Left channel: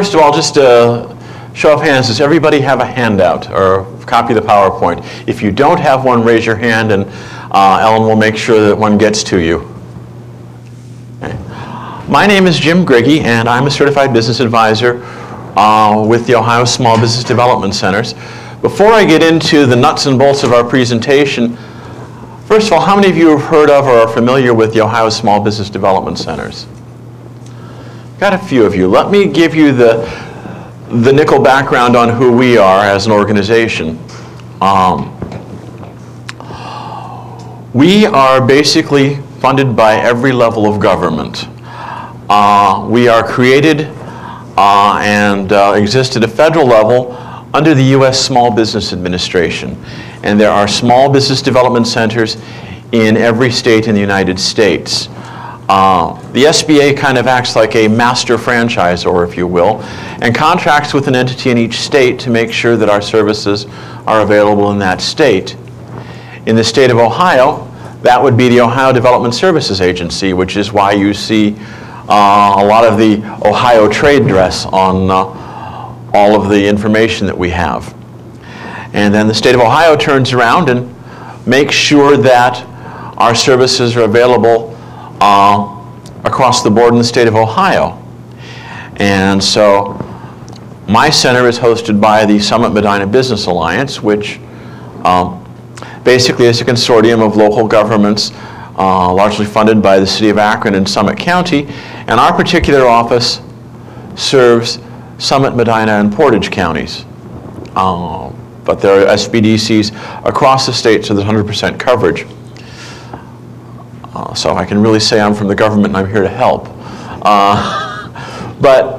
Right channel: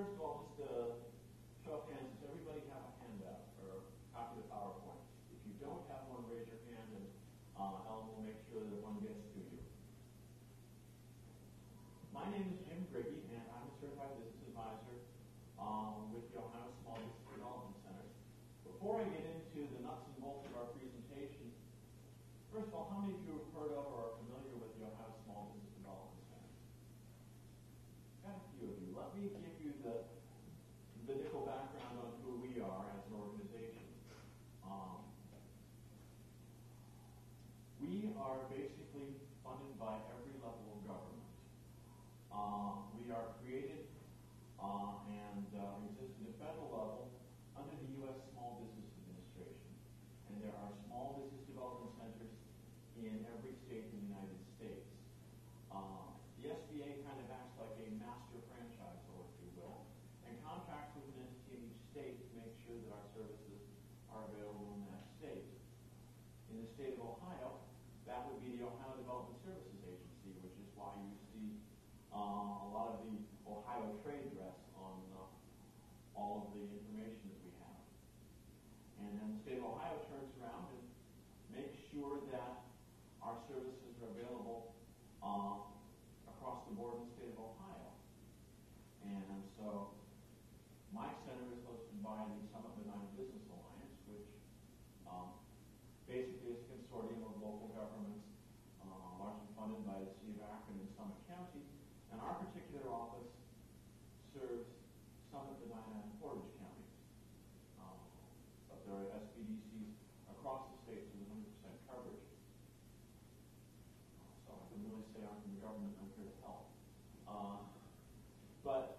first of all, just a show of hands, does everybody have a handout or a copy of the PowerPoint? If you don't have one, raise your hand, and Ellen will make sure that one gets to you. Okay. My name is Jim Griggy, and I'm a certified business advisor with the Ohio Small Business Development Centers. Before I get into the nuts and bolts of our presentation, first of all, how many of you have heard of or are familiar with the Ohio Small Business Development Centers? Got a few of you. Let me give you the nickel background on who we are as an organization. We are basically funded by every level of government. We are created and exist at a federal level under the U.S. Small Business Administration. And there are small business development centers in every state in the United States. The SBA kind of acts like a master franchisor, if you will, and contracts with an entity in each state to make sure that our services are available in that state. In the state of Ohio, that would be the Ohio Development Services Agency, which is why you see a lot of the Ohio trade dress on all of the information that we have. And then the state of Ohio turns around and makes sure that our services are available across the board in the state of Ohio. And so my center is hosted by the Summit Medina Business Alliance, which basically is a consortium of local governments largely funded by the city of Akron and Summit County. And our particular office serves Summit, Medina, and Portage counties. But there are SBDCs across the state, so there's 100% coverage. So I can really say I'm from the government and I'm here to help. But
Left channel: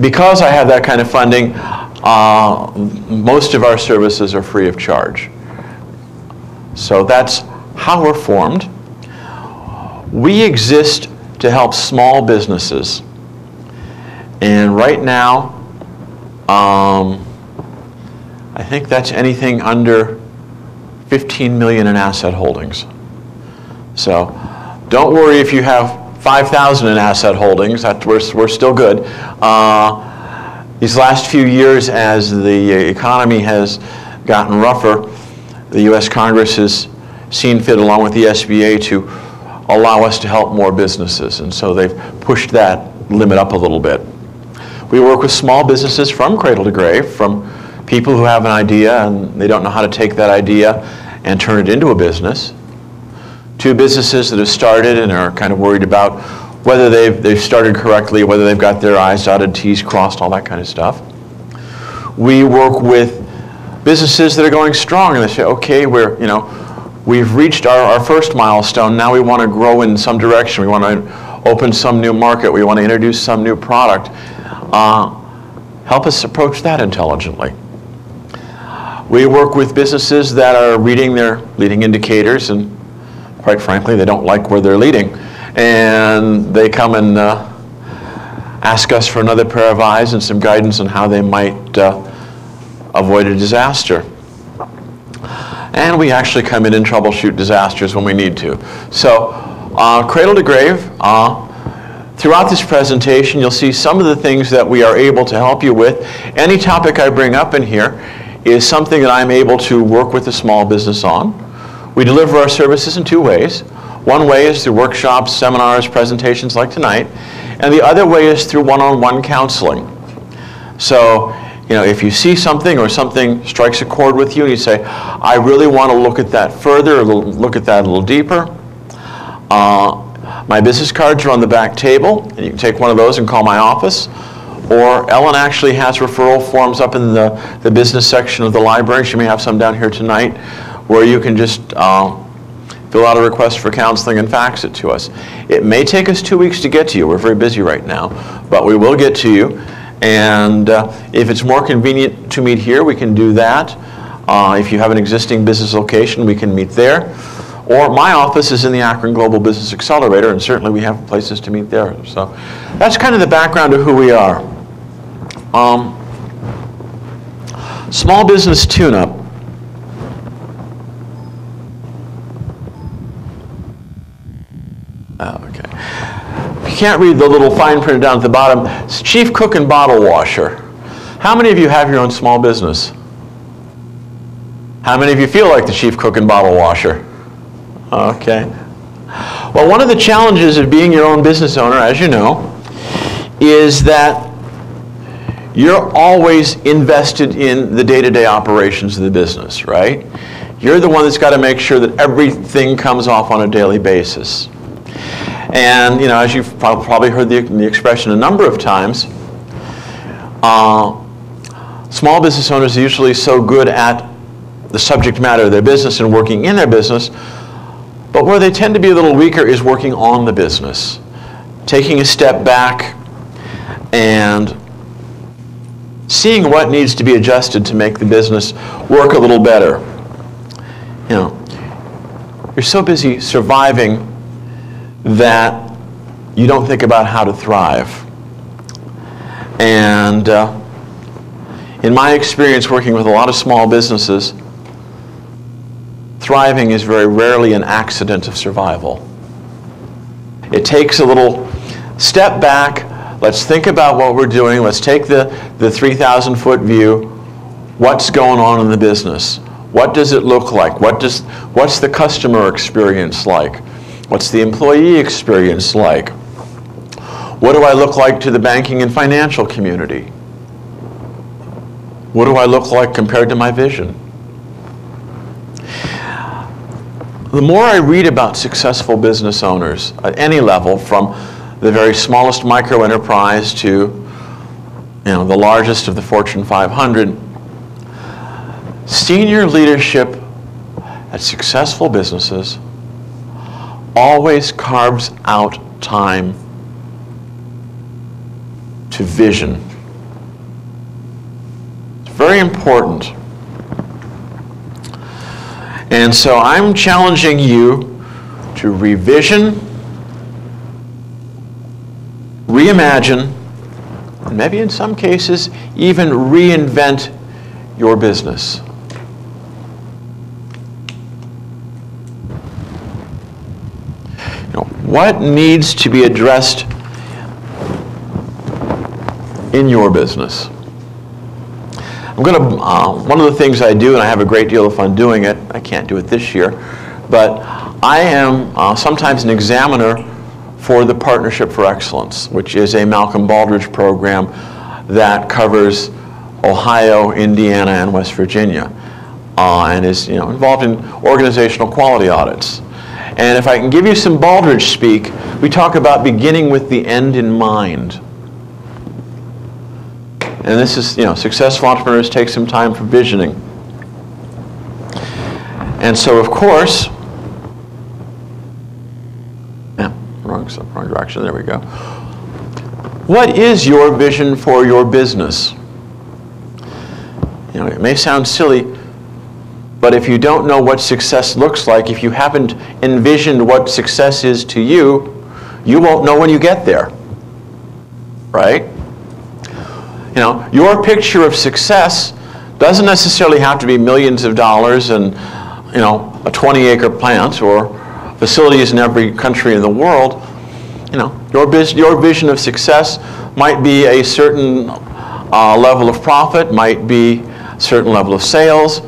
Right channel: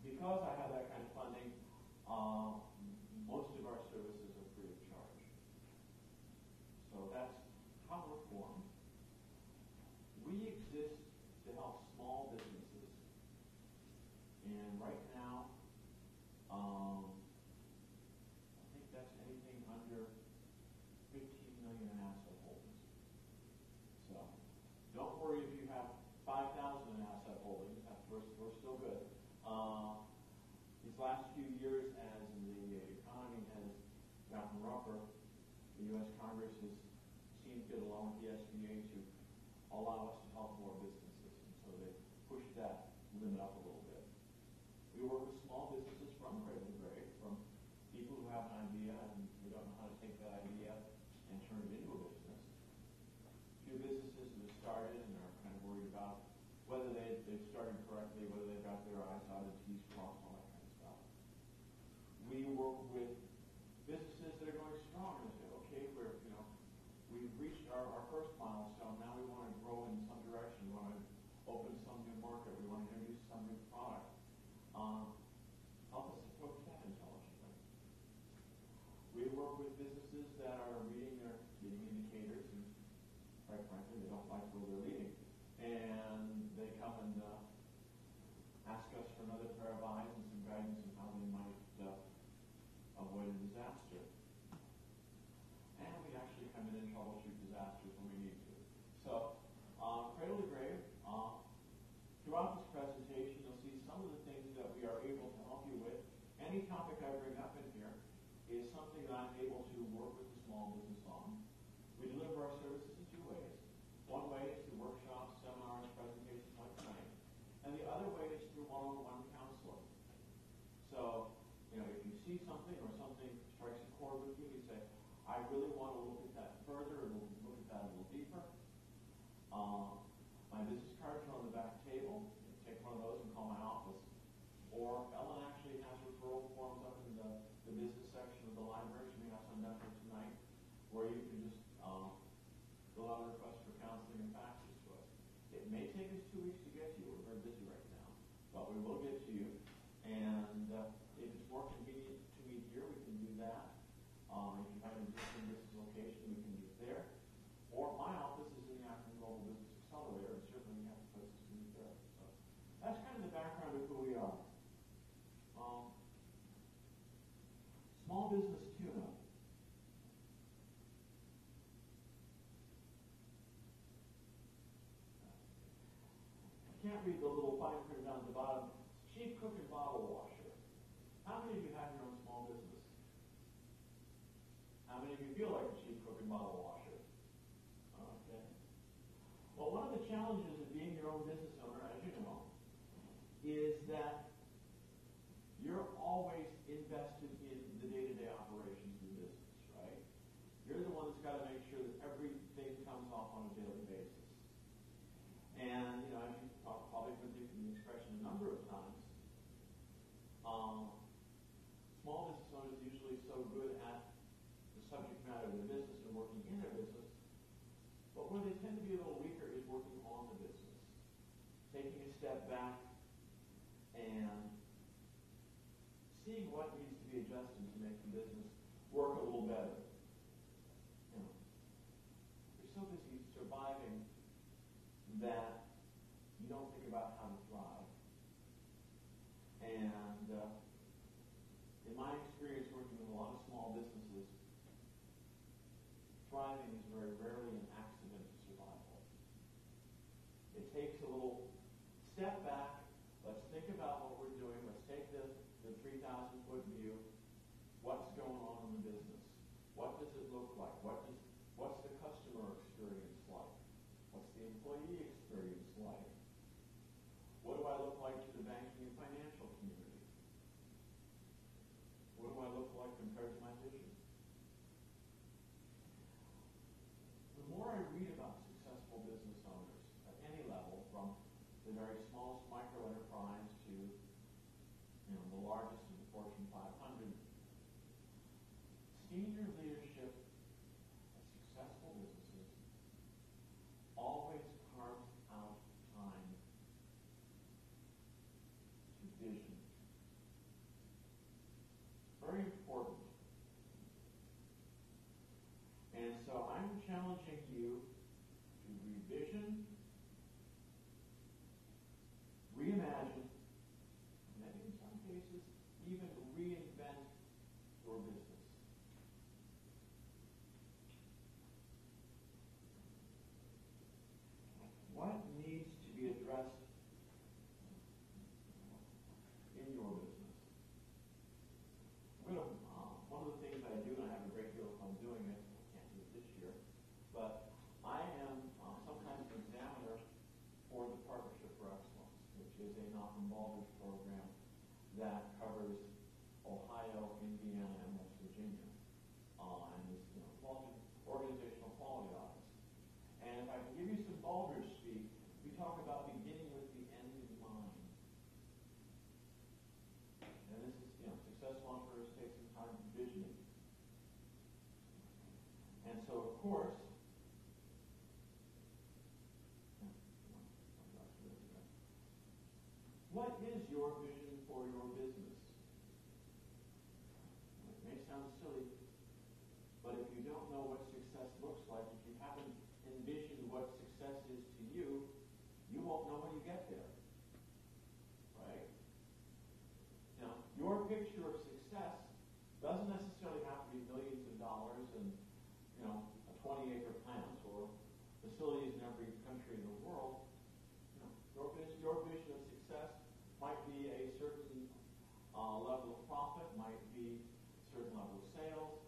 because I have that kind of funding, most of our services are free of charge. So that's how we're formed. We exist to help small businesses. And right now, I think that's anything under 15 million in asset holdings. So don't worry if you have 5,000 in asset holdings, we're still good. These last few years, as the economy has gotten rougher, the U.S. Congress has seen fit, along with the SBA, to allow us to help more businesses. And so they've pushed that limit up a little bit. We work with small businesses from cradle to grave, from people who have an idea and they don't know how to take that idea and turn it into a business, to businesses that have started and are kind of worried about whether they've started correctly, whether they've got their I's dotted, T's crossed, all that kind of stuff. We work with businesses that are going strong and they say, okay, we've reached our first milestone, now we want to grow in some direction, we want to open some new market, we want to introduce some new product. Help us approach that intelligently. We work with businesses that are reading their leading indicators, and quite frankly, they don't like where they're leading. And they come and ask us for another pair of eyes and some guidance on how they might avoid a disaster. And we actually come in and troubleshoot disasters when we need to. So, cradle to grave, throughout this presentation, you'll see some of the things that we are able to help you with. Any topic I bring up in here is something that I'm able to work with a small business on. We deliver our services in two ways. One way is through workshops, seminars, presentations like tonight, and the other way is through one-on-one counseling. So, if you see something or something strikes a chord with you and you say, I really want to look at that further, or look at that a little deeper, my business cards are on the back table, and you can take one of those and call my office. Or Ellen actually has referral forms up in the business section of the library. She may have some down here tonight, where you can just fill out a request for counseling and fax it to us. It may take us 2 weeks to get to you. We're very busy right now, but we will get to you. And if it's more convenient to meet here, we can do that. If you have an existing business location, we can meet there. Or my office is in the Akron Global Business Accelerator, and certainly we have places to meet there. So that's kind of the background of who we are. Small business tune-up. Okay. you can't read the little fine print down at the bottom, it's chief cook and bottle washer. How many of you have your own small business? How many of you feel like the chief cook and bottle washer? Okay. Well, one of the challenges of being your own business owner, as you know, is that you're always invested in the day-to-day operations of the business, right? You're the one that's got to make sure that everything comes off on a daily basis. And, you know, as you've probably heard the expression a number of times, small business owners are usually so good at the subject matter of their business and working in their business, but where they tend to be a little weaker is working on the business, taking a step back and seeing what needs to be adjusted to make the business work a little better. You know, you're so busy surviving that you don't think about how to thrive. And in my experience working with a lot of small businesses, thriving is very rarely an accident of survival. It takes a little step back. Let's think about what we're doing. Let's take the 3,000-foot view. What's going on in the business? What does it look like? What's the customer experience like? What's the employee experience like? What do I look like to the banking and financial community? What do I look like compared to my vision? The more I read about successful business owners at any level, from the very smallest micro enterprise to, you know, the largest of the Fortune 500, senior leadership at successful businesses always carves out time to vision. It's very important. And so I'm challenging you to revision, reimagine, and maybe in some cases even reinvent your business. You know, what needs to be addressed in your business? I'm going to, one of the things I do, and I have a great deal of fun doing it, I can't do it this year, but I am sometimes an examiner for the Partnership for Excellence, which is a Malcolm Baldrige program that covers Ohio, Indiana, and West Virginia, and is, you know, involved in organizational quality audits. And if I can give you some Baldrige speak, we talk about beginning with the end in mind. And this is, you know, successful entrepreneurs take some time for visioning. And so, of course, wrong direction, there we go. What is your vision for your business? You know, it may sound silly, but if you don't know what success looks like, if you haven't envisioned what success is to you, you won't know when you get there, right? You know, your picture of success doesn't necessarily have to be millions of dollars and, you know, a 20-acre plant or facilities in every country in the world. You know, your vision of success might be a certain level of profit, might be a certain level of sales,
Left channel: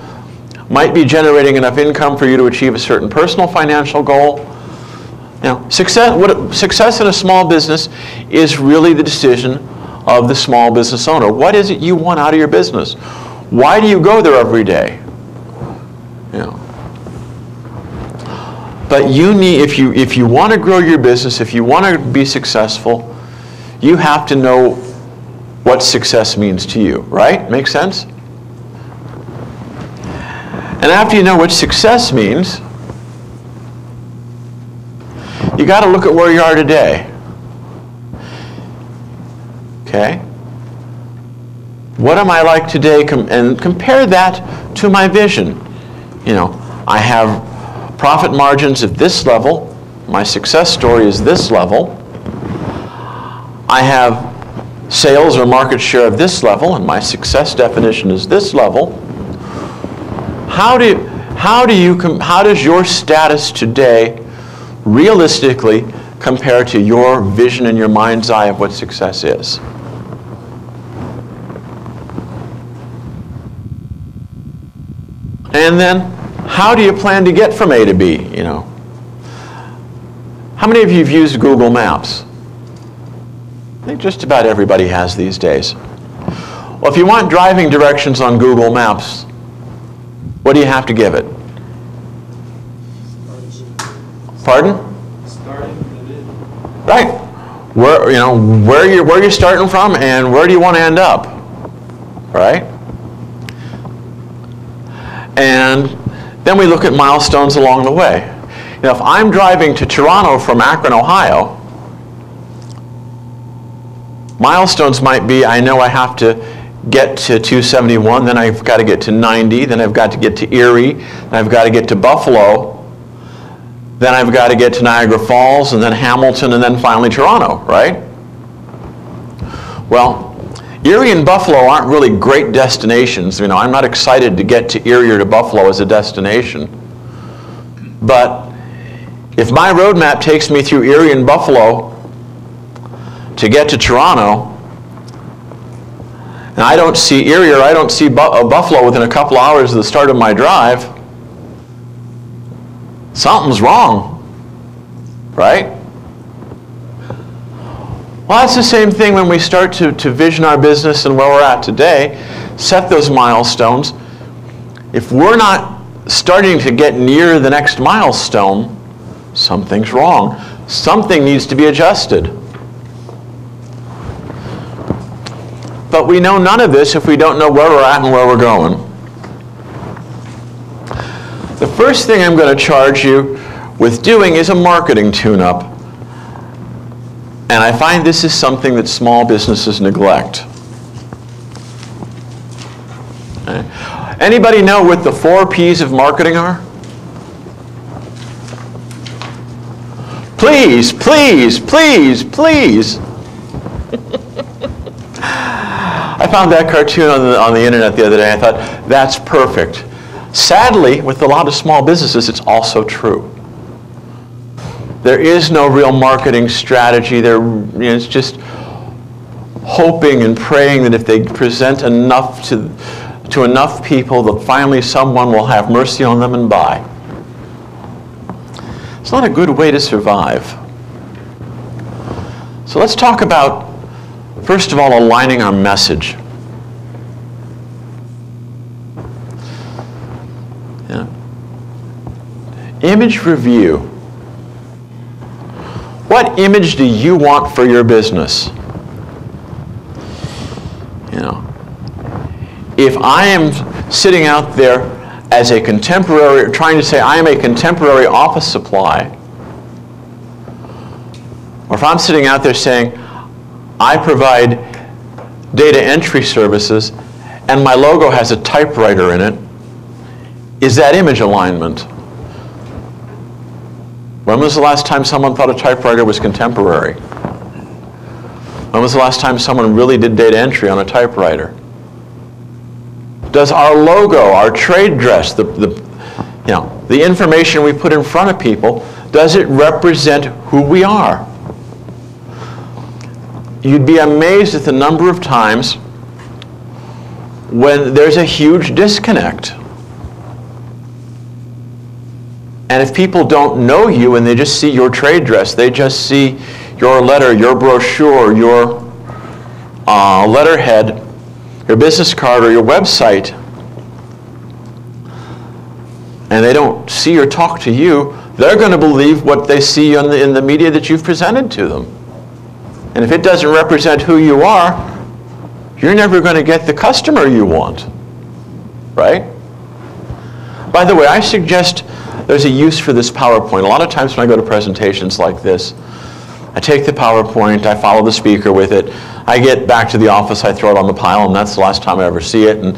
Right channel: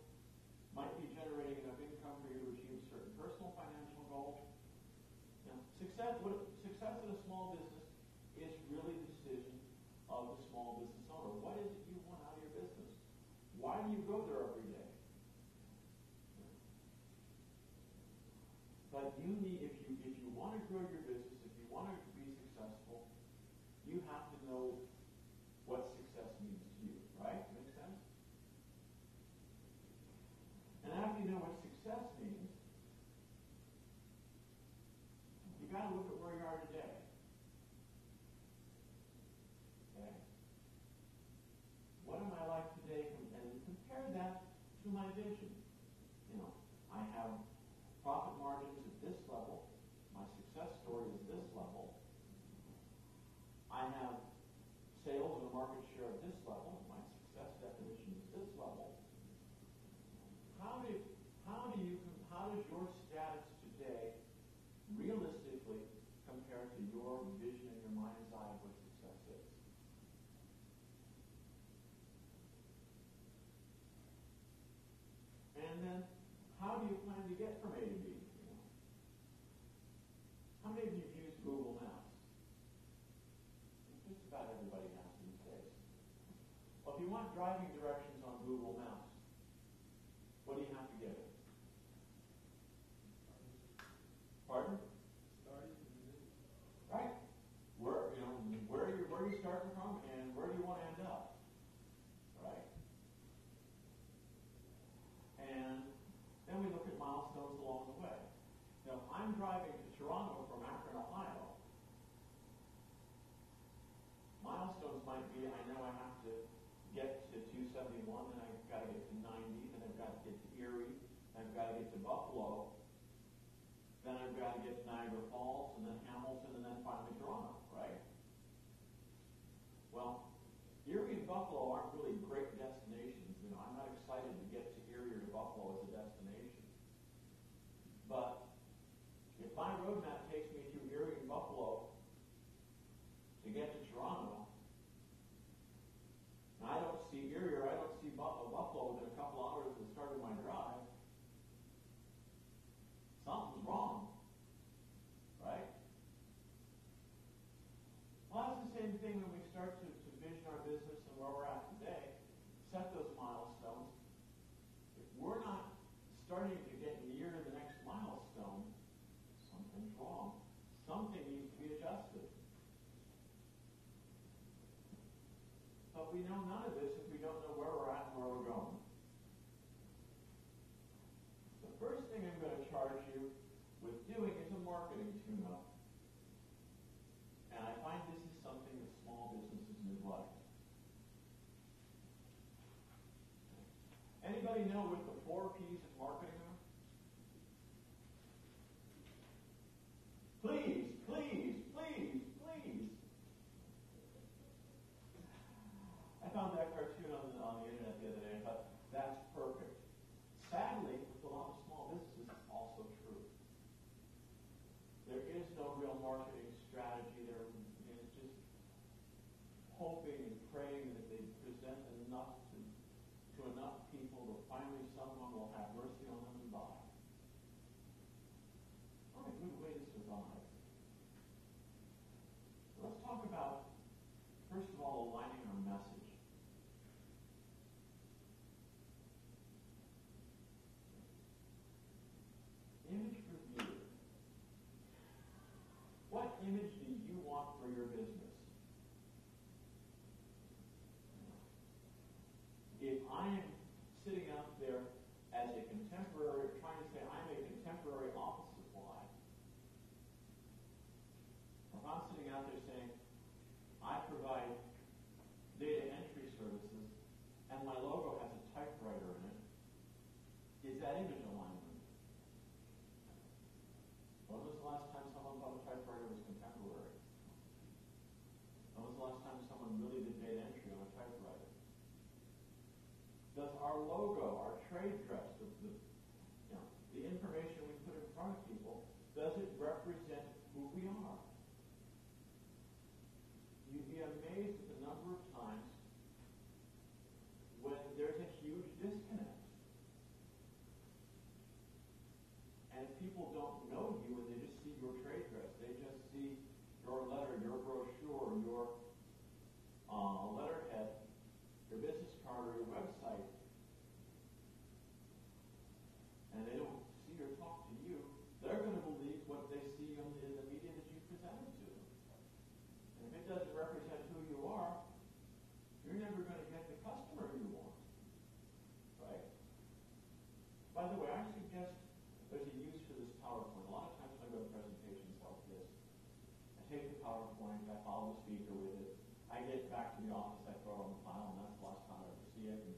might be generating enough income for you to achieve a certain personal financial goal. You know, success in a small business is really the decision of the small business owner. What is it you want out of your business? Why do you go there every day? You know. But you need, if you want to grow your business, if you want to be successful, you have to know what success means to you, right? Make sense? And after you know what success means, you got to look at where you are today. Okay? What am I like today? And compare that to my vision. You know, I have profit margins at this level. My success story is this level. I have sales or market share of this level, and my success definition is this level. How does your status today realistically compare to your vision in your mind's eye of what success is? And then, how do you plan to get from A to B, you know? How many of you have used Google Maps? I think just about everybody has these days. Well, if you want driving directions on Google Maps, what do you have to give it? Pardon? Right. Where, you know, where you're starting from and where do you want to end up? Right? And then we look at milestones along the way. You know, if I'm driving to Toronto from Akron, Ohio, milestones might be, I know I have to get to 271, then I've got to get to 90, then I've got to get to Erie, then I've got to get to Buffalo, then I've got to get to Niagara Falls, and then Hamilton, and then finally Toronto, right? Well, Erie and Buffalo aren't really great destinations. You know, I'm not excited to get to Erie or to Buffalo as a destination. But if my roadmap takes me through Erie and Buffalo to get to Toronto, and I don't see Erie or I don't see Buffalo within a couple hours of the start of my drive, something's wrong, right? Well, that's the same thing when we start to vision our business and where we're at today, set those milestones. If we're not starting to get near the next milestone, something's wrong. Something needs to be adjusted. But we know none of this if we don't know where we're at and where we're going. The first thing I'm going to charge you with doing is a marketing tune-up. And I find this is something that small businesses neglect. Okay. Anybody know what the 4 P's of marketing are? Please, please, please, please. I found that cartoon on the internet the other day. I thought, that's perfect. Sadly, with a lot of small businesses, it's also true. There is no real marketing strategy. It's just hoping and praying that if they present enough to enough people, that finally someone will have mercy on them and buy. It's not a good way to survive. So let's talk about, first of all, aligning our message. Yeah. Image review. What image do you want for your business? You know, if I am sitting out there as a contemporary, trying to say I am a contemporary office supply, or if I'm sitting out there saying I provide data entry services and my logo has a typewriter in it, is that image alignment? When was the last time someone thought a typewriter was contemporary? When was the last time someone really did data entry on a typewriter? Does our logo, our trade dress, the information we put in front of people, does it represent who we are? You'd be amazed at the number of times when there's a huge disconnect. And if people don't know you and they just see your trade dress, they just see your letter, your brochure, your letterhead, your business card, or your website, and they don't see or talk to you, they're going to believe what they see in the media that you've presented to them. And if it doesn't represent who you are, you're never going to get the customer you want, right? By the way, I suggest there's a use for this PowerPoint. A lot of times when I go to presentations like this, I take the PowerPoint, I follow the speaker with it, I get back to the office, I throw it on the pile, and that's the last time I ever see it, and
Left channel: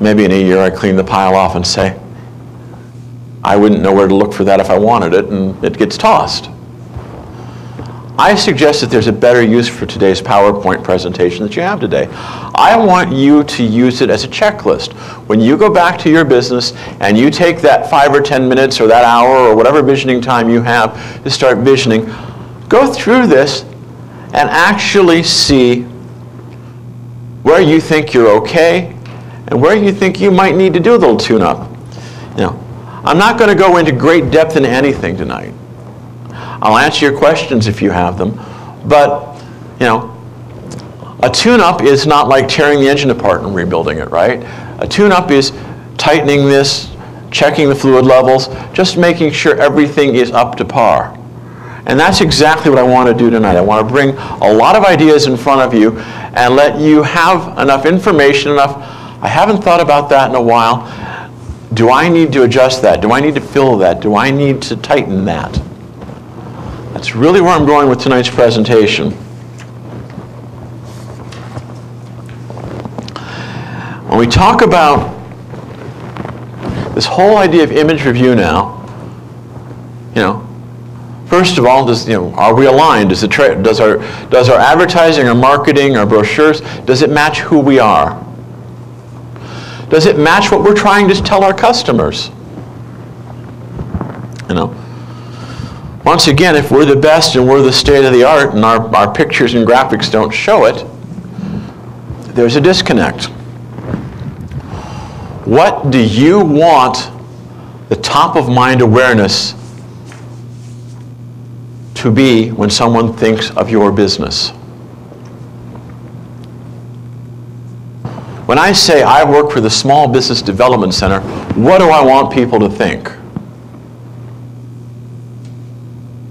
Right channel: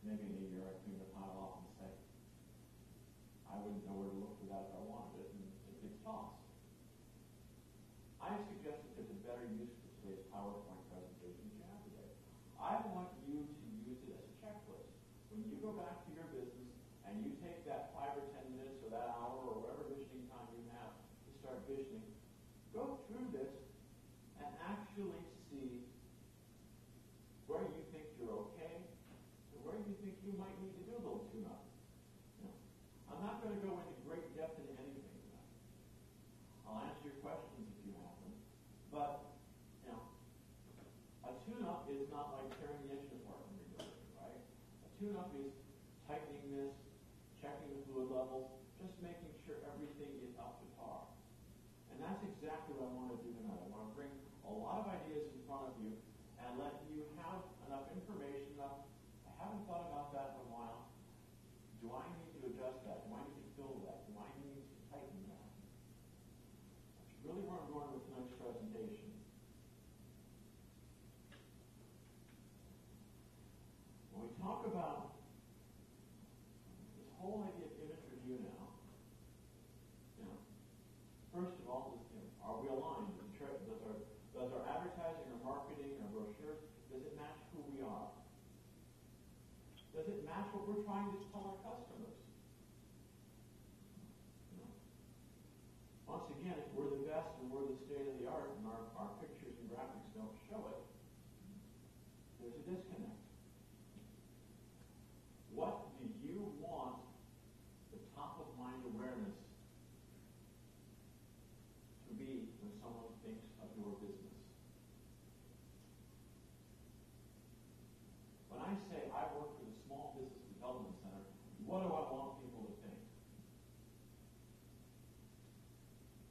maybe in a year I clean the pile off and say, I wouldn't know where to look for that if I wanted it, and it gets tossed. I suggest that there's a better use for today's PowerPoint presentation that you have today. I want you to use it as a checklist. When you go back to your business and you take that 5 or 10 minutes or that hour or whatever visioning time you have to start visioning, Go through this and actually see where you think you're okay and where you think you might need to do a little tune-up. You know, I'm not going to go into great depth into anything tonight. I'll answer your questions if you have them, but you know, a tune-up is not like tearing the engine apart and rebuilding it, right? A tune-up is tightening this, checking the fluid levels, just making sure everything is up to par. And that's exactly what I want to do tonight. I want to bring a lot of ideas in front of you and let you have enough information, I haven't thought about that in a while. Do I need to adjust that? Do I need to fill that? Do I need to tighten that? That's really where I'm going with tonight's presentation. When we talk about this whole idea of image review now, you know, first of all, are we aligned? Does our advertising, our marketing, our brochures, does it match who we are? Does it match what we're trying to tell our customers? You know, once again, if we're the best and we're the state of the art and our pictures and graphics don't show it, there's a disconnect. What do you want the top of mind awareness to be when someone thinks of your business? When I say I work for the Small Business Development Center, what do I want people to think?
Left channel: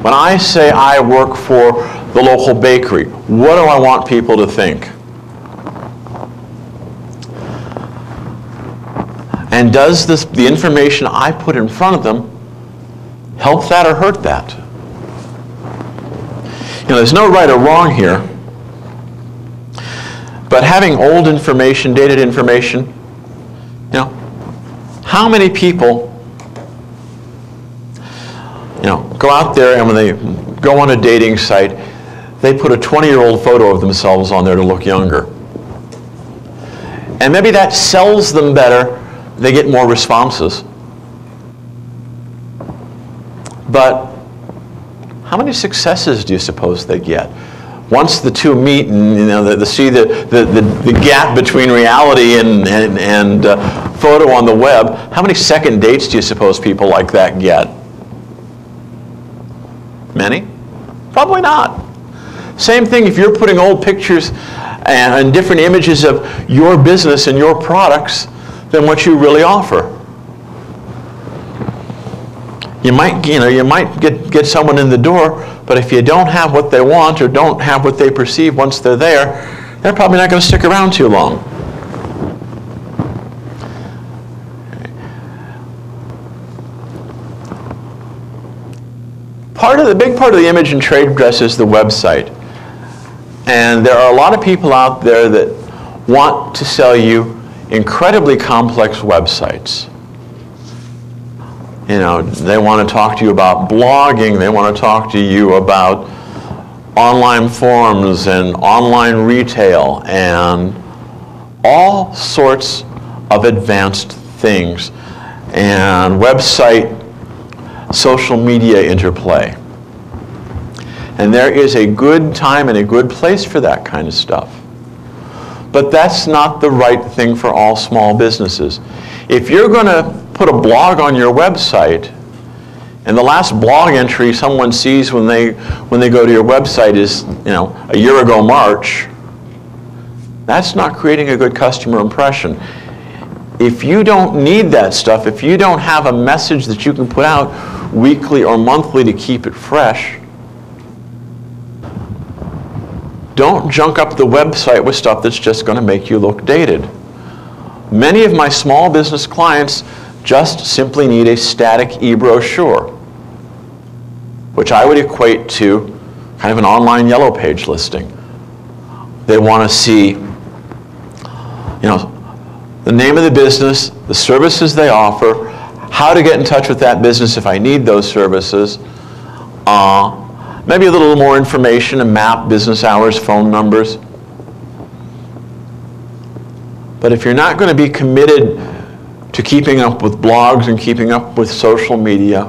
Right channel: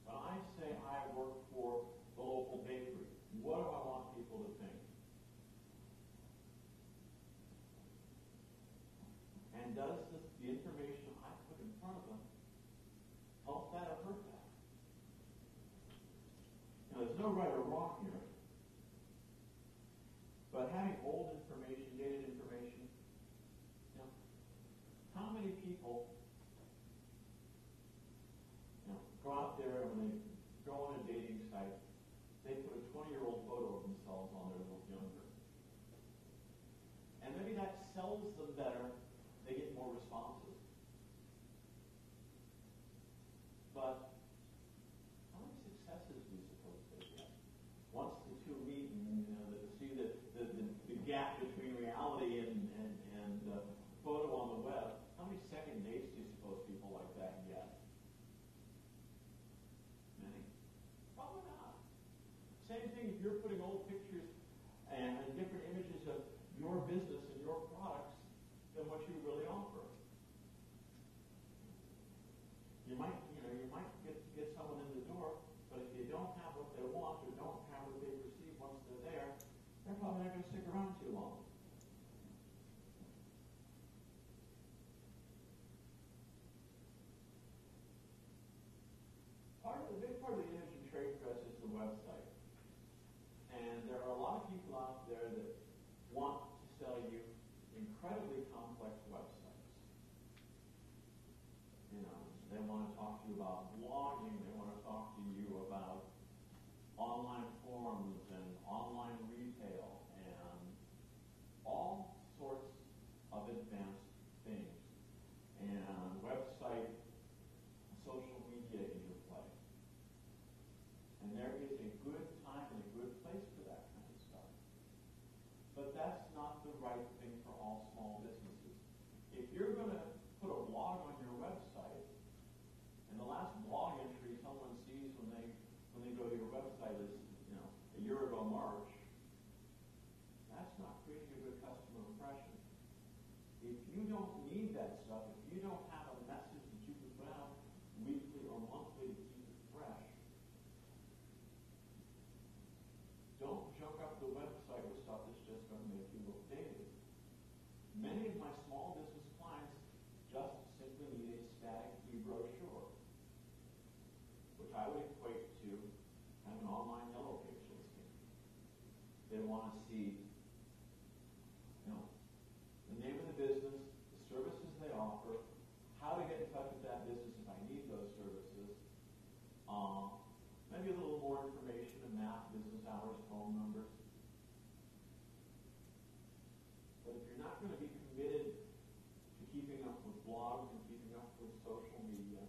When I say I work for the local bakery, what do I want people to think? And does the information I put in front of them help that or hurt that? You know, there's no right or wrong here, but having old information, dated information, you know, how many people, you know, go out there and when they go on a dating site, they put a 20-year-old photo of themselves on there to look younger. And maybe that sells them better. They get more responses. But how many successes do you suppose they get? Once the two meet and you know, they see the gap between reality and photo on the web, how many second dates do you suppose people like that get? Many? Probably not. Same thing if you're putting old pictures and different images of your business and your products than what you really offer. You might get someone in the door, but if you don't have what they want or don't have what they perceive once they're there, they're probably not going to stick around too long. The big part of the image and trade dress is the website. And there are a lot of people out there that want to sell you incredibly complex websites. You know, they want to talk to you about blogging, they want to talk to you about online forums and online retail and all sorts of advanced things and website, social media interplay. And there is a good time and a good place for that kind of stuff. But that's not the right thing for all small businesses. If you're going to put a blog on your website, and the last blog entry someone sees when they go to your website is, you know, a year ago March, that's not creating a good customer impression. If you don't need that stuff, if you don't have a message that you can put out weekly or monthly to keep it fresh, don't junk up the website with stuff that's just going to make you look dated. Many of my small business clients just simply need a static e-brochure, which I would equate to kind of an online yellow page listing. They want to see, you know, the name of the business, the services they offer, how to get in touch with that business if I need those services, maybe a little more information, a map, business hours, phone numbers. But if you're not going to be committed to keeping up with blogs and keeping up with social media,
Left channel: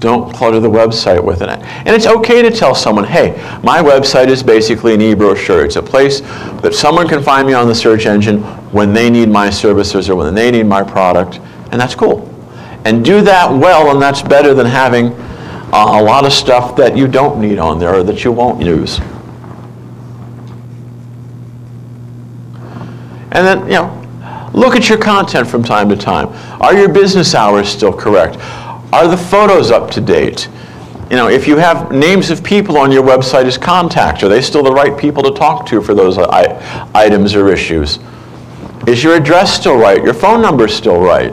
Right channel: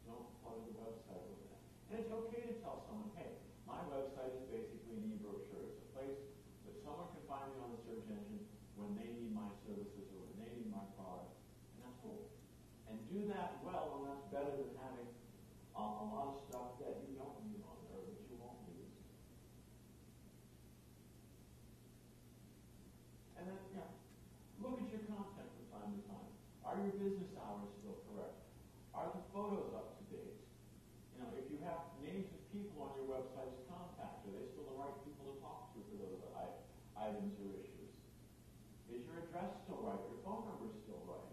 Don't clutter the website with it. And it's okay to tell someone, hey, my website is basically an e-brochure. It's a place that someone can find me on the search engine when they need my services or when they need my product, and that's cool. And do that well, and that's better than having a lot of stuff that you don't need on there or that you won't use. And then, look at your content from time to time. Are your business hours still correct? Are the photos up to date? If you have names of people on your website as contacts, are they still the right people to talk to for those items or issues? Is your address still right? Your phone number still right?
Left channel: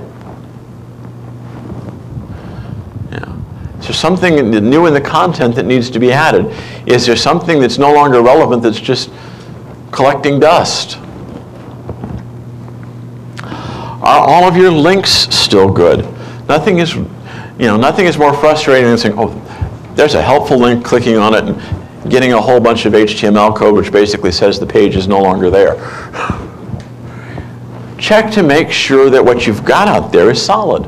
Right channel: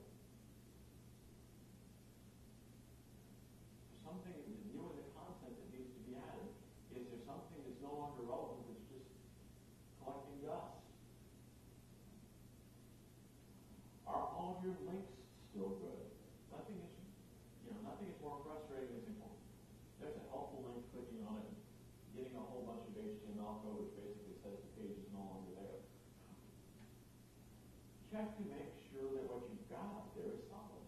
Is there something new in the content that needs to be added? Is there something that's no longer relevant that's just collecting dust? Are all of your links still good? Nothing is more frustrating than saying, oh, there's a helpful link, clicking on it and getting a whole bunch of HTML code which basically says the page is no longer there. Check to make sure that what you've got out there is solid.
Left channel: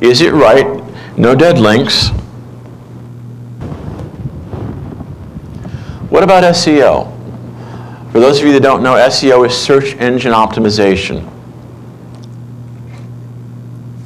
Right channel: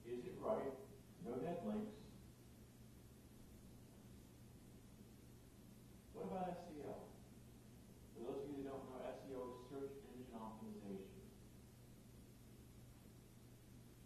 Is it right? No dead links. What about SEO? For those of you that don't know, SEO is search engine optimization.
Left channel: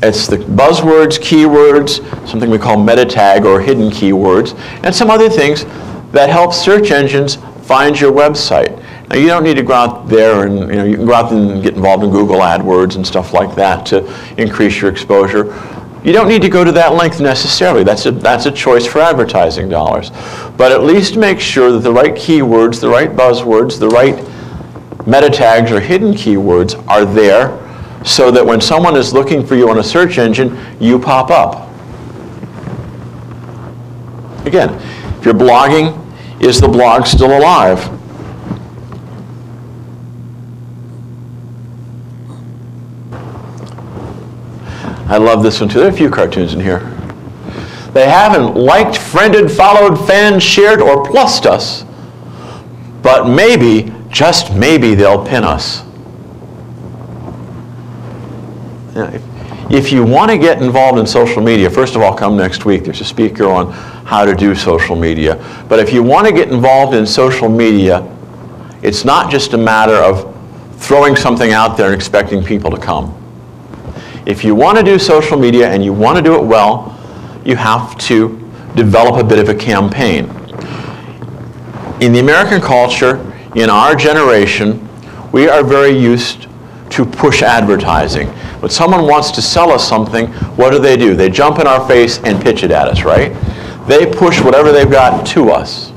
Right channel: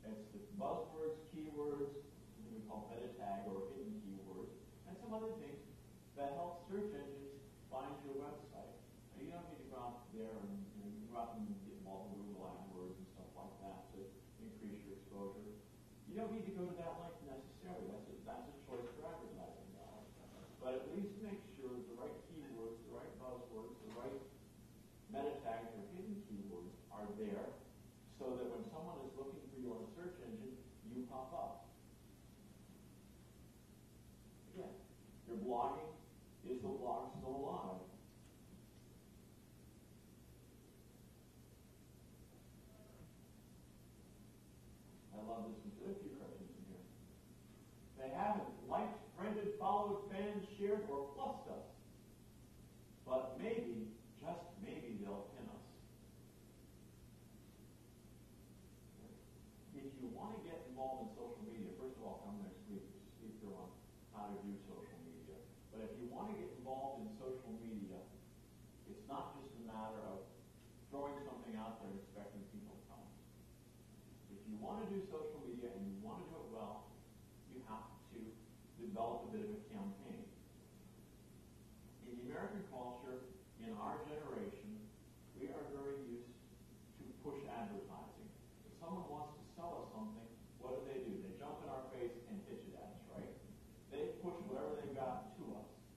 It's the buzzwords, keywords, something we call meta tag or hidden keywords, and some other things that help search engines find your website. Now, you don't need to go out there and, you can go out and get involved in Google AdWords and stuff like that to increase your exposure. You don't need to go to that length necessarily. That's a choice for advertising dollars. But at least make sure that the right keywords, the right buzzwords, the right meta tags or hidden keywords are there so that when someone is looking for you on a search engine, you pop up. Again, if you're blogging, is the blog still alive? I love this one too. There are a few cartoons in here. They haven't liked, friended, followed, fanned, shared, or plussed us, but maybe, just maybe, they'll pin us. If you want to get involved in social media, first of all, come next week. There's a speaker on how to do social media. But if you want to get involved in social media, it's not just a matter of throwing something out there and expecting people to come. If you want to do social media and you want to do it well, you have to develop a bit of a campaign. In the American culture, in our generation, we are very used to push advertising. When someone wants to sell us something, what do? They jump in our face and pitch it at us, right? They push whatever they've got to us.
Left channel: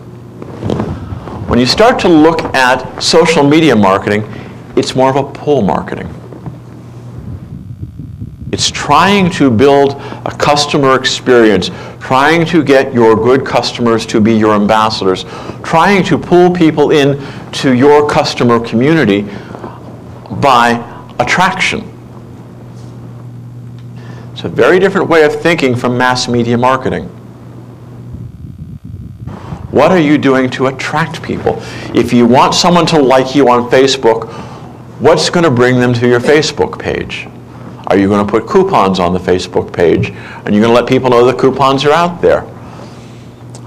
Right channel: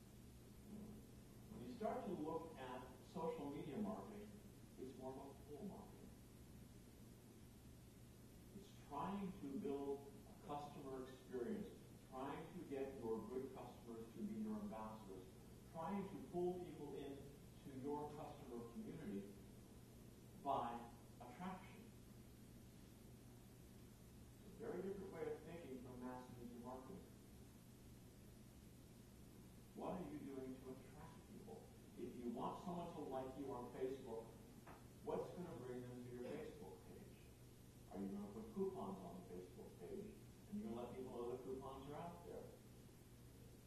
When you start to look at social media marketing, it's more of a pull marketing. It's trying to build a customer experience, trying to get your good customers to be your ambassadors, trying to pull people in to your customer community by attraction. It's a very different way of thinking from mass media marketing. What are you doing to attract people? If you want someone to like you on Facebook, what's going to bring them to your Facebook page? Are you going to put coupons on the Facebook page? And you're going to let people know the coupons are out there?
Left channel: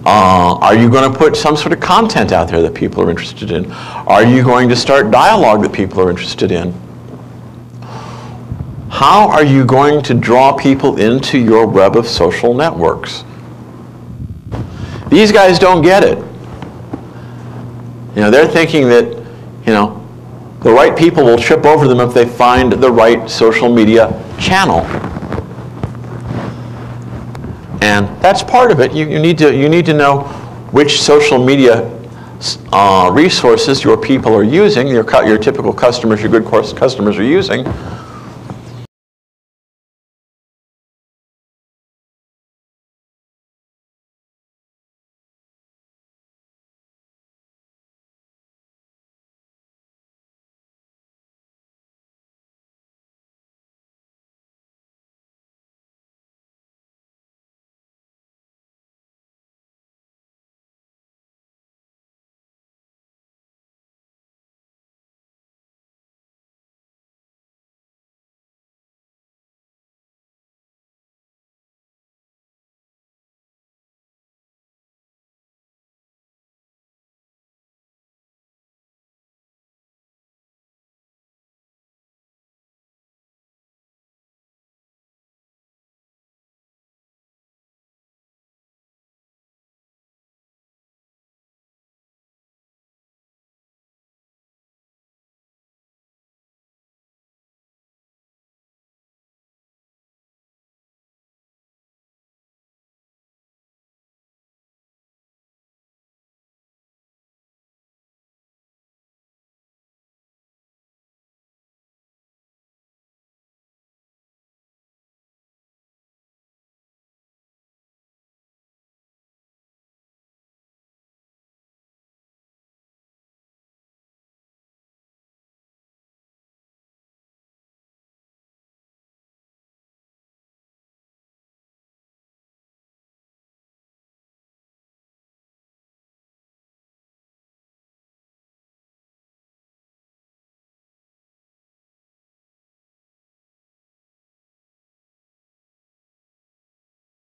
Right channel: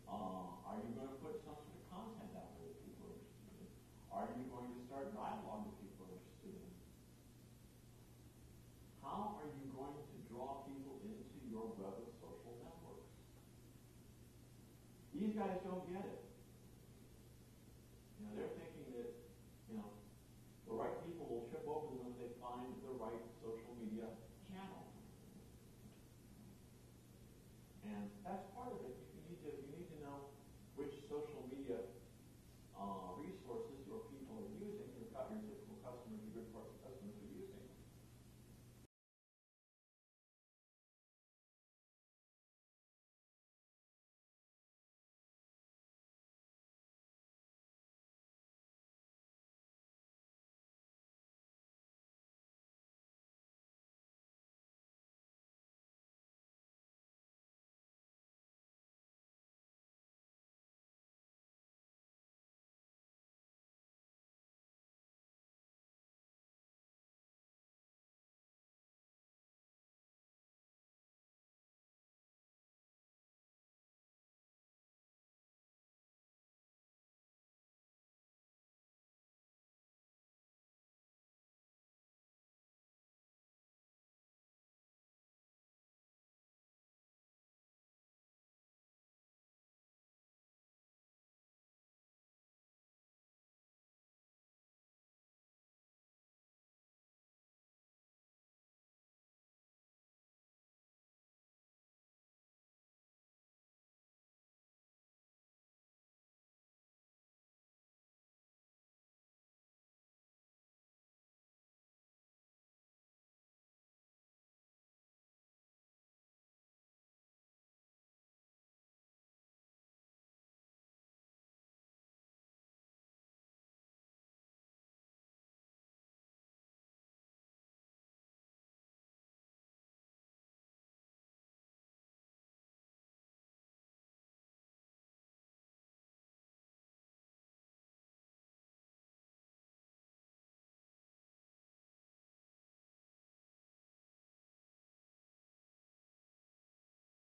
Are you going to put some sort of content out there that people are interested in? Are you going to start dialogue that people are interested in? How are you going to draw people into your web of social networks? These guys don't get it. They're thinking that, the right people will trip over them if they find the right social media channel. And that's part of it. You need to know which social media resources your people are using, your typical customers, your good customers are using.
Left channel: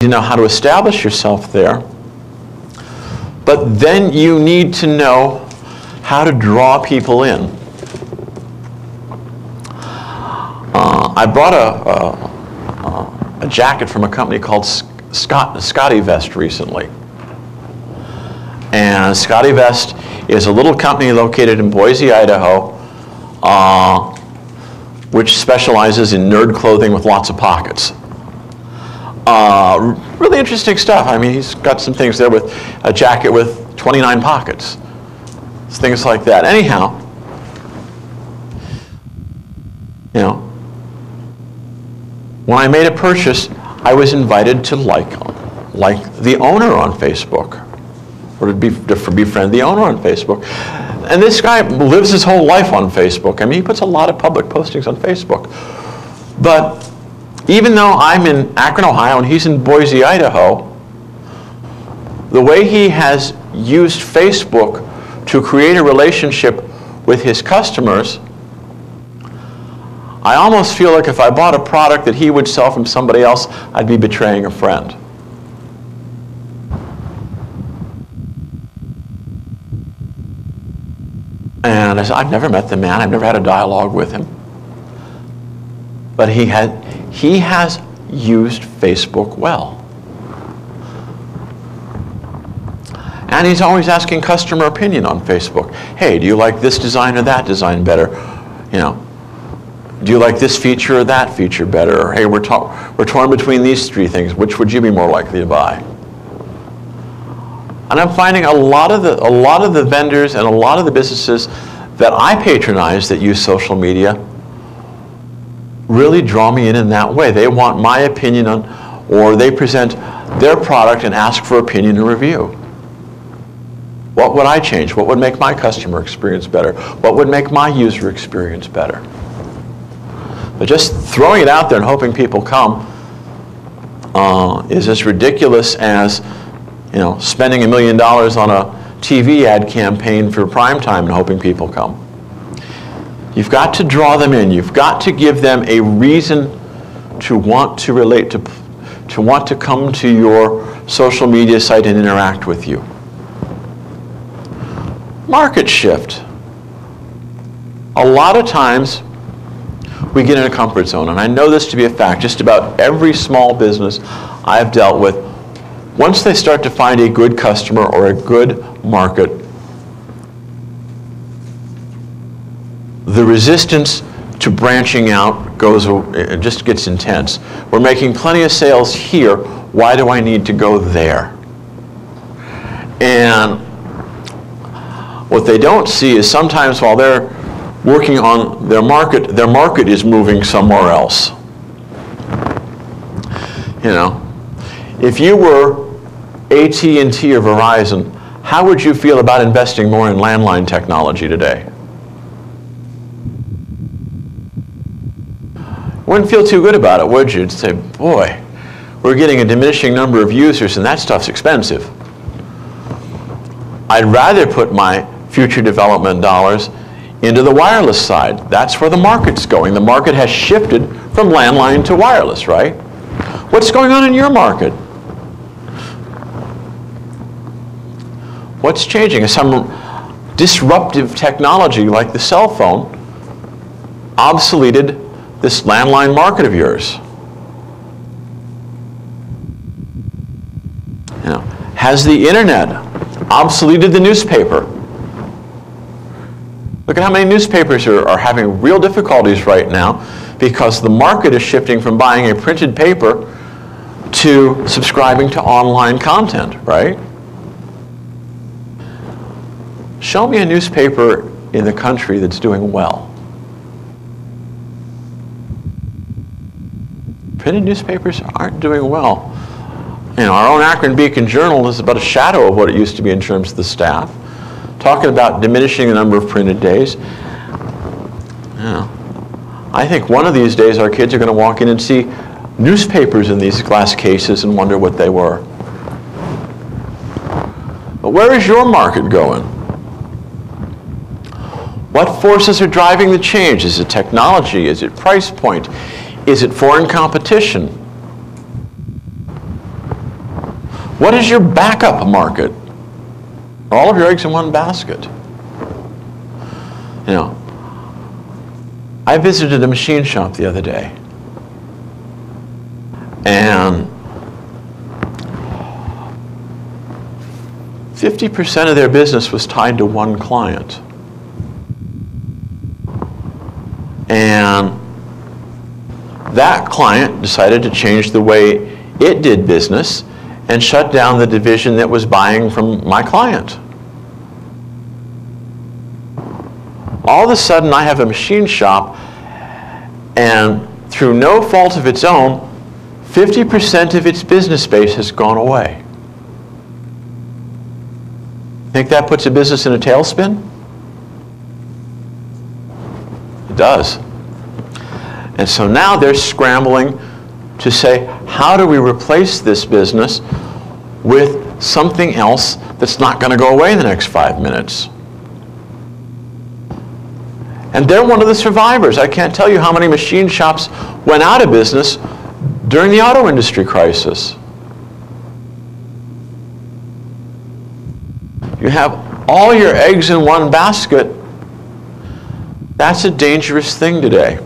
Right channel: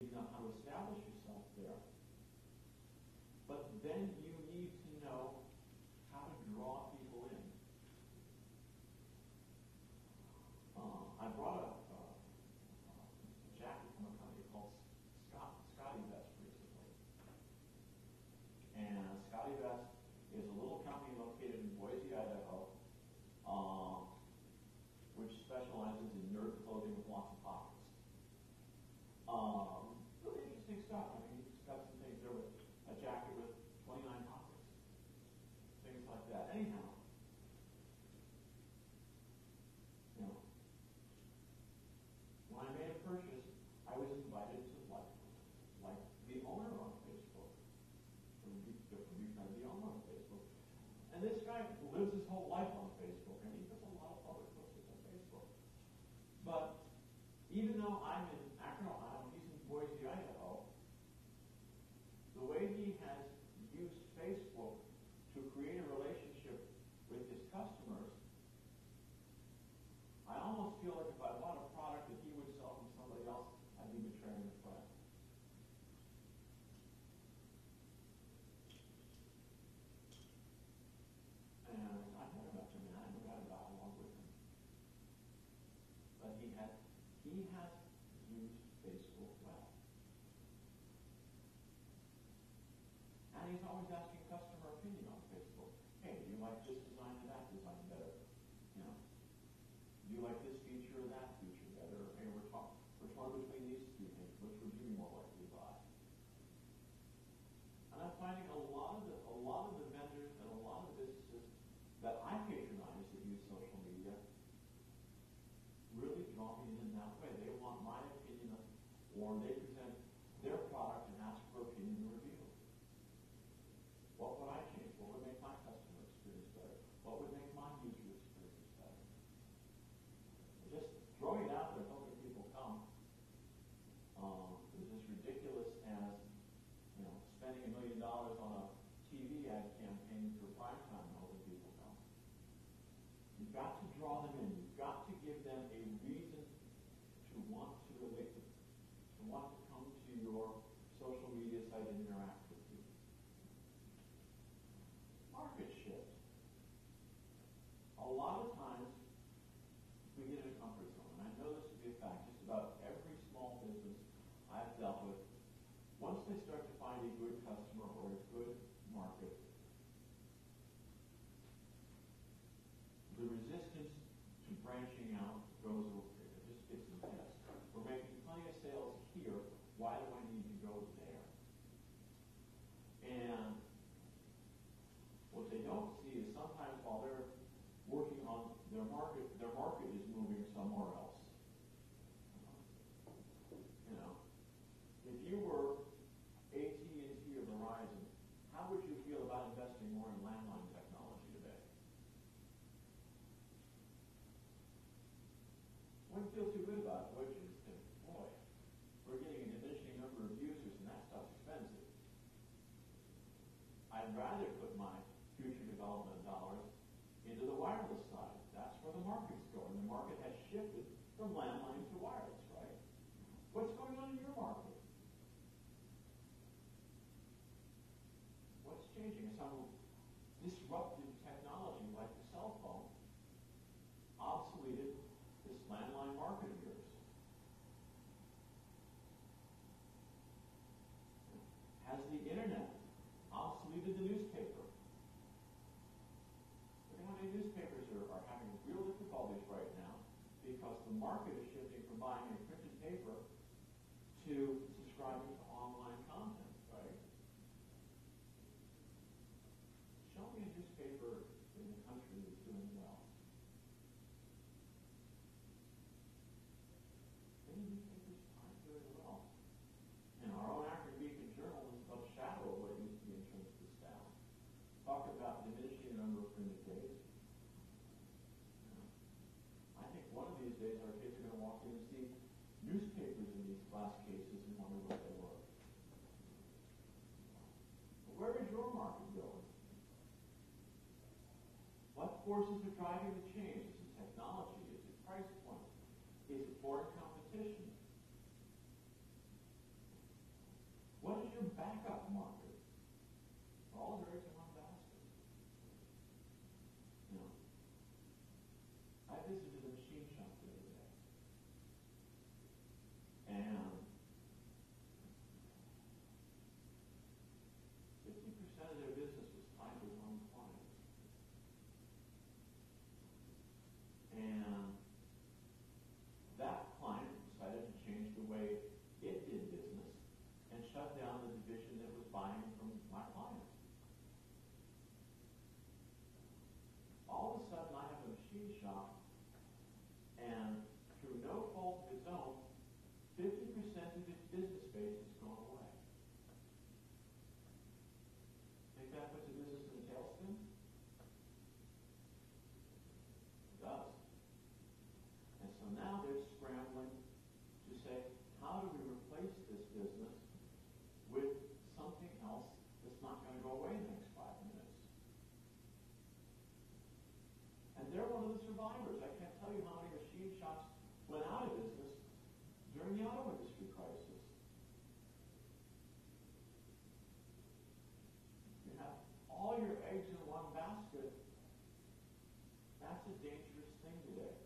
to know how to establish yourself there. But then you need to know how to draw people in. I bought a jacket from a company called Scotty Vest recently. And Scotty Vest is a little company located in Boise, Idaho, which specializes in nerd clothing with lots of pockets. Really interesting stuff. I mean, he's got some things there with a jacket with 29 pockets. Things like that. Anyhow, you know, when I made a purchase, I was invited to like the owner on Facebook, or to befriend the owner on Facebook. And this guy lives his whole life on Facebook. I mean, he puts a lot of public postings on Facebook. But even though I'm in Akron, Ohio, and he's in Boise, Idaho, the way he has used Facebook to create a relationship with his customers, I almost feel like if I bought a product that he would sell from somebody else, I'd be betraying a friend. And I said, I've never met the man, I've never had a dialogue with him. But he has used Facebook well. And he's always asking customer opinion on Facebook. Hey, do you like this design or that design better? You know, do you like this feature or that feature better? Or, hey, we're torn between these three things. Which would you be more likely to buy? And I'm finding a lot of the vendors and a lot of the businesses that I patronize that use social media really draw me in that way. They want my opinion on, or they present their product and ask for opinion and review. What would I change? What would make my customer experience better? What would make my user experience better? But just throwing it out there and hoping people come is as ridiculous as, you know, spending $1 million on a TV ad campaign for prime time and hoping people come. You've got to draw them in. You've got to give them a reason to want to relate to want to come to your social media site and interact with you. Market shift. A lot of times we get in a comfort zone, and I know this to be a fact. Just about every small business I've dealt with, once they start to find a good customer or a good market, the resistance to branching out it just gets intense. We're making plenty of sales here. Why do I need to go there? And what they don't see is sometimes while they're working on their market is moving somewhere else. You know, if you were AT&T or Verizon, how would you feel about investing more in landline technology today? Wouldn't feel too good about it, would you? You'd say, boy, we're getting a diminishing number of users and that stuff's expensive. I'd rather put my future development dollars into the wireless side. That's where the market's going. The market has shifted from landline to wireless, right? What's going on in your market? What's changing? Is some disruptive technology like the cell phone obsoleted this landline market of yours? You know, has the internet obsoleted the newspaper? Look at how many newspapers are having real difficulties right now because the market is shifting from buying a printed paper to subscribing to online content, right? Show me a newspaper in the country that's doing well. Printed newspapers aren't doing well. You know, our own Akron Beacon Journal is about a shadow of what it used to be in terms of the staff. Talking about diminishing the number of printed days. You know, I think one of these days our kids are going to walk in and see newspapers in these glass cases and wonder what they were. But where is your market going? What forces are driving the change? Is it technology? Is it price point? Is it foreign competition? What is your backup market? Are all of your eggs in one basket? You know, I visited a machine shop the other day, and 50% of their business was tied to one client. And that client decided to change the way it did business and shut down the division that was buying from my client. All of a sudden, I have a machine shop, and through no fault of its own, 50% of its business base has gone away. Think that puts a business in a tailspin? It does. And so now they're scrambling to say, how do we replace this business with something else that's not going to go away in the next 5 minutes? And they're one of the survivors. I can't tell you how many machine shops went out of business during the auto industry crisis. You have all your eggs in one basket. That's a dangerous thing today.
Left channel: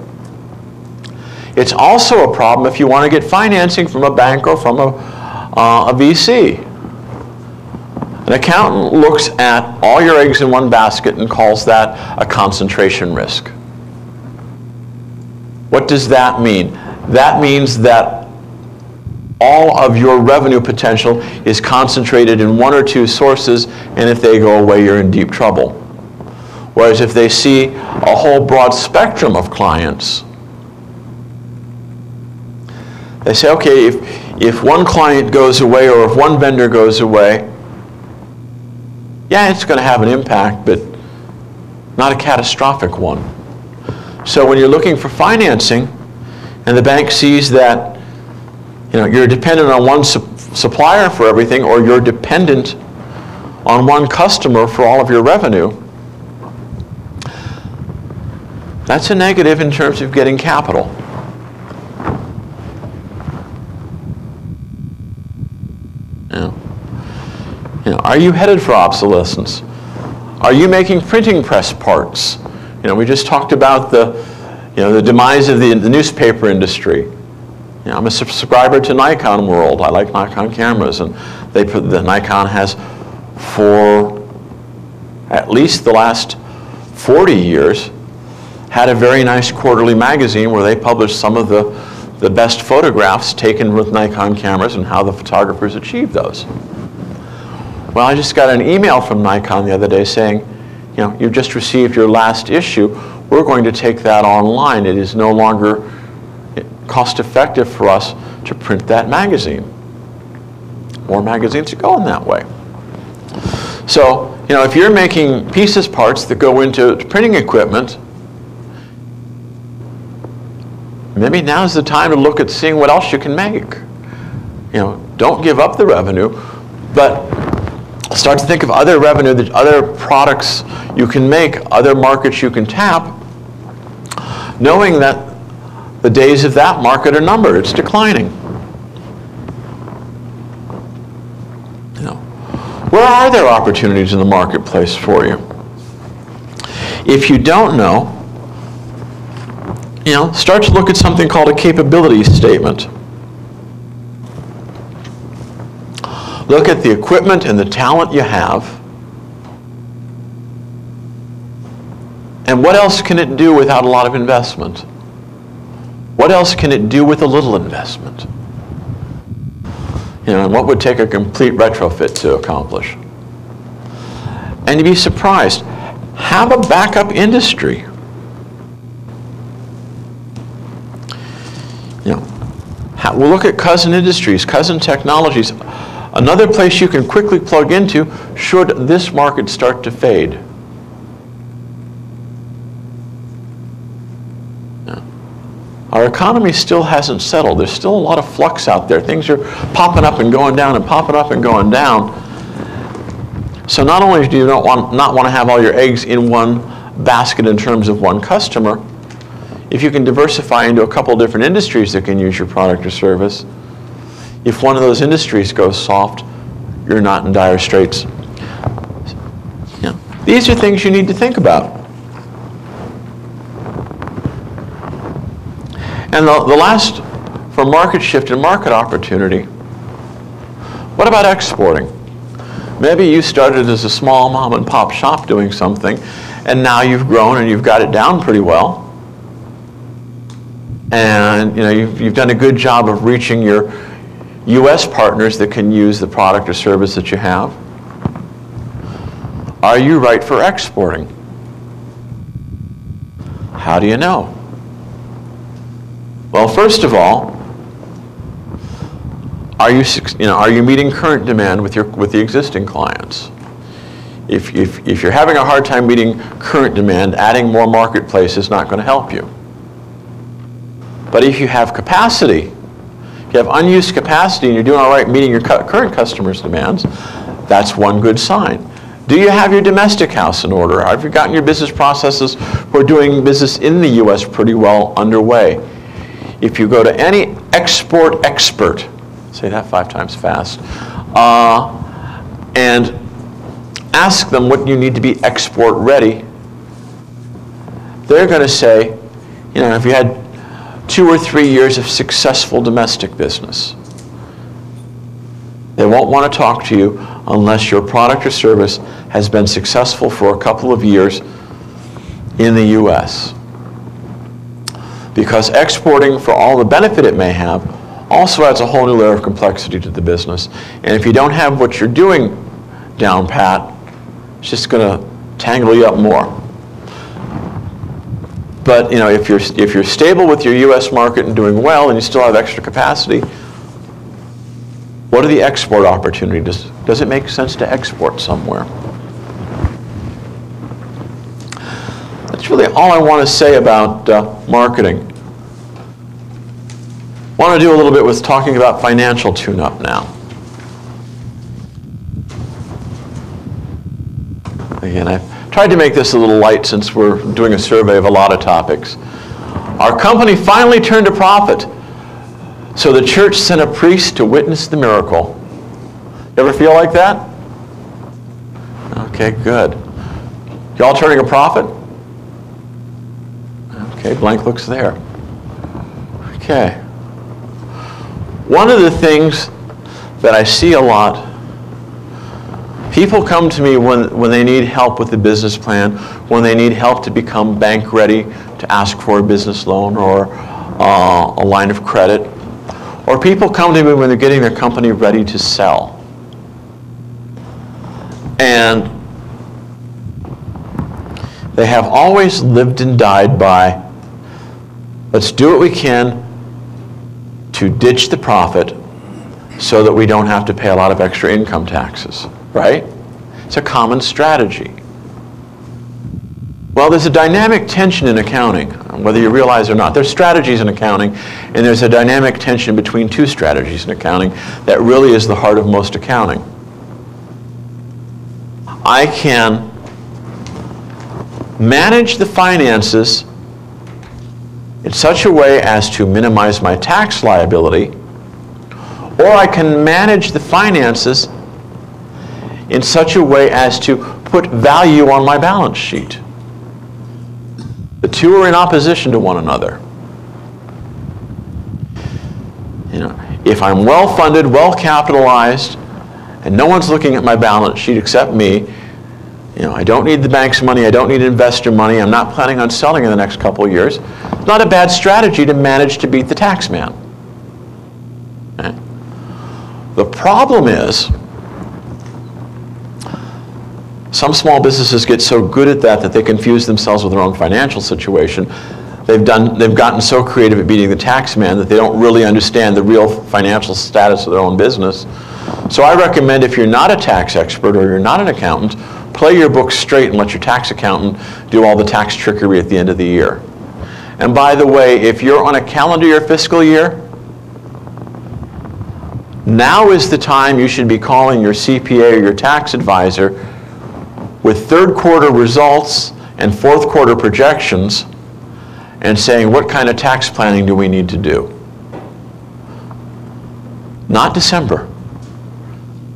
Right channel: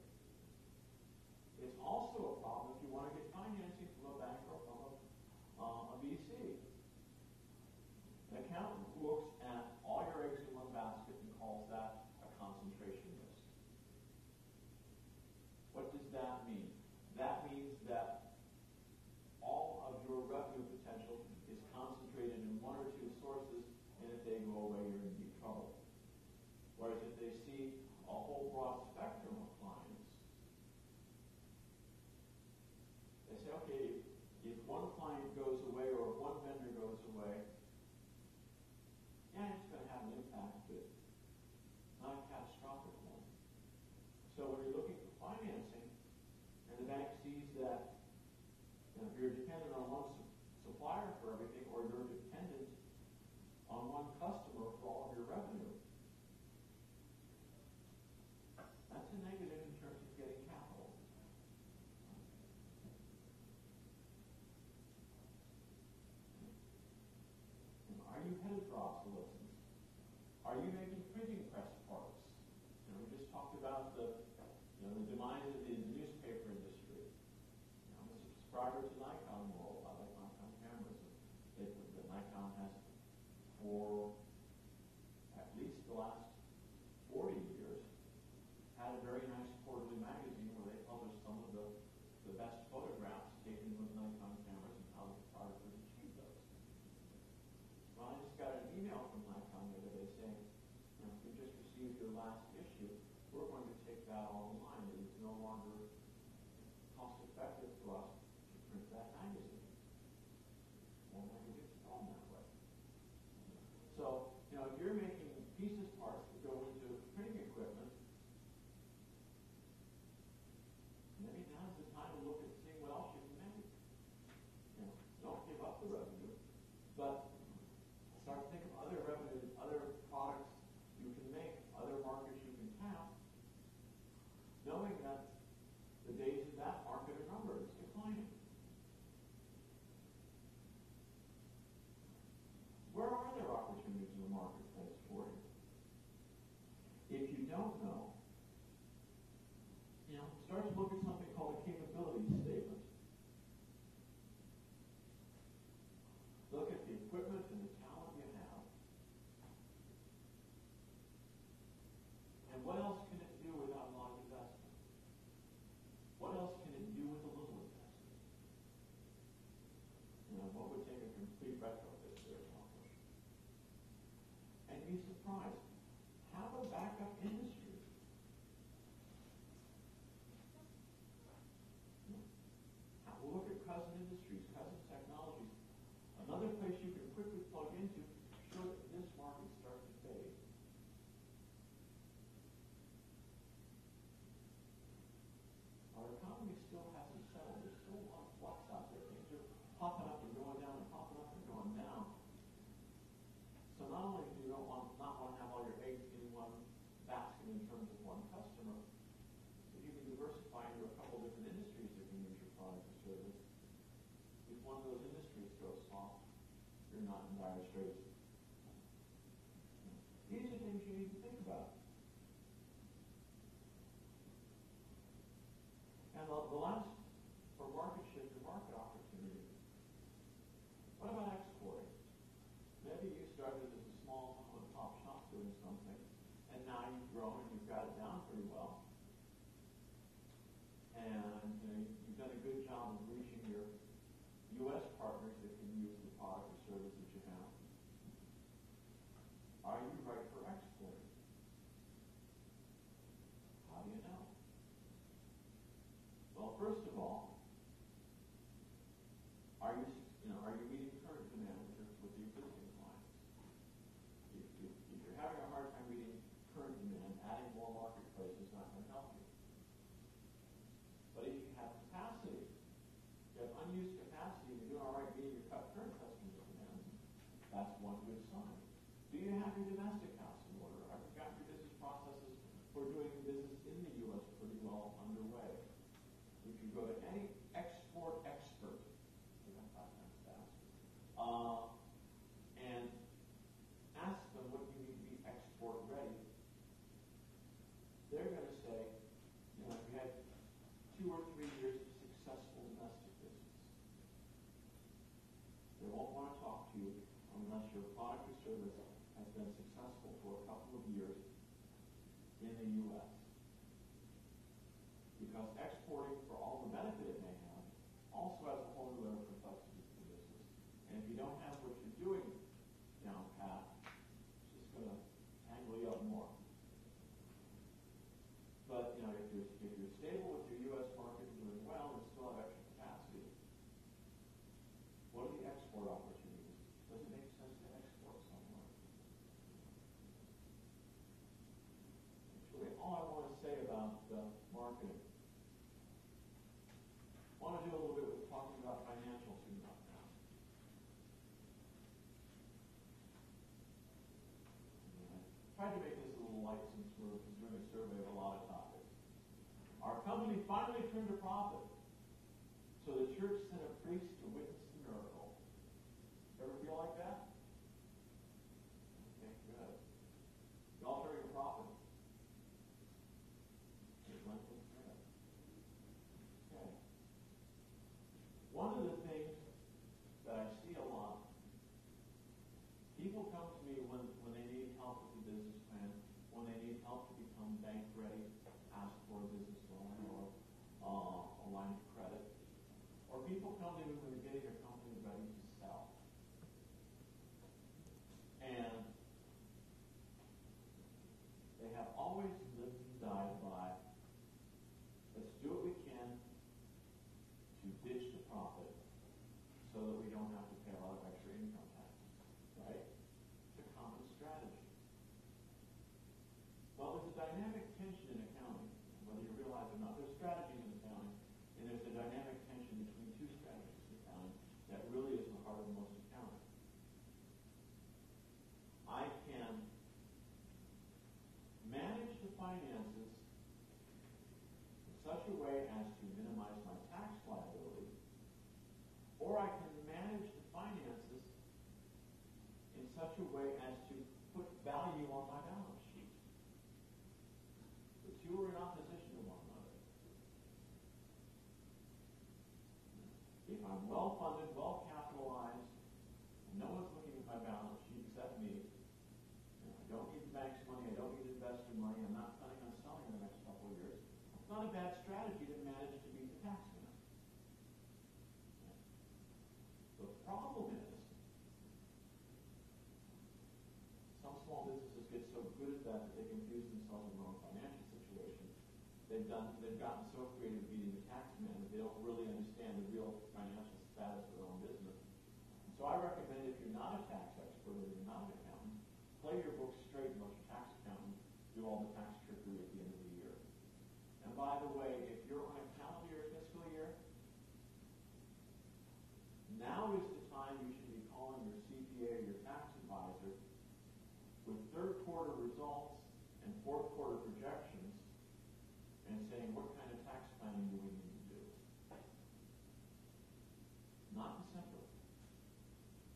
It's also a problem if you want to get financing from a bank or from a VC. An accountant looks at all your eggs in one basket and calls that a concentration risk. What does that mean? That means that all of your revenue potential is concentrated in one or two sources, and if they go away, you're in deep trouble. Whereas if they see a whole broad spectrum of clients, they say, okay, if one client goes away or if one vendor goes away, yeah, it's going to have an impact, but not a catastrophic one. So when you're looking for financing and the bank sees that you're dependent on one supplier for everything, or you're dependent on one customer for all of your revenue, that's a negative in terms of getting capital. Are you headed for obsolescence? Are you making printing press parts? We just talked about the demise of the newspaper industry. I'm a subscriber to Nikon World. I like Nikon cameras, and the Nikon has, for at least the last 40 years, had a very nice quarterly magazine where they published some of the best photographs taken with Nikon cameras and how the photographers achieved those. Well, I just got an email from Nikon the other day saying, you've just received your last issue. We're going to take that online. It is no longer cost-effective for us to print that magazine. More magazines are going that way. So, if you're making pieces parts that go into printing equipment, maybe now's the time to look at seeing what else you can make. Don't give up the revenue, but start to think of other revenue, other products you can make, other markets you can tap, knowing that the days of that market are numbered. It's declining. Where are there opportunities in the marketplace for you? If you don't know, start to look at something called a capability statement. Look at the equipment and the talent you have, and what else can it do without a lot of investment? What else can it do with a little investment? And what would take a complete retrofit to accomplish? And you'd be surprised. Have a backup industry. We'll look at cousin industries, cousin technologies. Another place you can quickly plug into should this market start to fade. Our economy still hasn't settled. There's still a lot of flux out there. Things are popping up and going down and popping up and going down. So not only do you not want to have all your eggs in one basket in terms of one customer, if you can diversify into a couple different industries that can use your product or service, if one of those industries goes soft, you're not in dire straits. You know, these are things you need to think about. And the last, for market shift and market opportunity, what about exporting? Maybe you started as a small mom and pop shop doing something, and now you've grown and you've got it down pretty well. And you know, you've done a good job of reaching your U.S. partners that can use the product or service that you have. Are you right for exporting? How do you know? Well, first of all, are you meeting current demand with the existing clients? If you're having a hard time meeting current demand, adding more marketplace is not going to help you. But if you have capacity, if you have unused capacity and you're doing all right meeting your current customers' demands, that's one good sign. Do you have your domestic house in order? Have you gotten your business processes for doing business in the U.S. pretty well underway? If you go to any export expert, say that 5 times fast, and ask them what you need to be export ready, they're going to say, you know, if you had 2 or 3 years of successful domestic business, they won't want to talk to you unless your product or service has been successful for a couple of years in the U.S. Because exporting, for all the benefit it may have, also adds a whole new layer of complexity to the business. And if you don't have what you're doing down pat, it's just going to tangle you up more. But you know, if you're stable with your U.S. market and doing well, and you still have extra capacity, what are the export opportunities? Does it make sense to export somewhere? That's really all I want to say about marketing. I want to do a little bit with talking about financial tune-up now. Again, I've tried to make this a little light since we're doing a survey of a lot of topics. Our company finally turned a profit, so the church sent a priest to witness the miracle. You ever feel like that? Okay, good. Y'all turning a profit? Okay, blank looks there. Okay. One of the things that I see a lot, people come to me when they need help with the business plan, when they need help to become bank ready to ask for a business loan or a line of credit. Or people come to me when they're getting their company ready to sell. And they have always lived and died by, let's do what we can to ditch the profit so that we don't have to pay a lot of extra income taxes, right? It's a common strategy. Well, there's a dynamic tension in accounting, whether you realize or not. There's strategies in accounting, and there's a dynamic tension between 2 strategies in accounting that really is the heart of most accounting. I can manage the finances in such a way as to minimize my tax liability, or I can manage the finances in such a way as to put value on my balance sheet. The 2 are in opposition to one another. You know, if I'm well-funded, well-capitalized, and no one's looking at my balance sheet except me, you know, I don't need the bank's money, I don't need investor money, I'm not planning on selling in the next couple of years, it's not a bad strategy to manage to beat the tax man. Okay? The problem is, some small businesses get so good at that they confuse themselves with their own financial situation. They've gotten so creative at beating the tax man that they don't really understand the real financial status of their own business. So I recommend, if you're not a tax expert or you're not an accountant, play your books straight and let your tax accountant do all the tax trickery at the end of the year. And by the way, if you're on a calendar year fiscal year, now is the time you should be calling your CPA or your tax advisor with 3rd quarter results and 4th quarter projections and saying, what kind of tax planning do we need to do? Not December.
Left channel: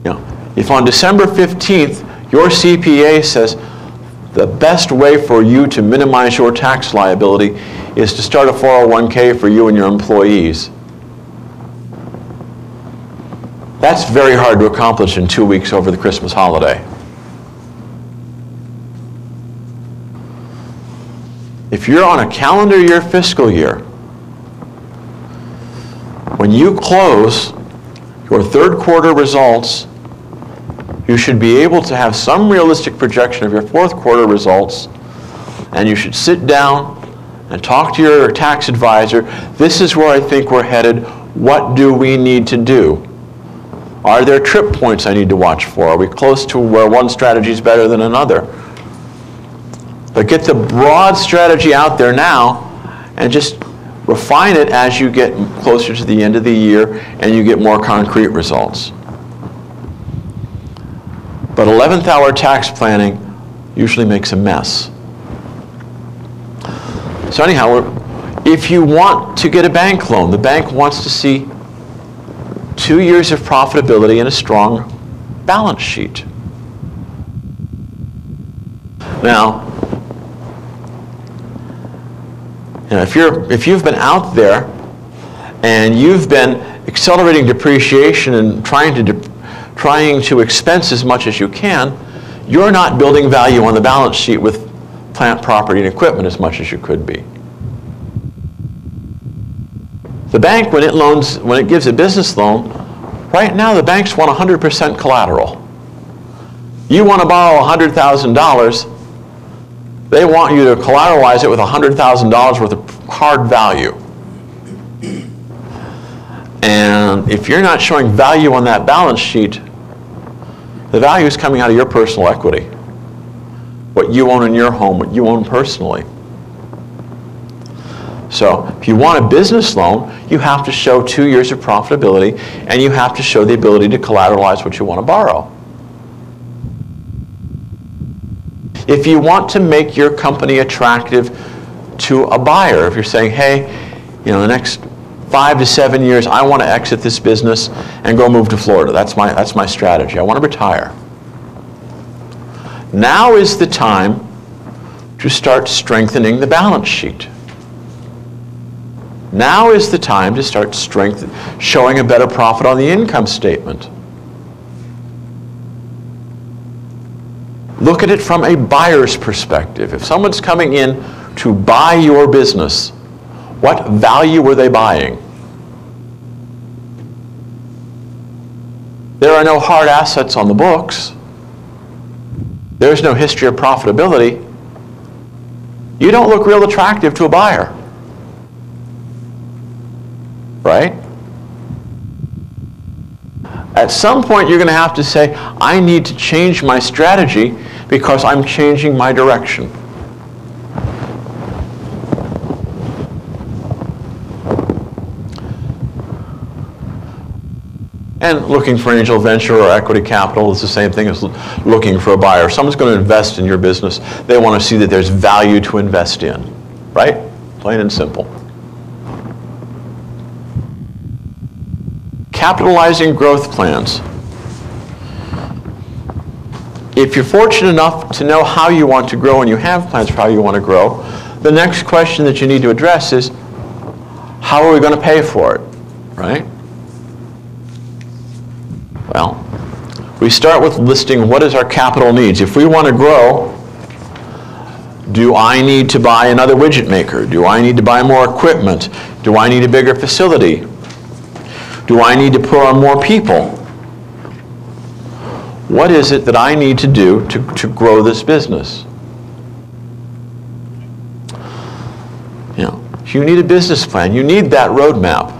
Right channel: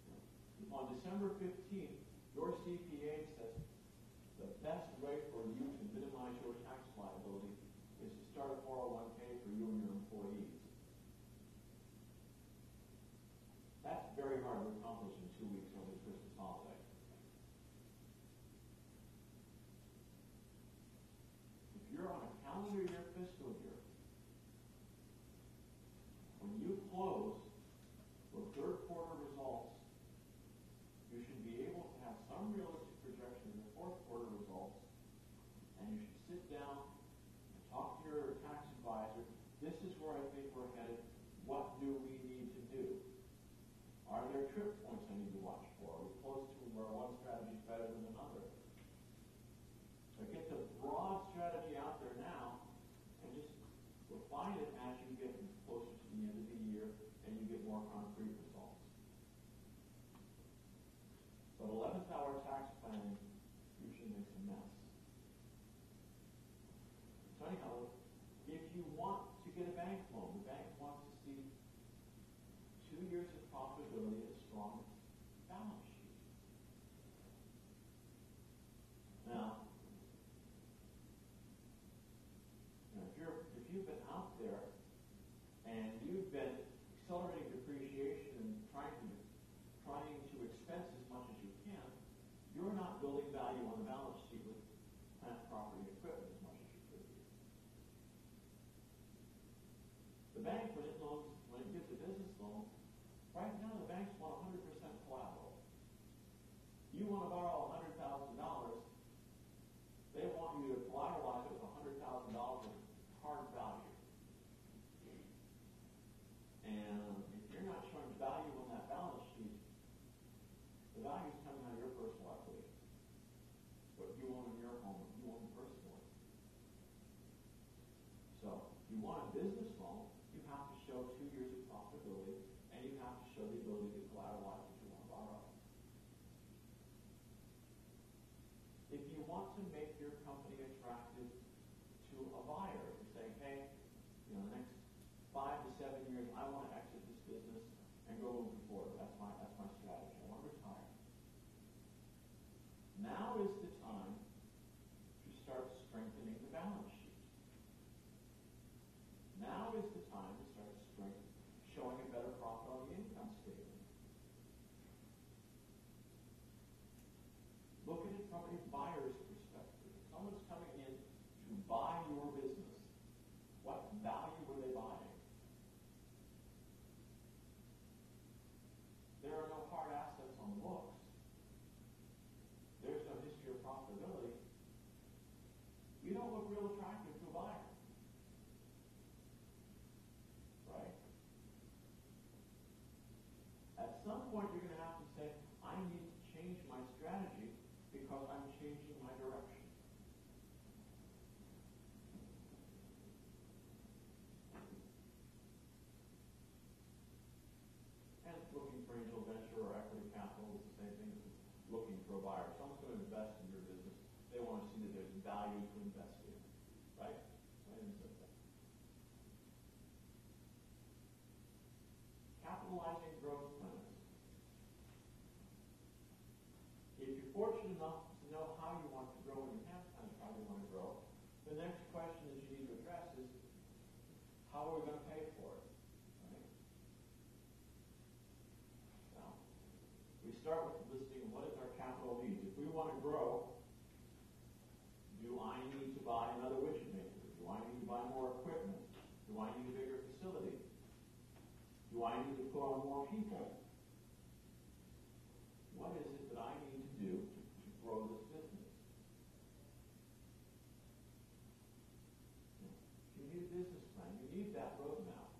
You know, If on December 15th, your CPA says the best way for you to minimize your tax liability is to start a 401k for you and your employees, that's very hard to accomplish in 2 weeks over the Christmas holiday. If you're on a calendar year, fiscal year, when you close your third quarter results, you should be able to have some realistic projection of your fourth quarter results, and you should sit down and talk to your tax advisor. This is where I think we're headed. What do we need to do? Are there trip points I need to watch for? Are we close to where one strategy is better than another? But get the broad strategy out there now and just refine it as you get closer to the end of the year and you get more concrete results. But 11th hour tax planning usually makes a mess. So anyhow, if you want to get a bank loan, the bank wants to see 2 years of profitability and a strong balance sheet. Now, if you've been out there and you've been accelerating depreciation and trying to expense as much as you can, you're not building value on the balance sheet with plant, property, and equipment as much as you could be. The bank, when it gives a business loan, right now the banks want 100% collateral. You want to borrow $100,000, they want you to collateralize it with $100,000 worth of hard value. And if you're not showing value on that balance sheet, the value is coming out of your personal equity. What you own in your home, what you own personally. So if you want a business loan, you have to show 2 years of profitability, and you have to show the ability to collateralize what you want to borrow. If you want to make your company attractive to a buyer, if you're saying, hey, the next 5 to 7 years, I want to exit this business and go move to Florida. That's my strategy. I want to retire. Now is the time to start strengthening the balance sheet. Now is the time to start showing a better profit on the income statement. Look at it from a buyer's perspective. If someone's coming in to buy your business, what value were they buying? There are no hard assets on the books. There's no history of profitability. You don't look real attractive to a buyer. Right? At some point, you're going to have to say, I need to change my strategy because I'm changing my direction. And looking for angel venture or equity capital is the same thing as looking for a buyer. If someone's going to invest in your business, they want to see that there's value to invest in. Right? Plain and simple. Capitalizing growth plans. If you're fortunate enough to know how you want to grow and you have plans for how you want to grow, the next question that you need to address is, how are we going to pay for it? Right? Well, we start with listing what is our capital needs. If we want to grow, do I need to buy another widget maker? Do I need to buy more equipment? Do I need a bigger facility? Do I need to put on more people? What is it that I need to do to grow this business? You need a business plan. You need that roadmap.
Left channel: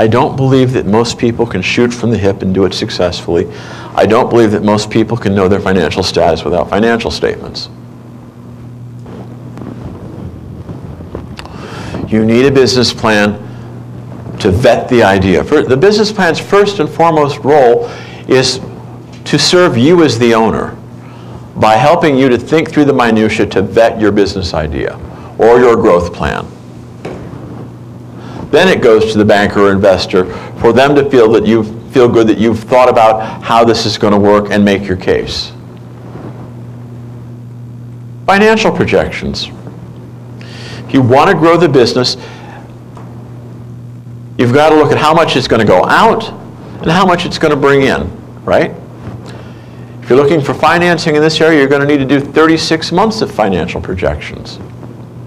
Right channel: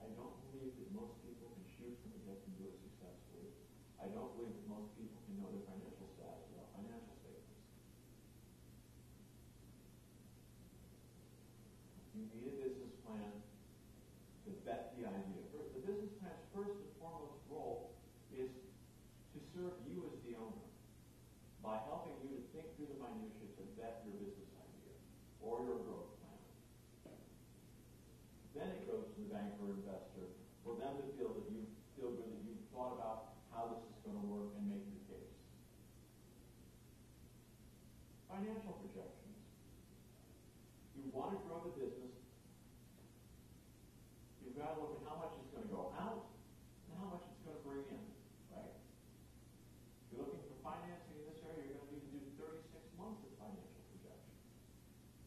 I don't believe that most people can shoot from the hip and do it successfully. I don't believe that most people can know their financial status without financial statements. You need a business plan to vet the idea. The business plan's first and foremost role is to serve you as the owner by helping you to think through the minutiae to vet your business idea or your growth plan. Then it goes to the banker or investor for them to feel good that you've thought about how this is going to work and make your case. Financial projections. If you want to grow the business, you've got to look at how much it's going to go out and how much it's going to bring in, right? If you're looking for financing in this area, you're going to need to do 36 months of financial projections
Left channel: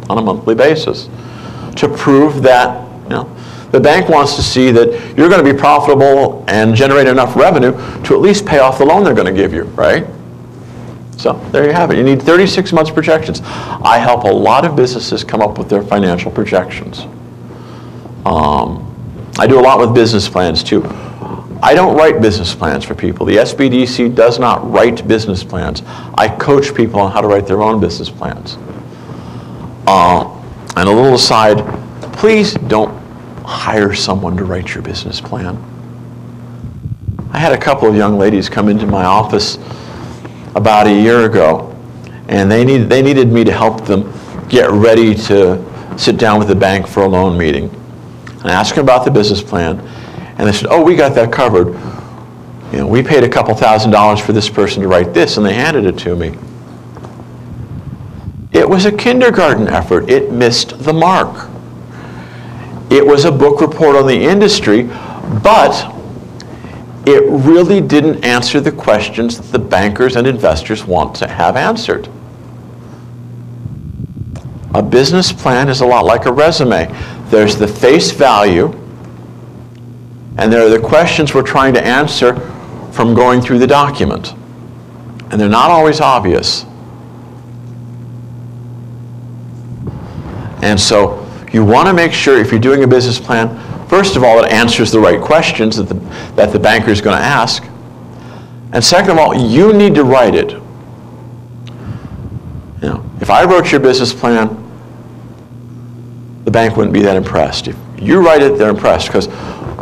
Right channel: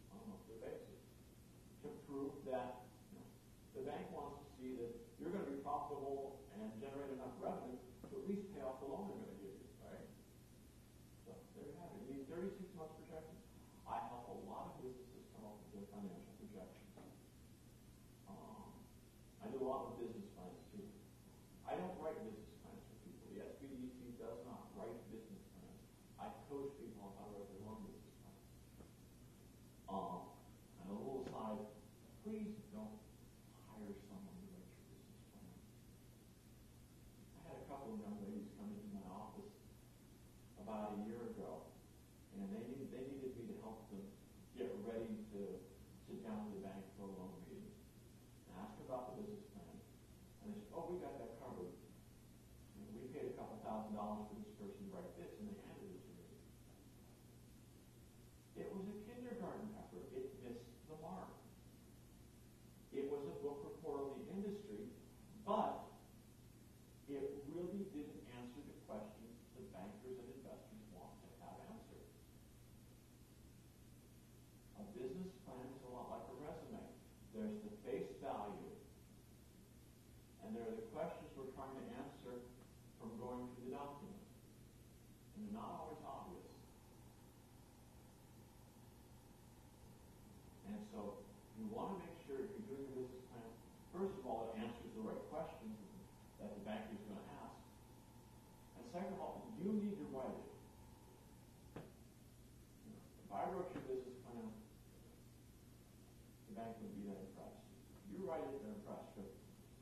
on a monthly basis to prove that, the bank wants to see that you're going to be profitable and generate enough revenue to at least pay off the loan they're going to give you, right? So there you have it. You need 36 months projections. I help a lot of businesses come up with their financial projections. I do a lot with business plans too. I don't write business plans for people. The SBDC does not write business plans. I coach people on how to write their own business plans. And a little aside, please don't hire someone to write your business plan. I had a couple of young ladies come into my office about a year ago, and they needed me to help them get ready to sit down with the bank for a loan meeting. And I asked them about the business plan, and they said, "Oh, we got that covered. We paid a couple $1,000s for this person to write this," and they handed it to me. It was a kindergarten effort. It missed the mark. It was a book report on the industry, but it really didn't answer the questions that the bankers and investors want to have answered. A business plan is a lot like a resume. There's the face value, and there are the questions we're trying to answer from going through the document. And they're not always obvious. And so you want to make sure, if you're doing a business plan, first of all, it answers the right questions that the banker is going to ask. And second of all, you need to write it. If I wrote your business plan, the bank wouldn't be that impressed. If you write it, they're impressed, because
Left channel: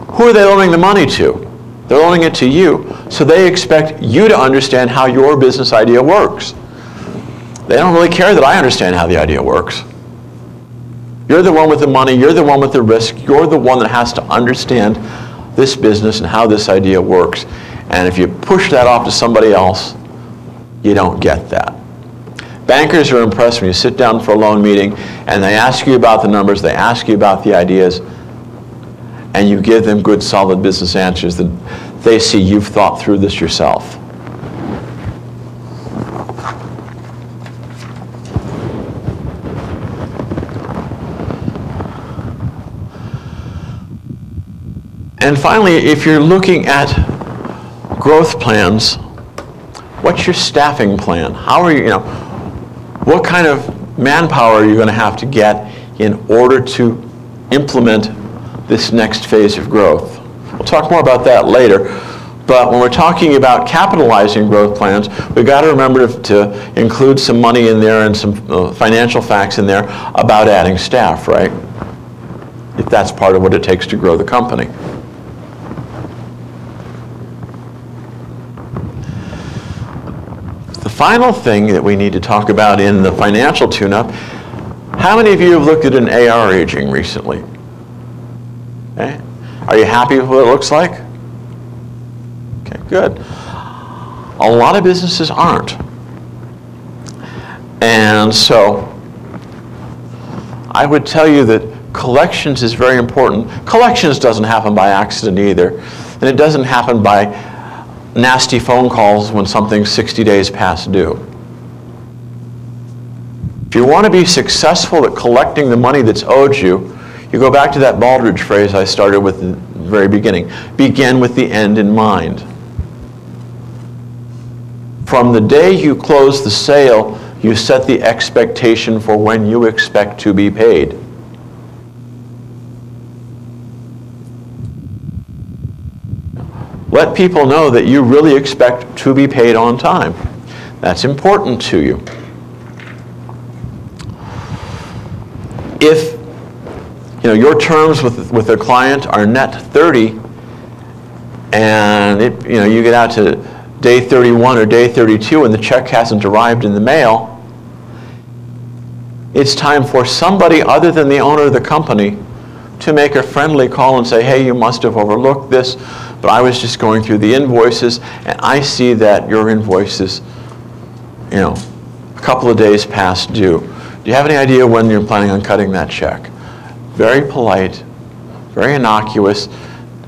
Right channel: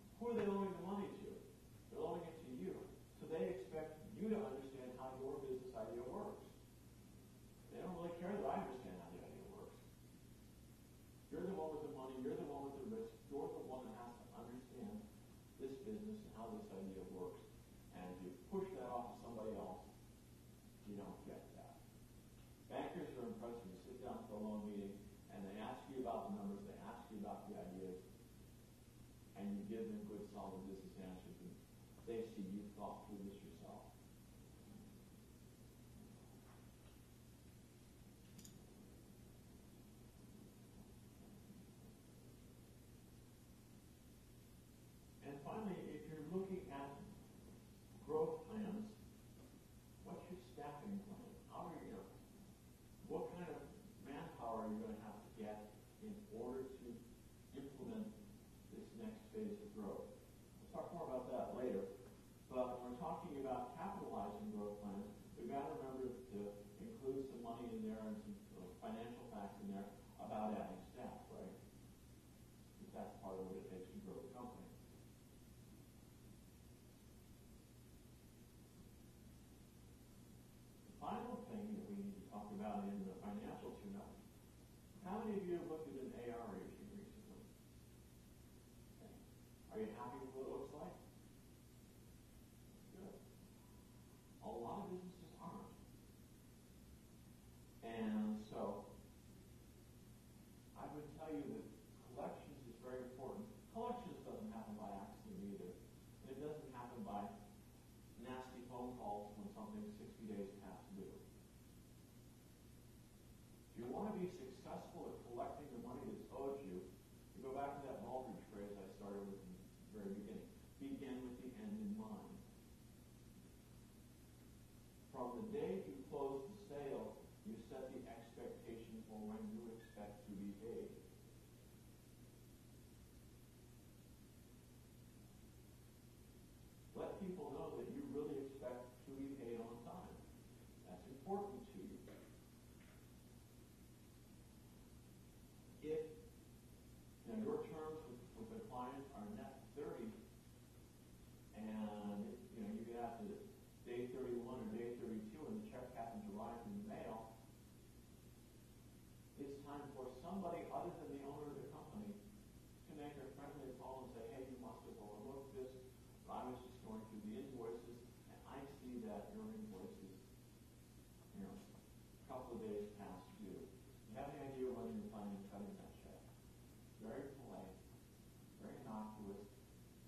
who are they loaning the money to? They're loaning it to you, so they expect you to understand how your business idea works. They don't really care that I understand how the idea works. You're the one with the money, you're the one with the risk, you're the one that has to understand this business and how this idea works. And if you push that off to somebody else, you don't get that. Bankers are impressed when you sit down for a loan meeting and they ask you about the numbers, they ask you about the ideas, and you give them good, solid business answers that they see you've thought through this yourself. And finally, if you're looking at growth plans, what's your staffing plan? How are you, what kind of manpower are you going to have to get in order to implement this next phase of growth? We'll talk more about that later. But when we're talking about capitalizing growth plans, we've got to remember to include some money in there and some financial facts in there about adding staff, right? If that's part of what it takes to grow the company. The final thing that we need to talk about in the financial tune-up, how many of you have looked at an AR aging recently? Okay. Are you happy with what it looks like? Okay, good. A lot of businesses aren't. And so I would tell you that collections is very important. Collections doesn't happen by accident either. And it doesn't happen by nasty phone calls when something's 60 days past due. If you want to be successful at collecting the money that's owed you, you go back to that Baldrige phrase I started with in the very beginning. Begin with the end in mind. From the day you close the sale, you set the expectation for when you expect to be paid. Let people know that you really expect to be paid on time. That's important to you. If your terms with a client are net 30, and you get out to day 31 or day 32 and the check hasn't arrived in the mail, it's time for somebody other than the owner of the company to make a friendly call and say, hey, you must have overlooked this, but I was just going through the invoices, and I see that your invoice is, a couple of days past due. Do you have any idea when you're planning on cutting that check? Very polite, very innocuous.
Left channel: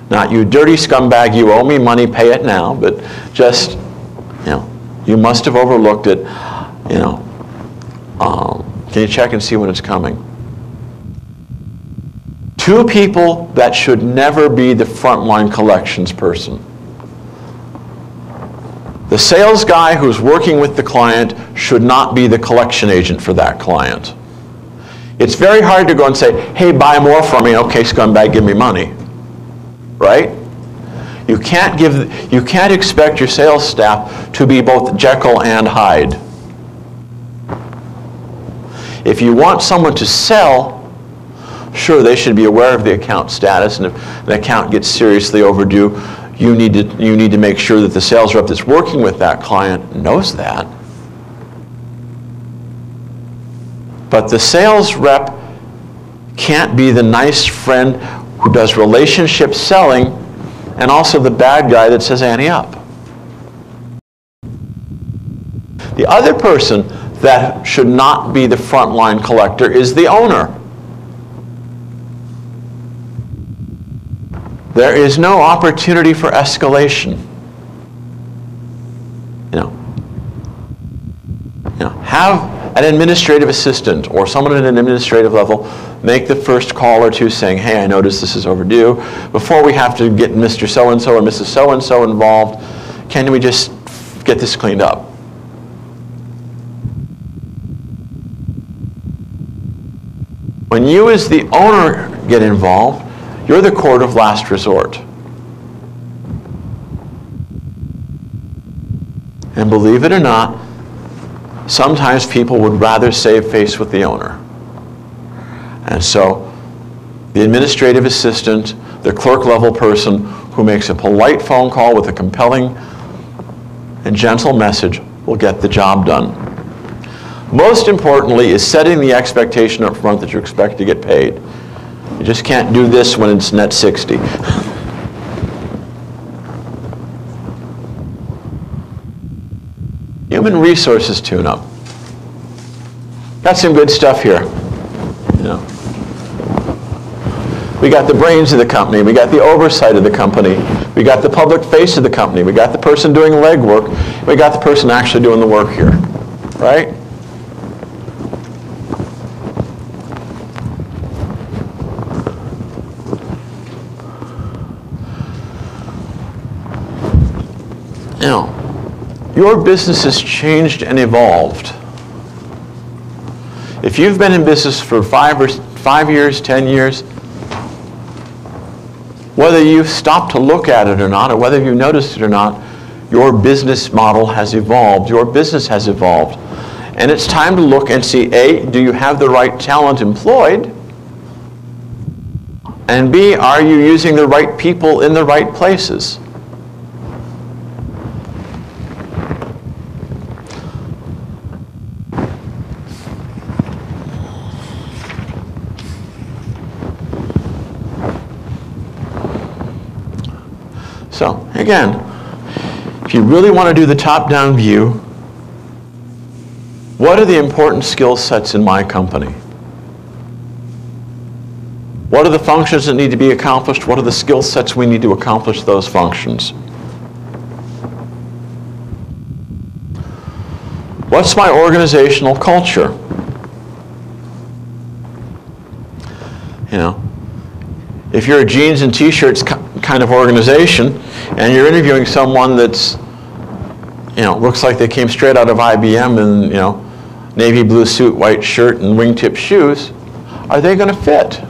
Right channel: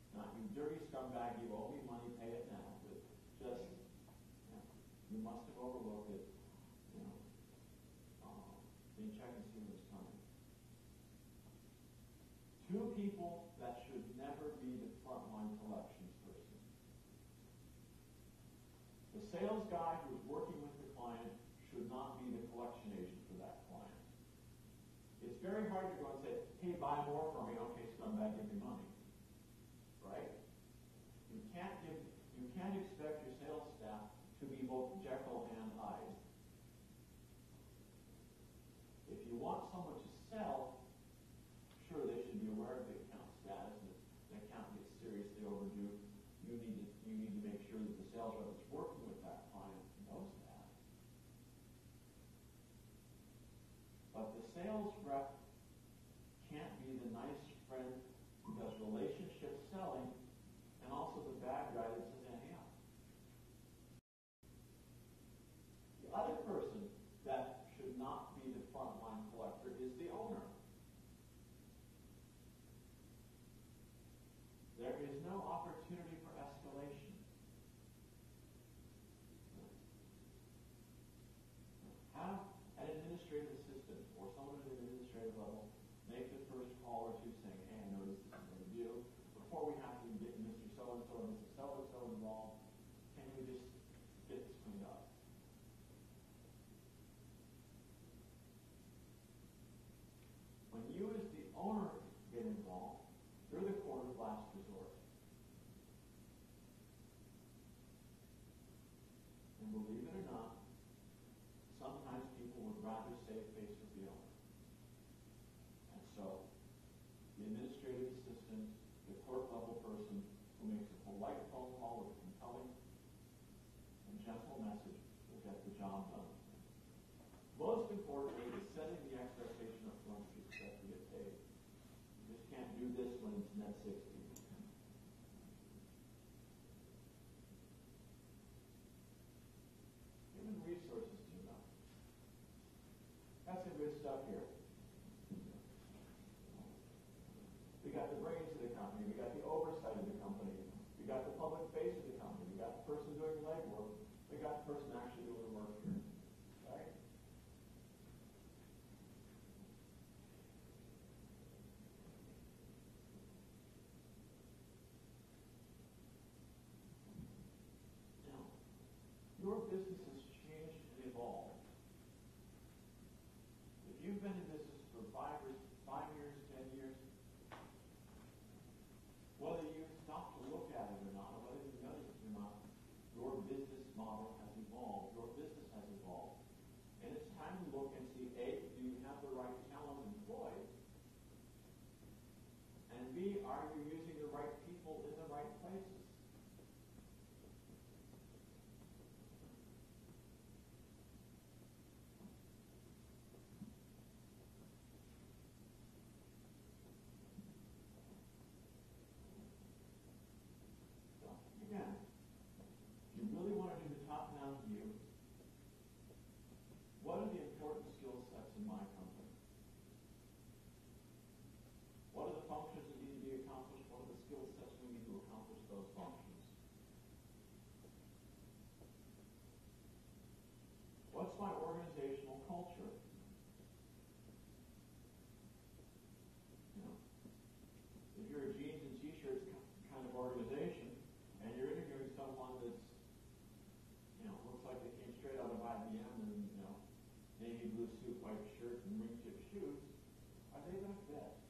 Not, you dirty scumbag, you owe me money, pay it now, but just, you must have overlooked it. Can you check and see when it's coming? Two people that should never be the frontline collections person. The sales guy who's working with the client should not be the collection agent for that client. It's very hard to go and say, hey, buy more from me. Okay, scumbag, give me money. Right? You can't expect your sales staff to be both Jekyll and Hyde. If you want someone to sell, sure, they should be aware of the account status, and if an account gets seriously overdue, you need to make sure that the sales rep that's working with that client knows that. But the sales rep can't be the nice friend who does relationship selling and also the bad guy that says ante up. The other person that should not be the frontline collector is the owner. There is no opportunity for escalation. Have an administrative assistant or someone at an administrative level make the first call or two saying, hey, I noticed this is overdue. Before we have to get Mr. So-and-so or Mrs. So-and-so involved, can we just get this cleaned up? When you as the owner get involved, you're the court of last resort. And believe it or not, sometimes people would rather save face with the owner. And so the administrative assistant, the clerk level person who makes a polite phone call with a compelling and gentle message will get the job done. Most importantly is setting the expectation up front that you expect to get paid. You just can't do this when it's net 60. Human resources tune-up. Got some good stuff here. We got the brains of the company. We got the oversight of the company. We got the public face of the company. We got the person doing legwork. We got the person actually doing the work here. Right? Your business has changed and evolved. If you've been in business for 5 years, 10 years, whether you've stopped to look at it or not, or whether you noticed it or not, your business model has evolved. Your business has evolved. And it's time to look and see, A, do you have the right talent employed? And B, are you using the right people in the right places? So, again, if you really want to do the top-down view, what are the important skill sets in my company? What are the functions that need to be accomplished? What are the skill sets we need to accomplish those functions? What's my organizational culture? If you're a jeans and t-shirts kind of organization and you're interviewing someone that's, looks like they came straight out of IBM in, navy blue suit, white shirt, and wingtip shoes, are they going to fit?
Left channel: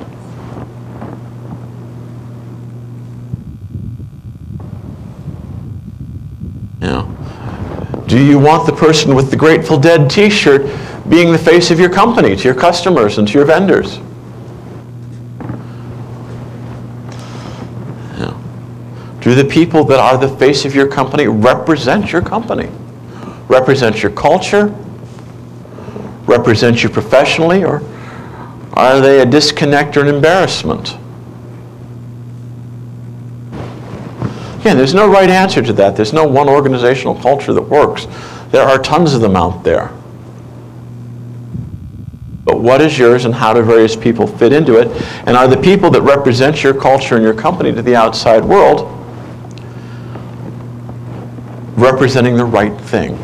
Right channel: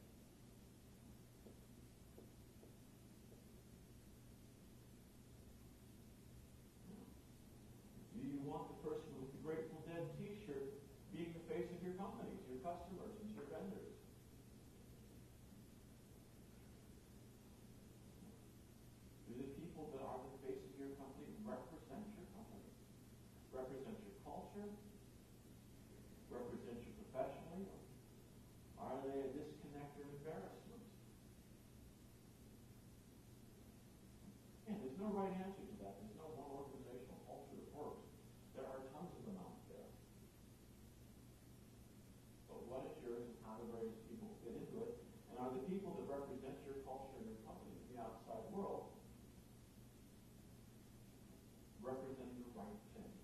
Do you want the person with the Grateful Dead t-shirt being the face of your company to your customers and to your vendors? Do the people that are the face of your company represent your company? Represent your culture? Represent you professionally? Or are they a disconnect or an embarrassment? Again, there's no right answer to that. There's no one organizational culture that works. There are tons of them out there. But what is yours, and how do various people fit into it? And are the people that represent your culture and your company to the outside world representing the right thing?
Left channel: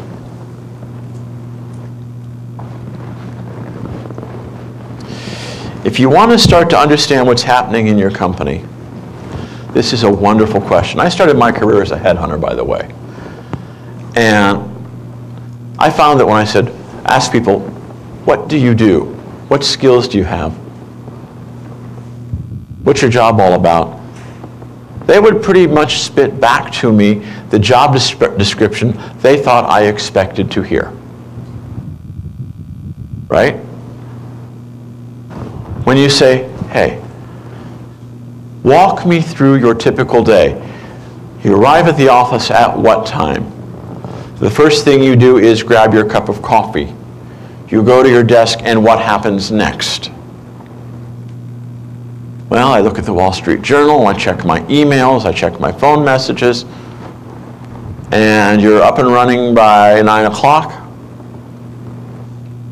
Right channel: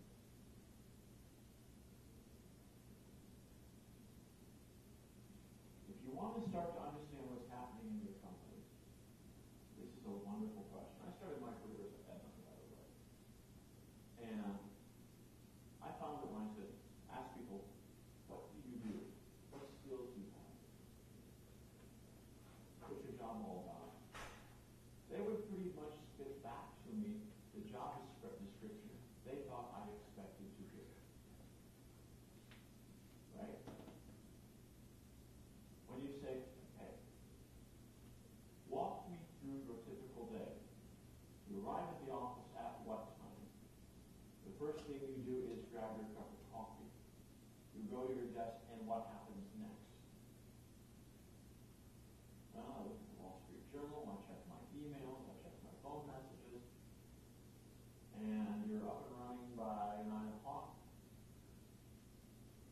If you want to start to understand what's happening in your company, this is a wonderful question. I started my career as a headhunter, by the way. And I found that when I asked people, what do you do? What skills do you have? What's your job all about? They would pretty much spit back to me the job description they thought I expected to hear. Right? When you say, hey, walk me through your typical day. You arrive at the office at what time? The first thing you do is grab your cup of coffee. You go to your desk, and what happens next? Well, I look at the Wall Street Journal, I check my emails, I check my phone messages, and you're up and running by 9 o'clock.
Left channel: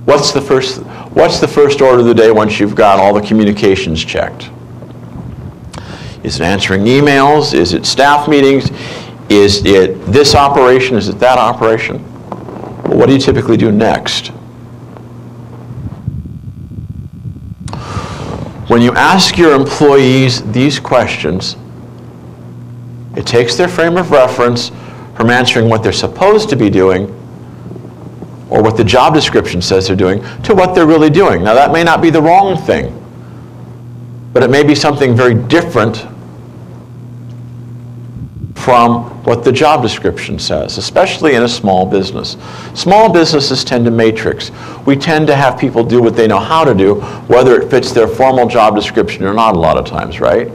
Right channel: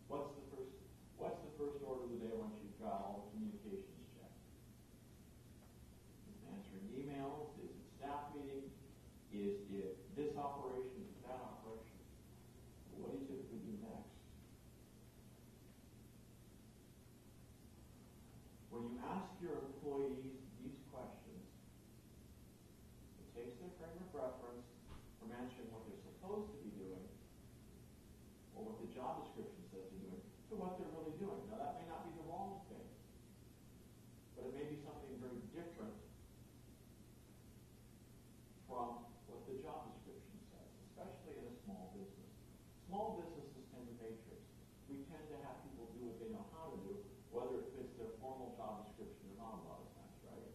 What's the first order of the day once you've got all the communications checked? Is it answering emails? Is it staff meetings? Is it this operation? Is it that operation? Well, what do you typically do next? When you ask your employees these questions, it takes their frame of reference from answering what they're supposed to be doing or what the job description says they're doing to what they're really doing. Now, that may not be the wrong thing, but it may be something very different from what the job description says, especially in a small business. Small businesses tend to matrix. We tend to have people do what they know how to do, whether it fits their formal job description or not a lot of times, right?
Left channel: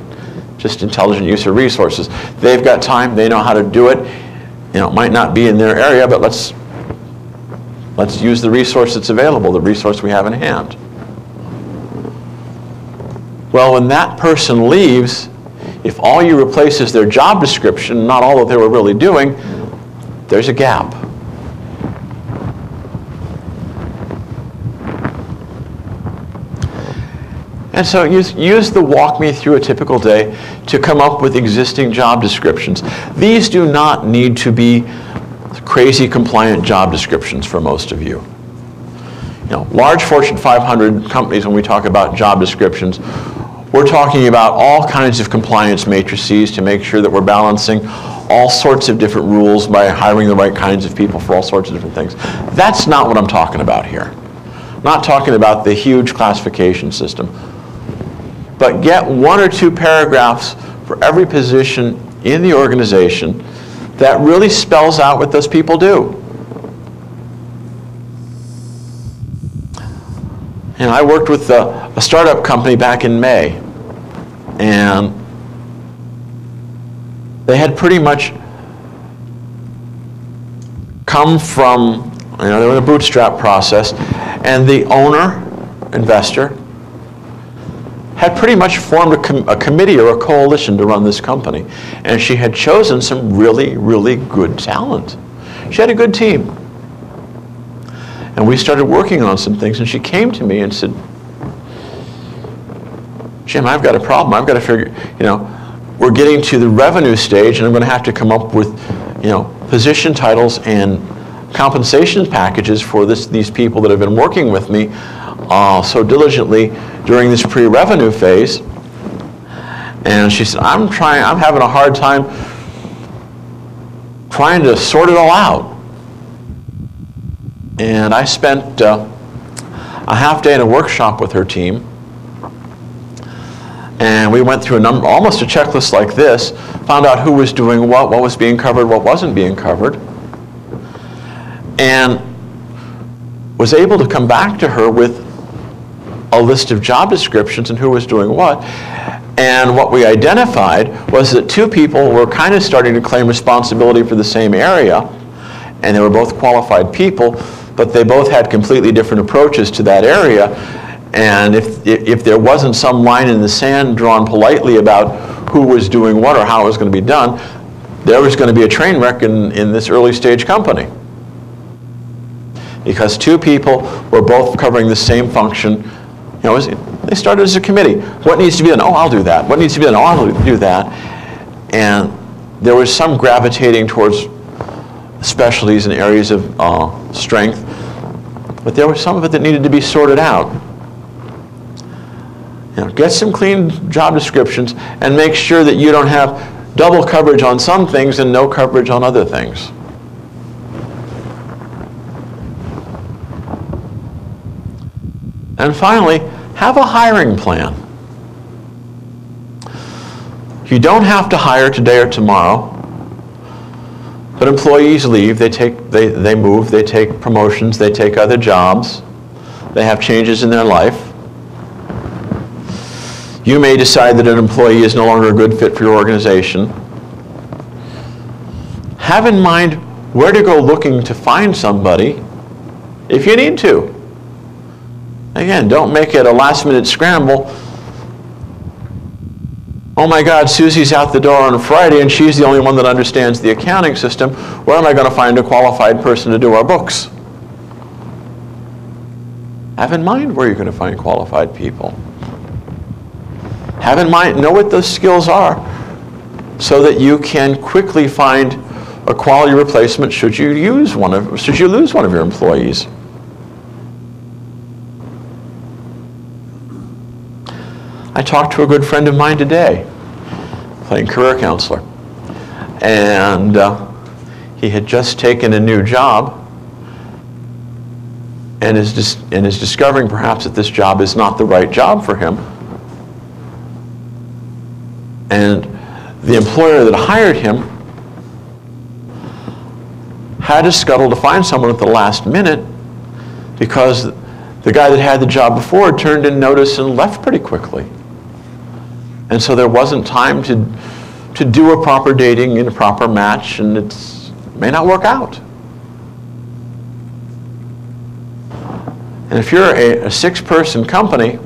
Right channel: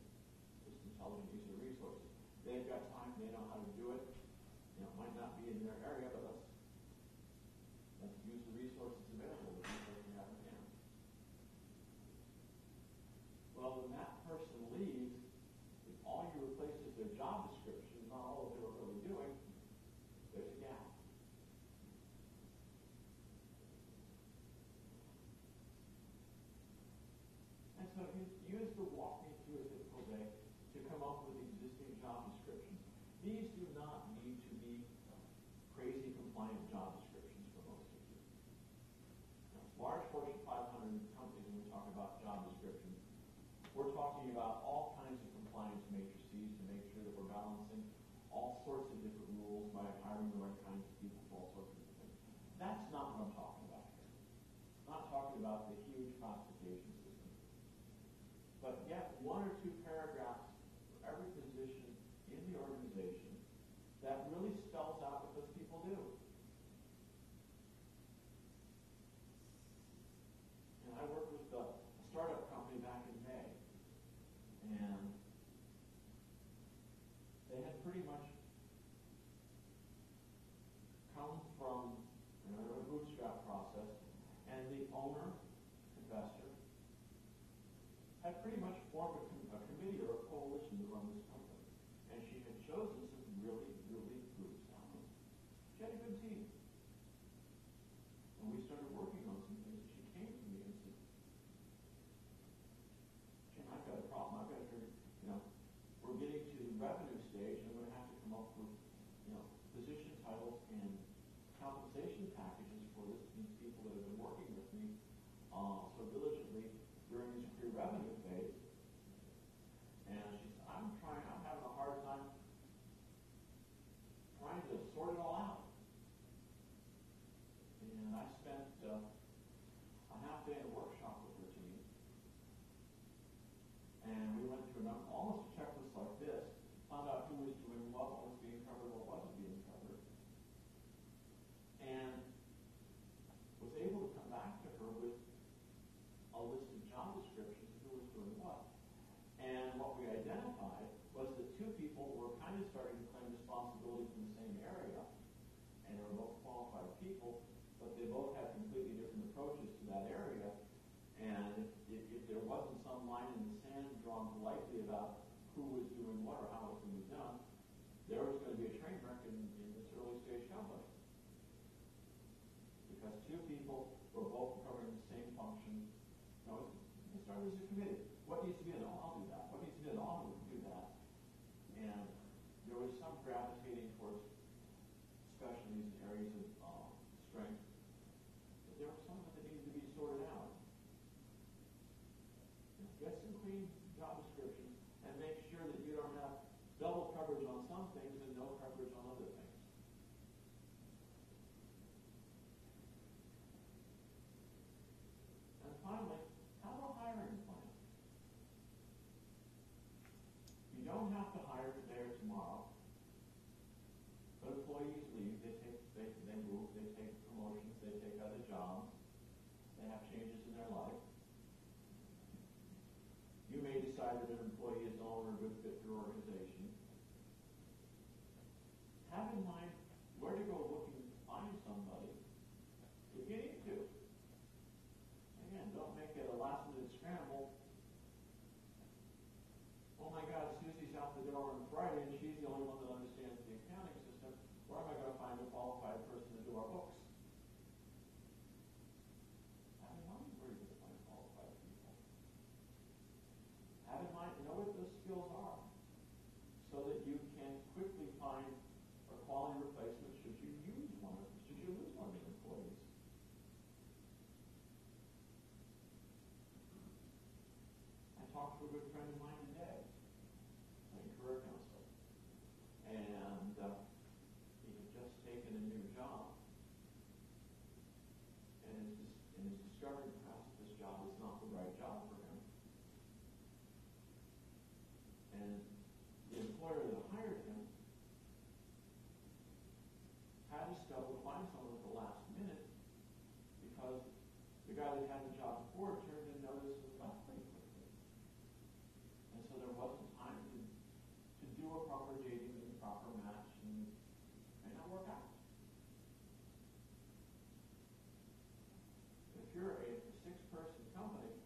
Just intelligent use of resources. They've got time, they know how to do it. You know, it might not be in their area, but let's use the resource that's available, the resource we have in hand. Well, when that person leaves, if all you replace is their job description, not all that they were really doing, there's a gap. And so use the walk me through a typical day to come up with existing job descriptions. These do not need to be crazy compliant job descriptions for most of you. You know, large Fortune 500 companies, when we talk about job descriptions, we're talking about all kinds of compliance matrices to make sure that we're balancing all sorts of different rules by hiring the right kinds of people for all sorts of different things. That's not what I'm talking about here. I'm not talking about the huge classification system. But get 1 or 2 paragraphs for every position in the organization that really spells out what those people do. And I worked with a startup company back in May, and they had pretty much come from, they were in a bootstrap process, and the owner, investor, had pretty much formed a committee or a coalition to run this company. And she had chosen some really, really good talent. She had a good team. And we started working on some things, and she came to me and said, Jim, I've got a problem. I've got to figure, we're getting to the revenue stage, and I'm going to have to come up with, position titles and compensation packages for these people that have been working with me so diligently during this pre-revenue phase. And she said, I'm having a hard time trying to sort it all out. And I spent a half day in a workshop with her team. And we went through almost a checklist like this, found out who was doing what was being covered, what wasn't being covered, and was able to come back to her with a list of job descriptions and who was doing what. And what we identified was that 2 people were kind of starting to claim responsibility for the same area, and they were both qualified people, but they both had completely different approaches to that area. And if there wasn't some line in the sand drawn politely about who was doing what or how it was going to be done, there was going to be a train wreck in this early stage company. Because two people were both covering the same function. You know, they started as a committee. What needs to be done? Oh, I'll do that. What needs to be done? Oh, I'll do that. And there was some gravitating towards specialties and areas of strength, but there was some of it that needed to be sorted out. You know, get some clean job descriptions and make sure that you don't have double coverage on some things and no coverage on other things. And finally, have a hiring plan. You don't have to hire today or tomorrow, but employees leave, they move, they take promotions, they take other jobs, they have changes in their life. You may decide that an employee is no longer a good fit for your organization. Have in mind where to go looking to find somebody if you need to. Again, don't make it a last-minute scramble. Oh my God, Susie's out the door on Friday and she's the only one that understands the accounting system. Where am I going to find a qualified person to do our books? Have in mind where you're going to find qualified people. Have in mind, know what those skills are so that you can quickly find a quality replacement should you lose one of your employees. I talked to a good friend of mine today, playing career counselor, and he had just taken a new job and is discovering perhaps that this job is not the right job for him. And the employer that hired him had to scuttle to find someone at the last minute because the guy that had the job before turned in notice and left pretty quickly. And so there wasn't time to do a proper dating and a proper match, and it may not work out. And if you're a 6-person company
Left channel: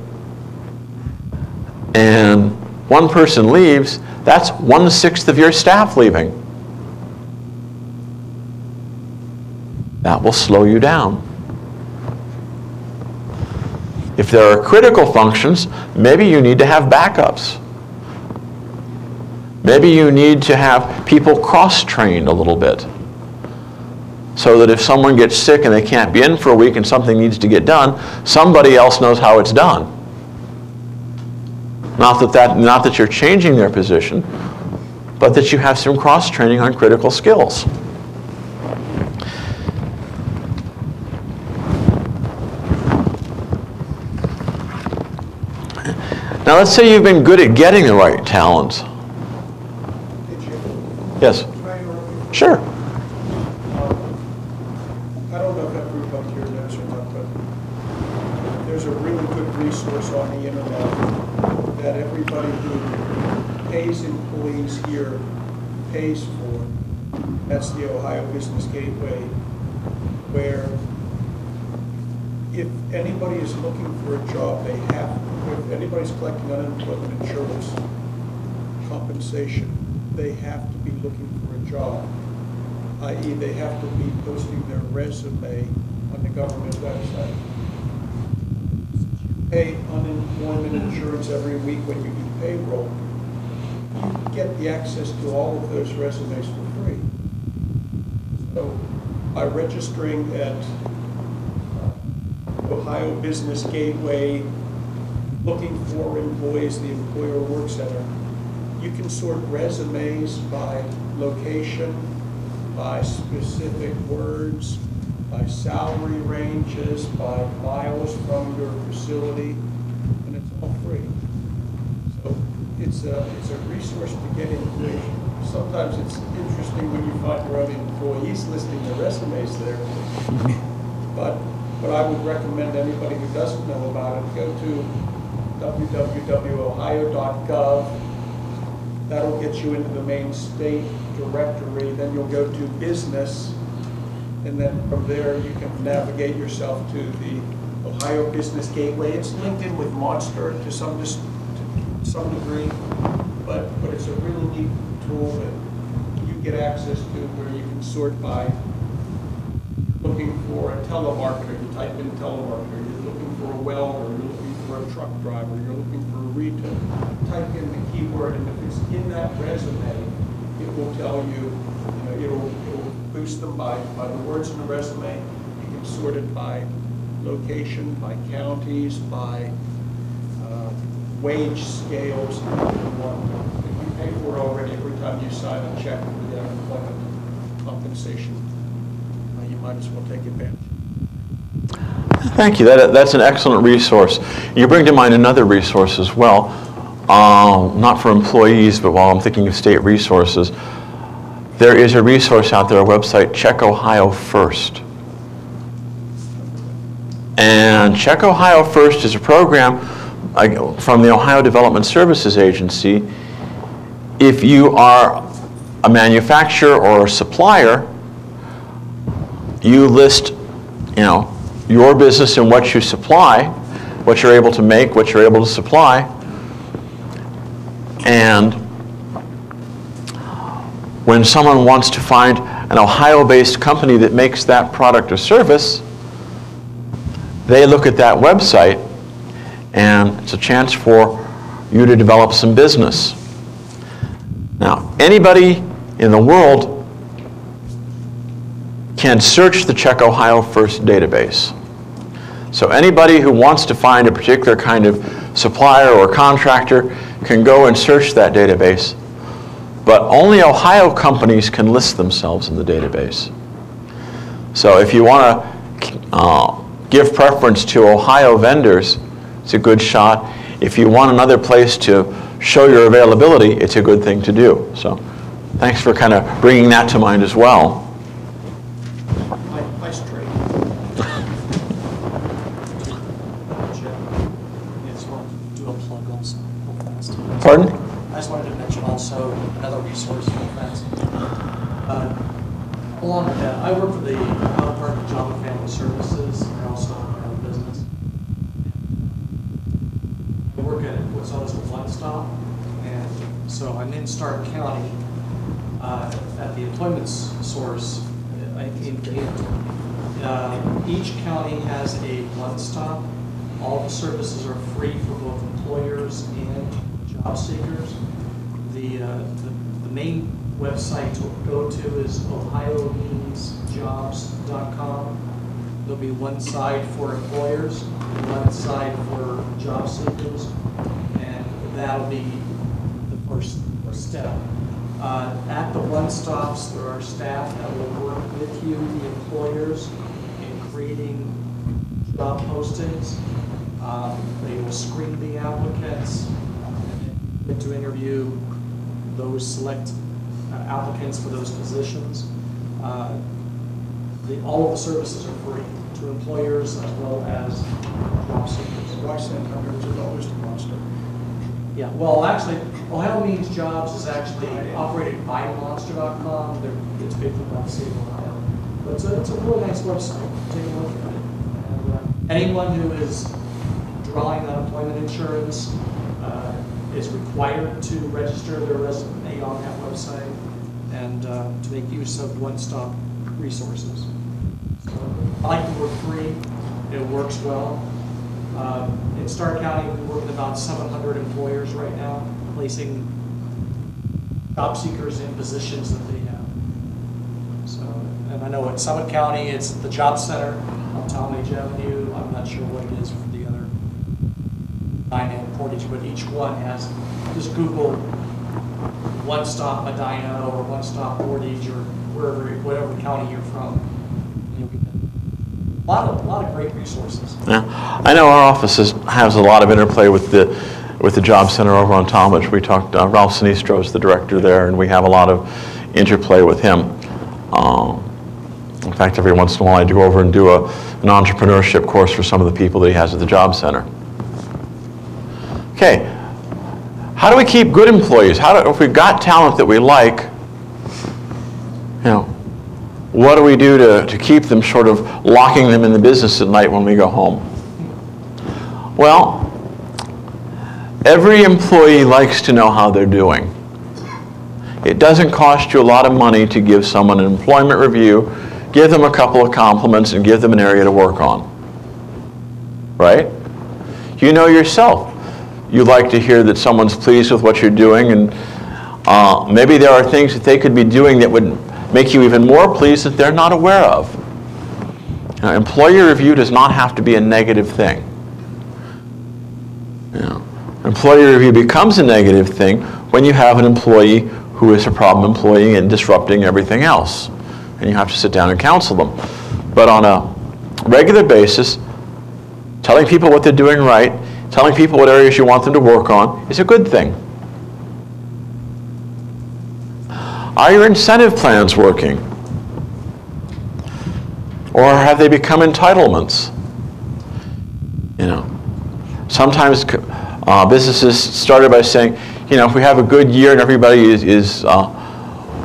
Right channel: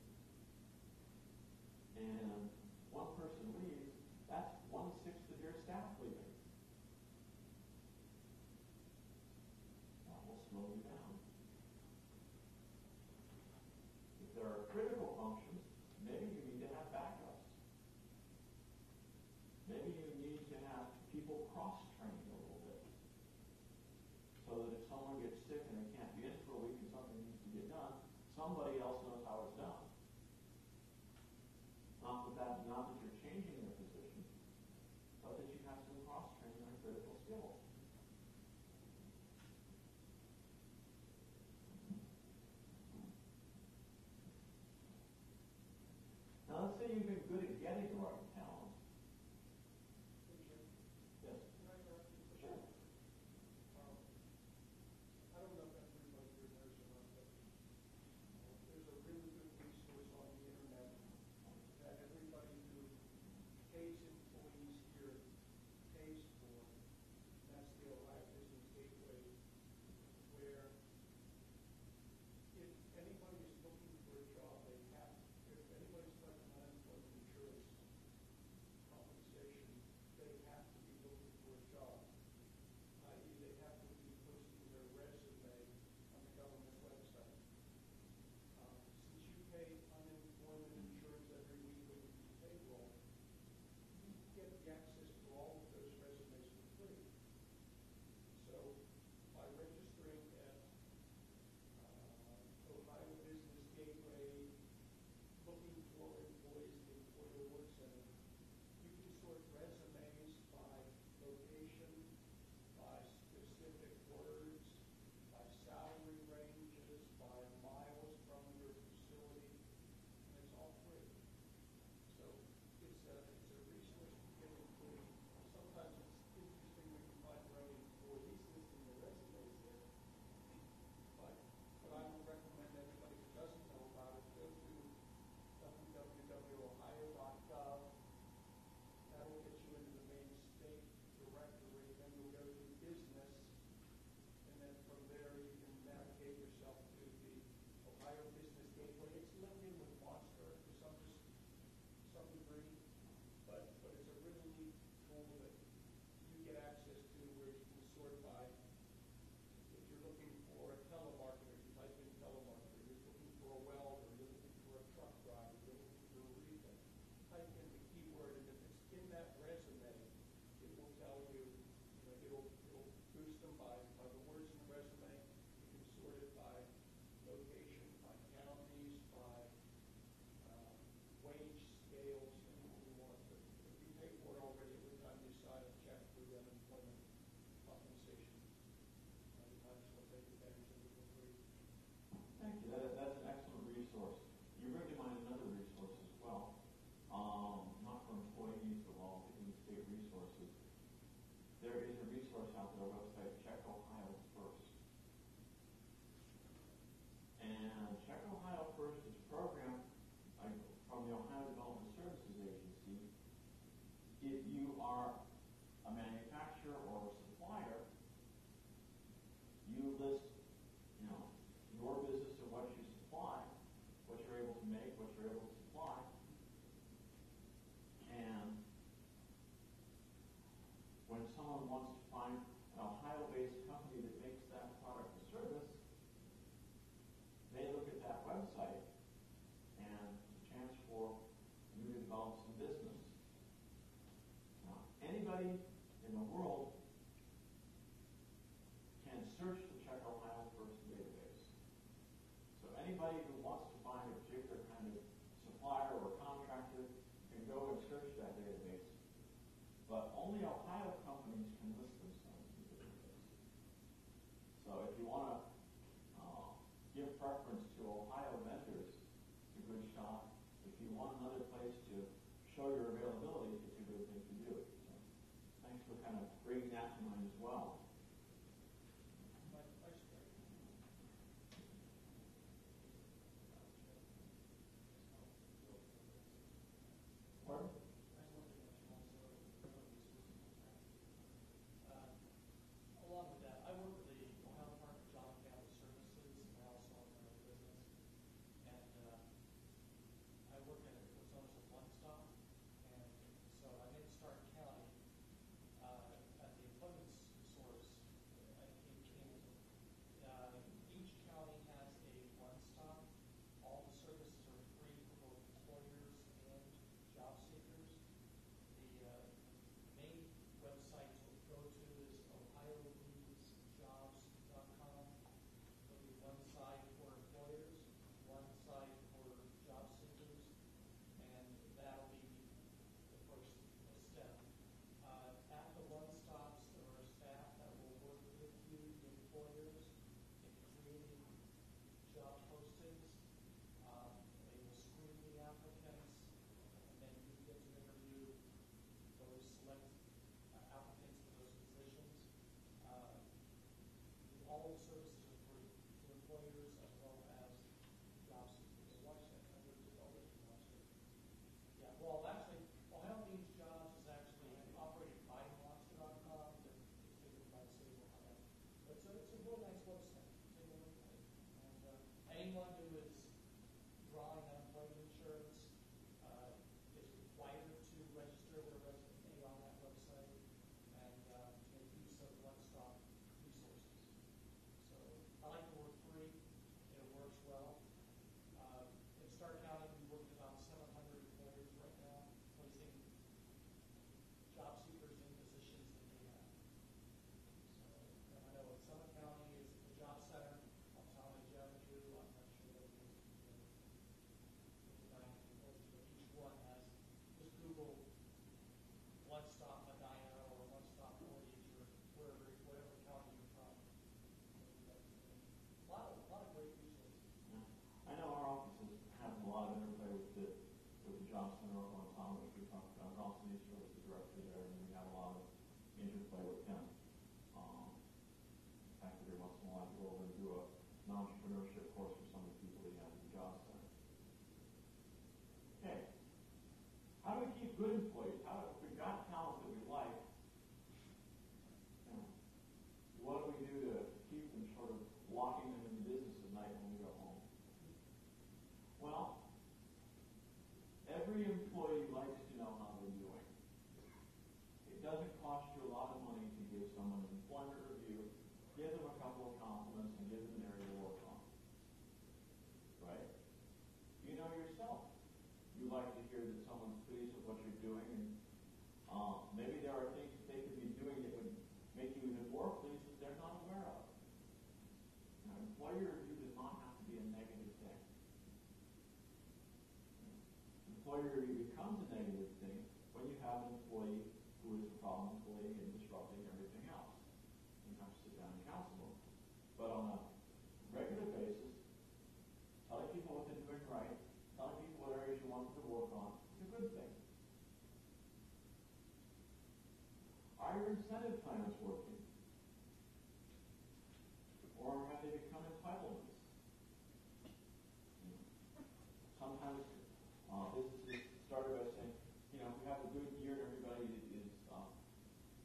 and one person leaves, that's 1/6 of your staff leaving. That will slow you down. If there are critical functions, maybe you need to have backups. Maybe you need to have people cross-trained a little bit so that if someone gets sick and they can't be in for a week and something needs to get done, somebody else knows how it's done. Not that you're changing their position, but that you have some cross-training on critical skills. Now let's say you've been good at getting the right talent. Yes? Sure. I don't know if everybody here knows or not, but there's a really good resource on the internet that everybody who pays employees here pays for. That's the Ohio Business Gateway, where if anybody is looking for a job, if anybody's collecting unemployment insurance compensation, they have to be looking for a job, i.e. they have to be posting their resume on the government website. You pay unemployment insurance every week when you do payroll. You get the access to all of those resumes for free. So by registering at Ohio Business Gateway, looking for employees, the Employer Work Center, you can sort resumes by location, by specific words, by salary ranges, by miles from your facility, and it's all free. So it's a resource to get information. Sometimes it's interesting when you find your own employees listing their resumes there. But what I would recommend anybody who doesn't know about it, go to www.ohio.gov. That'll get you into the main state directory. Then you'll go to business, and then from there you can navigate yourself to the Ohio Business Gateway. It's linked in with Monster to some degree, but it's a really neat tool that you get access to where you can sort by looking for a telemarketer, you type in telemarketer, you're looking for a welder, you're looking for a truck driver, you're looking for a retail. Type in the keyword, and if it's in that resume, it will tell you, it'll boost them by the words in the resume. You can sort it by location, by counties, by wage scales. If you pay for it already every time you sign a check for the unemployment compensation, you might as well take advantage. Thank you. That's an excellent resource. You bring to mind another resource as well, not for employees, but while I'm thinking of state resources, there is a resource out there, a website, Check Ohio First. And Check Ohio First is a program from the Ohio Development Services Agency. If you are a manufacturer or a supplier, you list, your business and what you supply, what you're able to make, what you're able to supply, and when someone wants to find an Ohio-based company that makes that product or service, they look at that website, and it's a chance for you to develop some business. Now, anybody in the world can search the Check Ohio First database. So anybody who wants to find a particular kind of supplier or contractor can go and search that database, but only Ohio companies can list themselves in the database. So if you want to give preference to Ohio vendors, it's a good shot. If you want another place to show your availability, it's a good thing to do. So thanks for kind of bringing that to mind as well. Nice trade. I just wanted to do a plug also, real fast. Pardon? I just wanted to mention also another resource real fast. Along with that, I work for the Ohio Department of Job and Family Services. I also own my own business. I work at what's known as a one-stop, and so I'm in Stark County at the employment source in Canton. Each county has a one-stop. All the services are free for both employers and job seekers. The main website to go to is ohioneedsjobs.com. There'll be one side for employers and one side for job seekers, and that'll be the first step. At the one-stops, there are staff that will work with you, the employers, in creating job postings. They will screen the applicants and to interview those select applicants for those positions. All of the services are free to employers as well as job seekers. Why send hundreds of dollars to Monster? Yeah, well, actually, Ohio Means Jobs is actually operated by Monster.com. It's paid for by the state of Ohio. But it's a really nice website. Take a look at it. And, anyone who is drawing unemployment insurance is required to register their resume on that website and to make use of one-stop resources. So I like the word free. It works well. In Stark County, we work with about 700 employers right now, placing job seekers in positions that they have. So, and I know in Summit County, it's the Job Center on Talmadge Avenue. I'm not sure what it is for the other 9 and Portage, but each one has, just Google One Stop Medina or One Stop Portage or whatever county you're from. You'll get a lot of great resources. Yeah, I know our office has a lot of interplay with the Job Center over on Talmadge. We talked, Ralph Sinistro is the director there, and we have a lot of interplay with him. In fact, every once in a while I do go over and do an entrepreneurship course for some of the people that he has at the Job Center. Okay, how do we keep good employees? If we've got talent that we like, what do we do to keep them, sort of locking them in the business at night when we go home? Well, every employee likes to know how they're doing. It doesn't cost you a lot of money to give someone an employment review, give them a couple of compliments, and give them an area to work on. Right? You know yourself. You like to hear that someone's pleased with what you're doing, and maybe there are things that they could be doing that would make you even more pleased that they're not aware of. Now, employee review does not have to be a negative thing. You know, employee review becomes a negative thing when you have an employee who is a problem employee and disrupting everything else. And you have to sit down and counsel them. But on a regular basis, telling people what they're doing right, telling people what areas you want them to work on is a good thing. Are your incentive plans working? Or have they become entitlements? You know, sometimes businesses started by saying, you know, if we have a good year and everybody is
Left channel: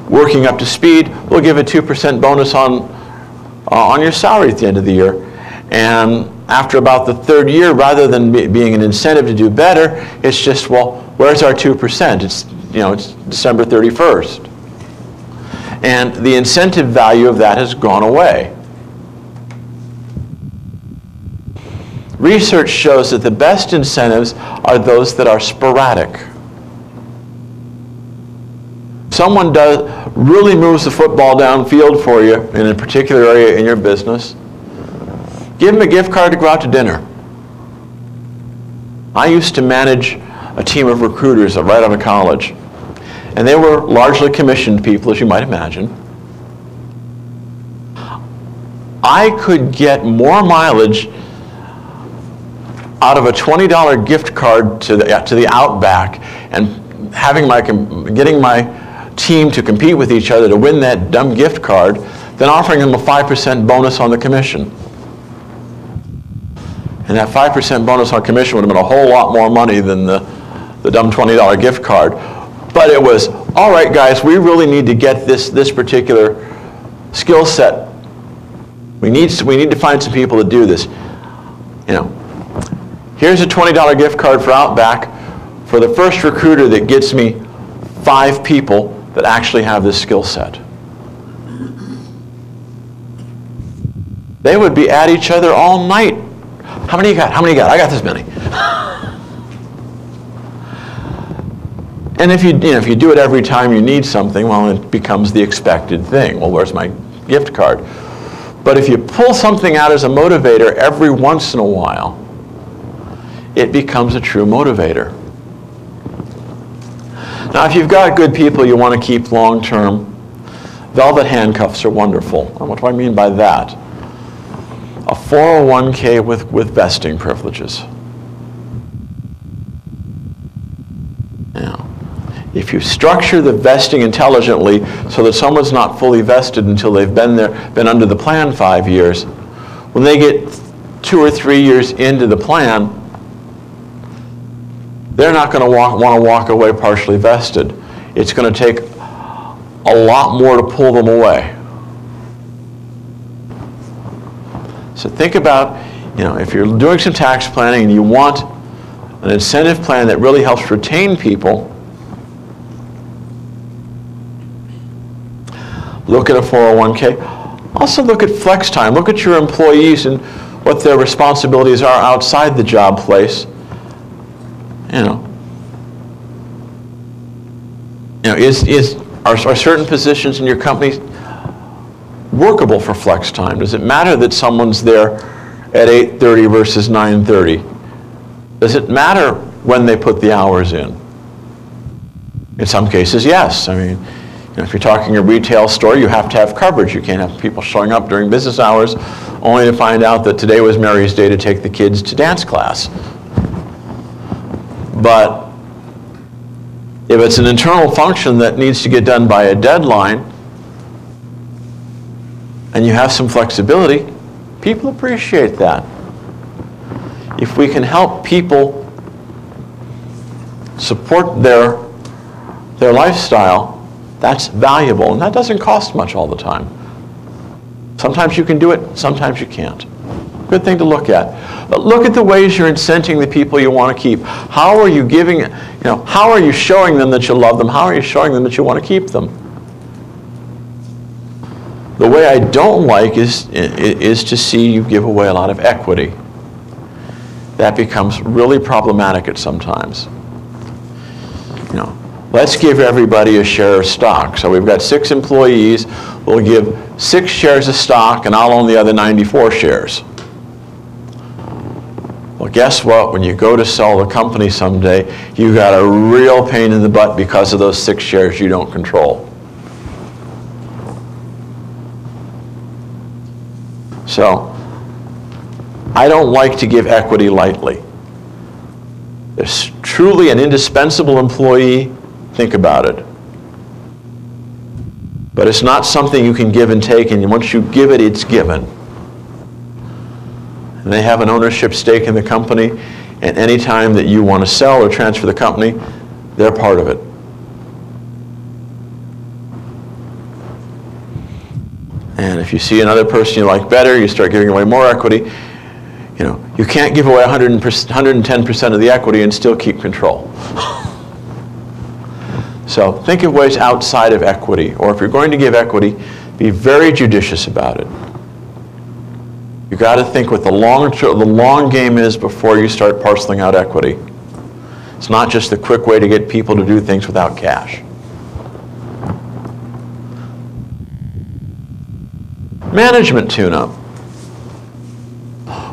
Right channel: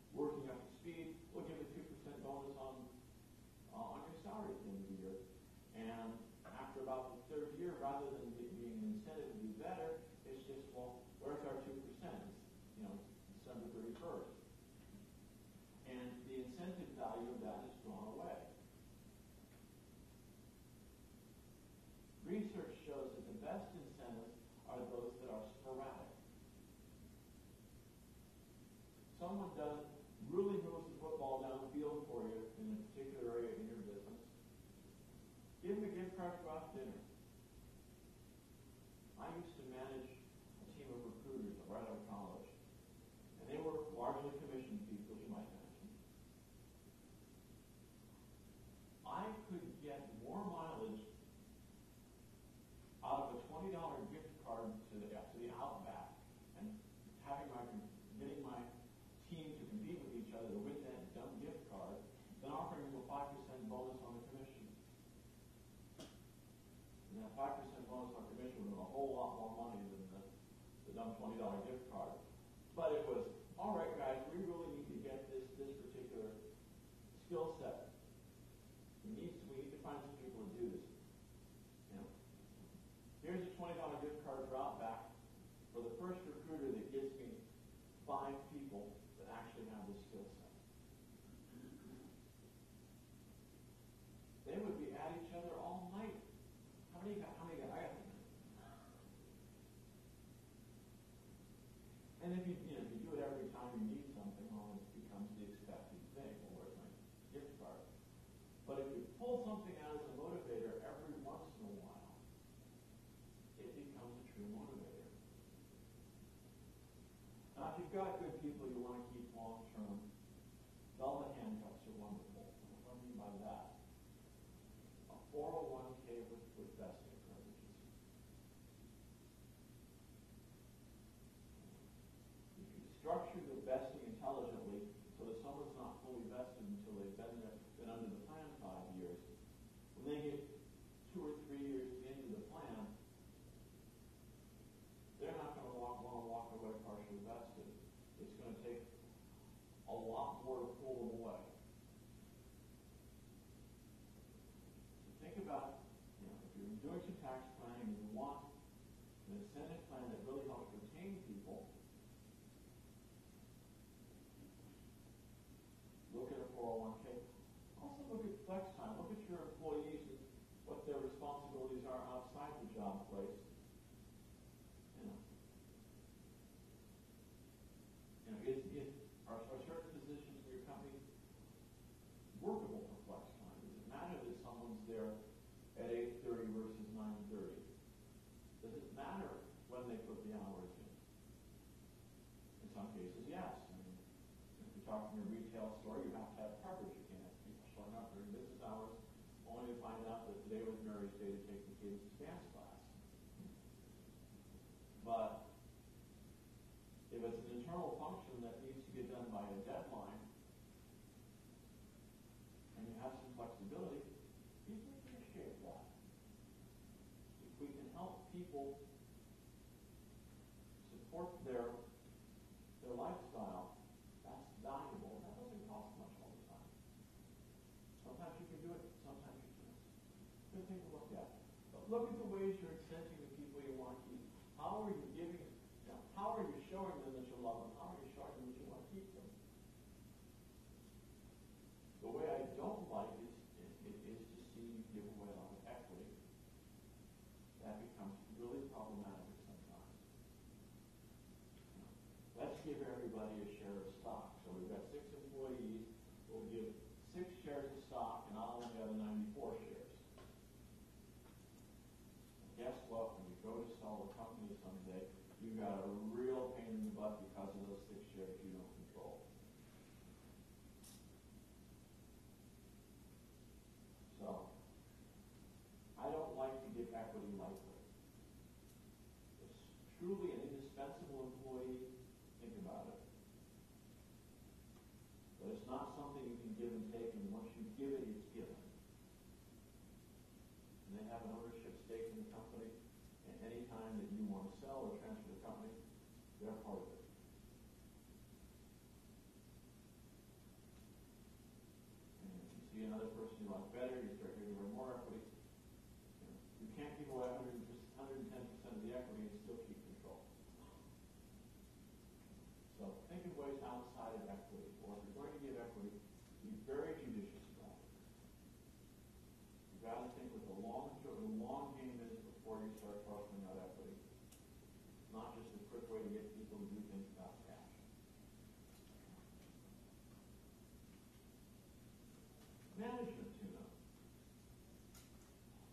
working up to speed, we'll give a 2% bonus on your salary at the end of the year. And after about the third year, rather than being an incentive to do better, it's just, well, where's our 2%? It's, you know, it's December 31st. And the incentive value of that has gone away. Research shows that the best incentives are those that are sporadic. Someone really moves the football downfield for you in a particular area in your business, give them a gift card to go out to dinner. I used to manage a team of recruiters right out of college, and they were largely commissioned people, as you might imagine. I could get more mileage out of a $20 gift card to the Outback and getting my team to compete with each other to win that dumb gift card than offering them a 5% bonus on the commission. And that 5% bonus on commission would have been a whole lot more money than the dumb $20 gift card. But it was, all right, guys, we really need to get this particular skill set. We need to find some people to do this. You know, here's a $20 gift card for Outback for the first recruiter that gets me 5 people that actually have this skill set. They would be at each other all night. How many you got? How many you got? I got this many. And if you do it every time you need something, well, it becomes the expected thing. Well, where's my gift card? But if you pull something out as a motivator every once in a while, it becomes a true motivator. Now, if you've got good people you want to keep long term, velvet handcuffs are wonderful. And what do I mean by that? A 401k with vesting privileges. Now, if you structure the vesting intelligently so that someone's not fully vested until they've been under the plan 5 years, when they get 2 or 3 years into the plan, they're not going to want to walk away partially vested. It's going to take a lot more to pull them away. So think about, if you're doing some tax planning and you want an incentive plan that really helps retain people, look at a 401k. Also look at flex time. Look at your employees and what their responsibilities are outside the job place. Are certain positions in your company workable for flex time? Does it matter that someone's there at 8:30 versus 9:30? Does it matter when they put the hours in? In some cases, yes. I mean, if you're talking a retail store, you have to have coverage. You can't have people showing up during business hours only to find out that today was Mary's day to take the kids to dance class. But if it's an internal function that needs to get done by a deadline, and you have some flexibility, people appreciate that. If we can help people support their lifestyle, that's valuable, and that doesn't cost much all the time. Sometimes you can do it, sometimes you can't. Good thing to look at. But look at the ways you're incenting the people you want to keep. How are you giving, how are you showing them that you love them? How are you showing them that you want to keep them? The way I don't like is to see you give away a lot of equity. That becomes really problematic at some times. Let's give everybody a share of stock. So we've got 6 employees. We'll give 6 shares of stock, and I'll own the other 94 shares. Well, guess what? When you go to sell the company someday, you got a real pain in the butt because of those 6 shares you don't control. So, I don't like to give equity lightly. There's truly an indispensable employee, think about it. But it's not something you can give and take, and once you give it, it's given. And they have an ownership stake in the company, and any time that you want to sell or transfer the company, they're part of it. And if you see another person you like better, you start giving away more equity. You can't give away 110% of the equity and still keep control. So think of ways outside of equity, or if you're going to give equity, be very judicious about it. You've got to think what the long game is before you start parceling out equity. It's not just the quick way to get people to do things without cash. Management tune-up.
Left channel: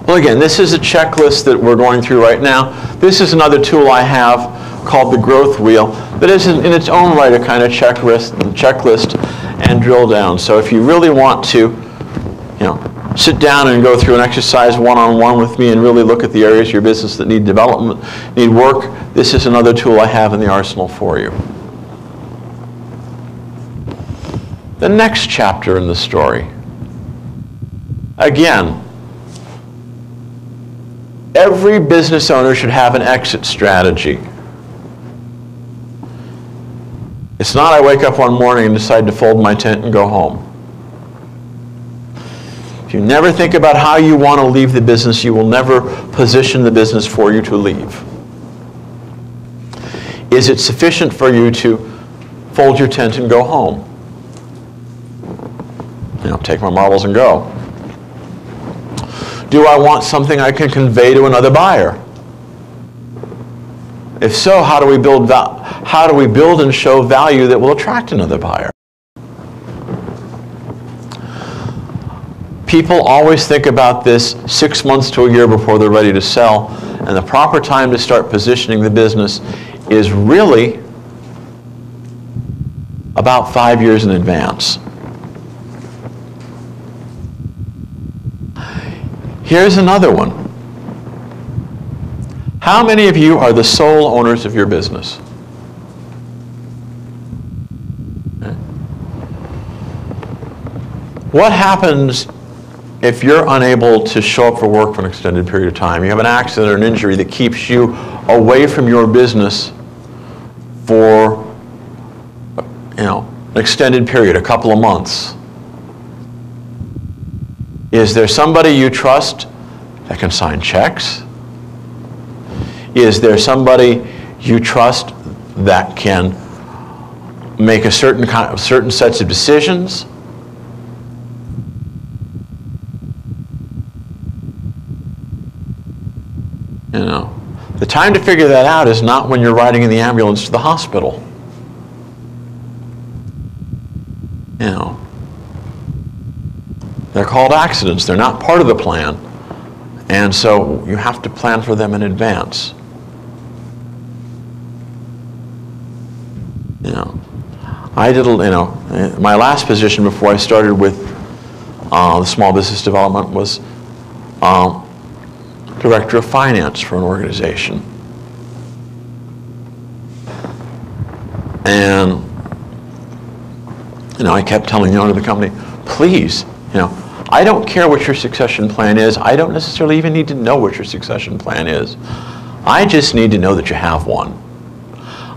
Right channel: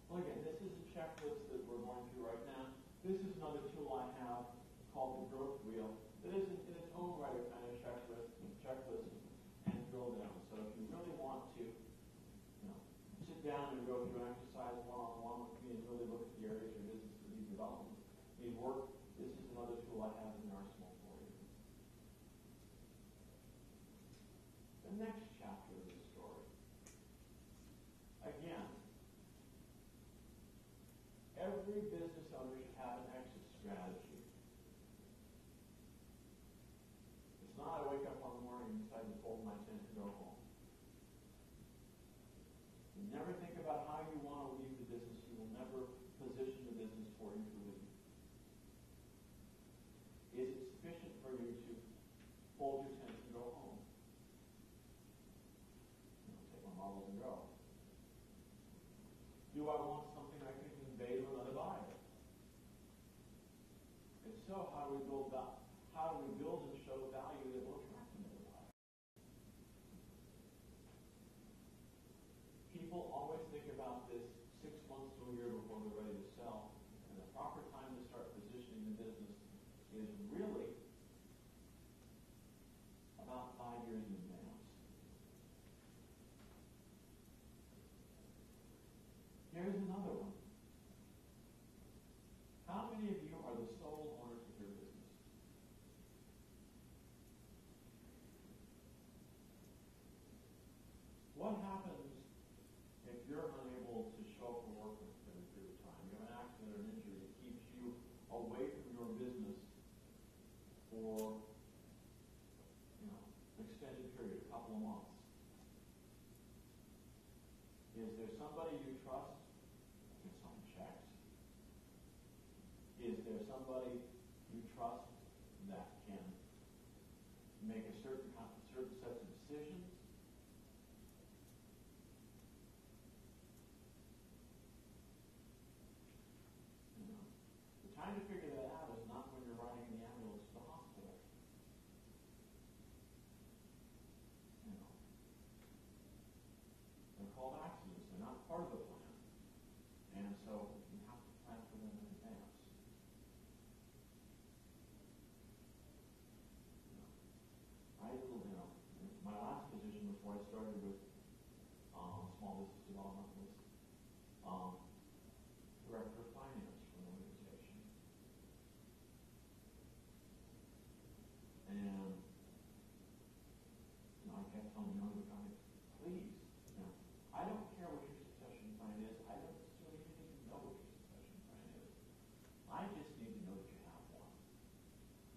Well, again, this is a checklist that we're going through right now. This is another tool I have called the growth wheel that is in its own right a kind of checklist and drill down. So if you really want to, sit down and go through an exercise one-on-one with me and really look at the areas of your business that need development, need work, this is another tool I have in the arsenal for you. The next chapter in the story. Again, every business owner should have an exit strategy. It's not I wake up one morning and decide to fold my tent and go home. If you never think about how you want to leave the business, you will never position the business for you to leave. Is it sufficient for you to fold your tent and go home? Take my marbles and go. Do I want something I can convey to another buyer? If so, how do we build and show value that will attract another buyer? People always think about this 6 months to a year before they're ready to sell, and the proper time to start positioning the business is really about 5 years in advance. Here's another one. How many of you are the sole owners of your business? Okay. What happens if you're unable to show up for work for an extended period of time? You have an accident or an injury that keeps you away from your business for an extended period, a couple of months. Is there somebody you trust that can sign checks? Is there somebody you trust that can make a certain sets of decisions? The time to figure that out is not when you're riding in the ambulance to the hospital. They're called accidents. They're not part of the plan. And so you have to plan for them in advance. I did, my last position before I started with the small business development was director of finance for an organization. And, I kept telling the owner of the company, please, I don't care what your succession plan is. I don't necessarily even need to know what your succession plan is. I just need to know that you have one.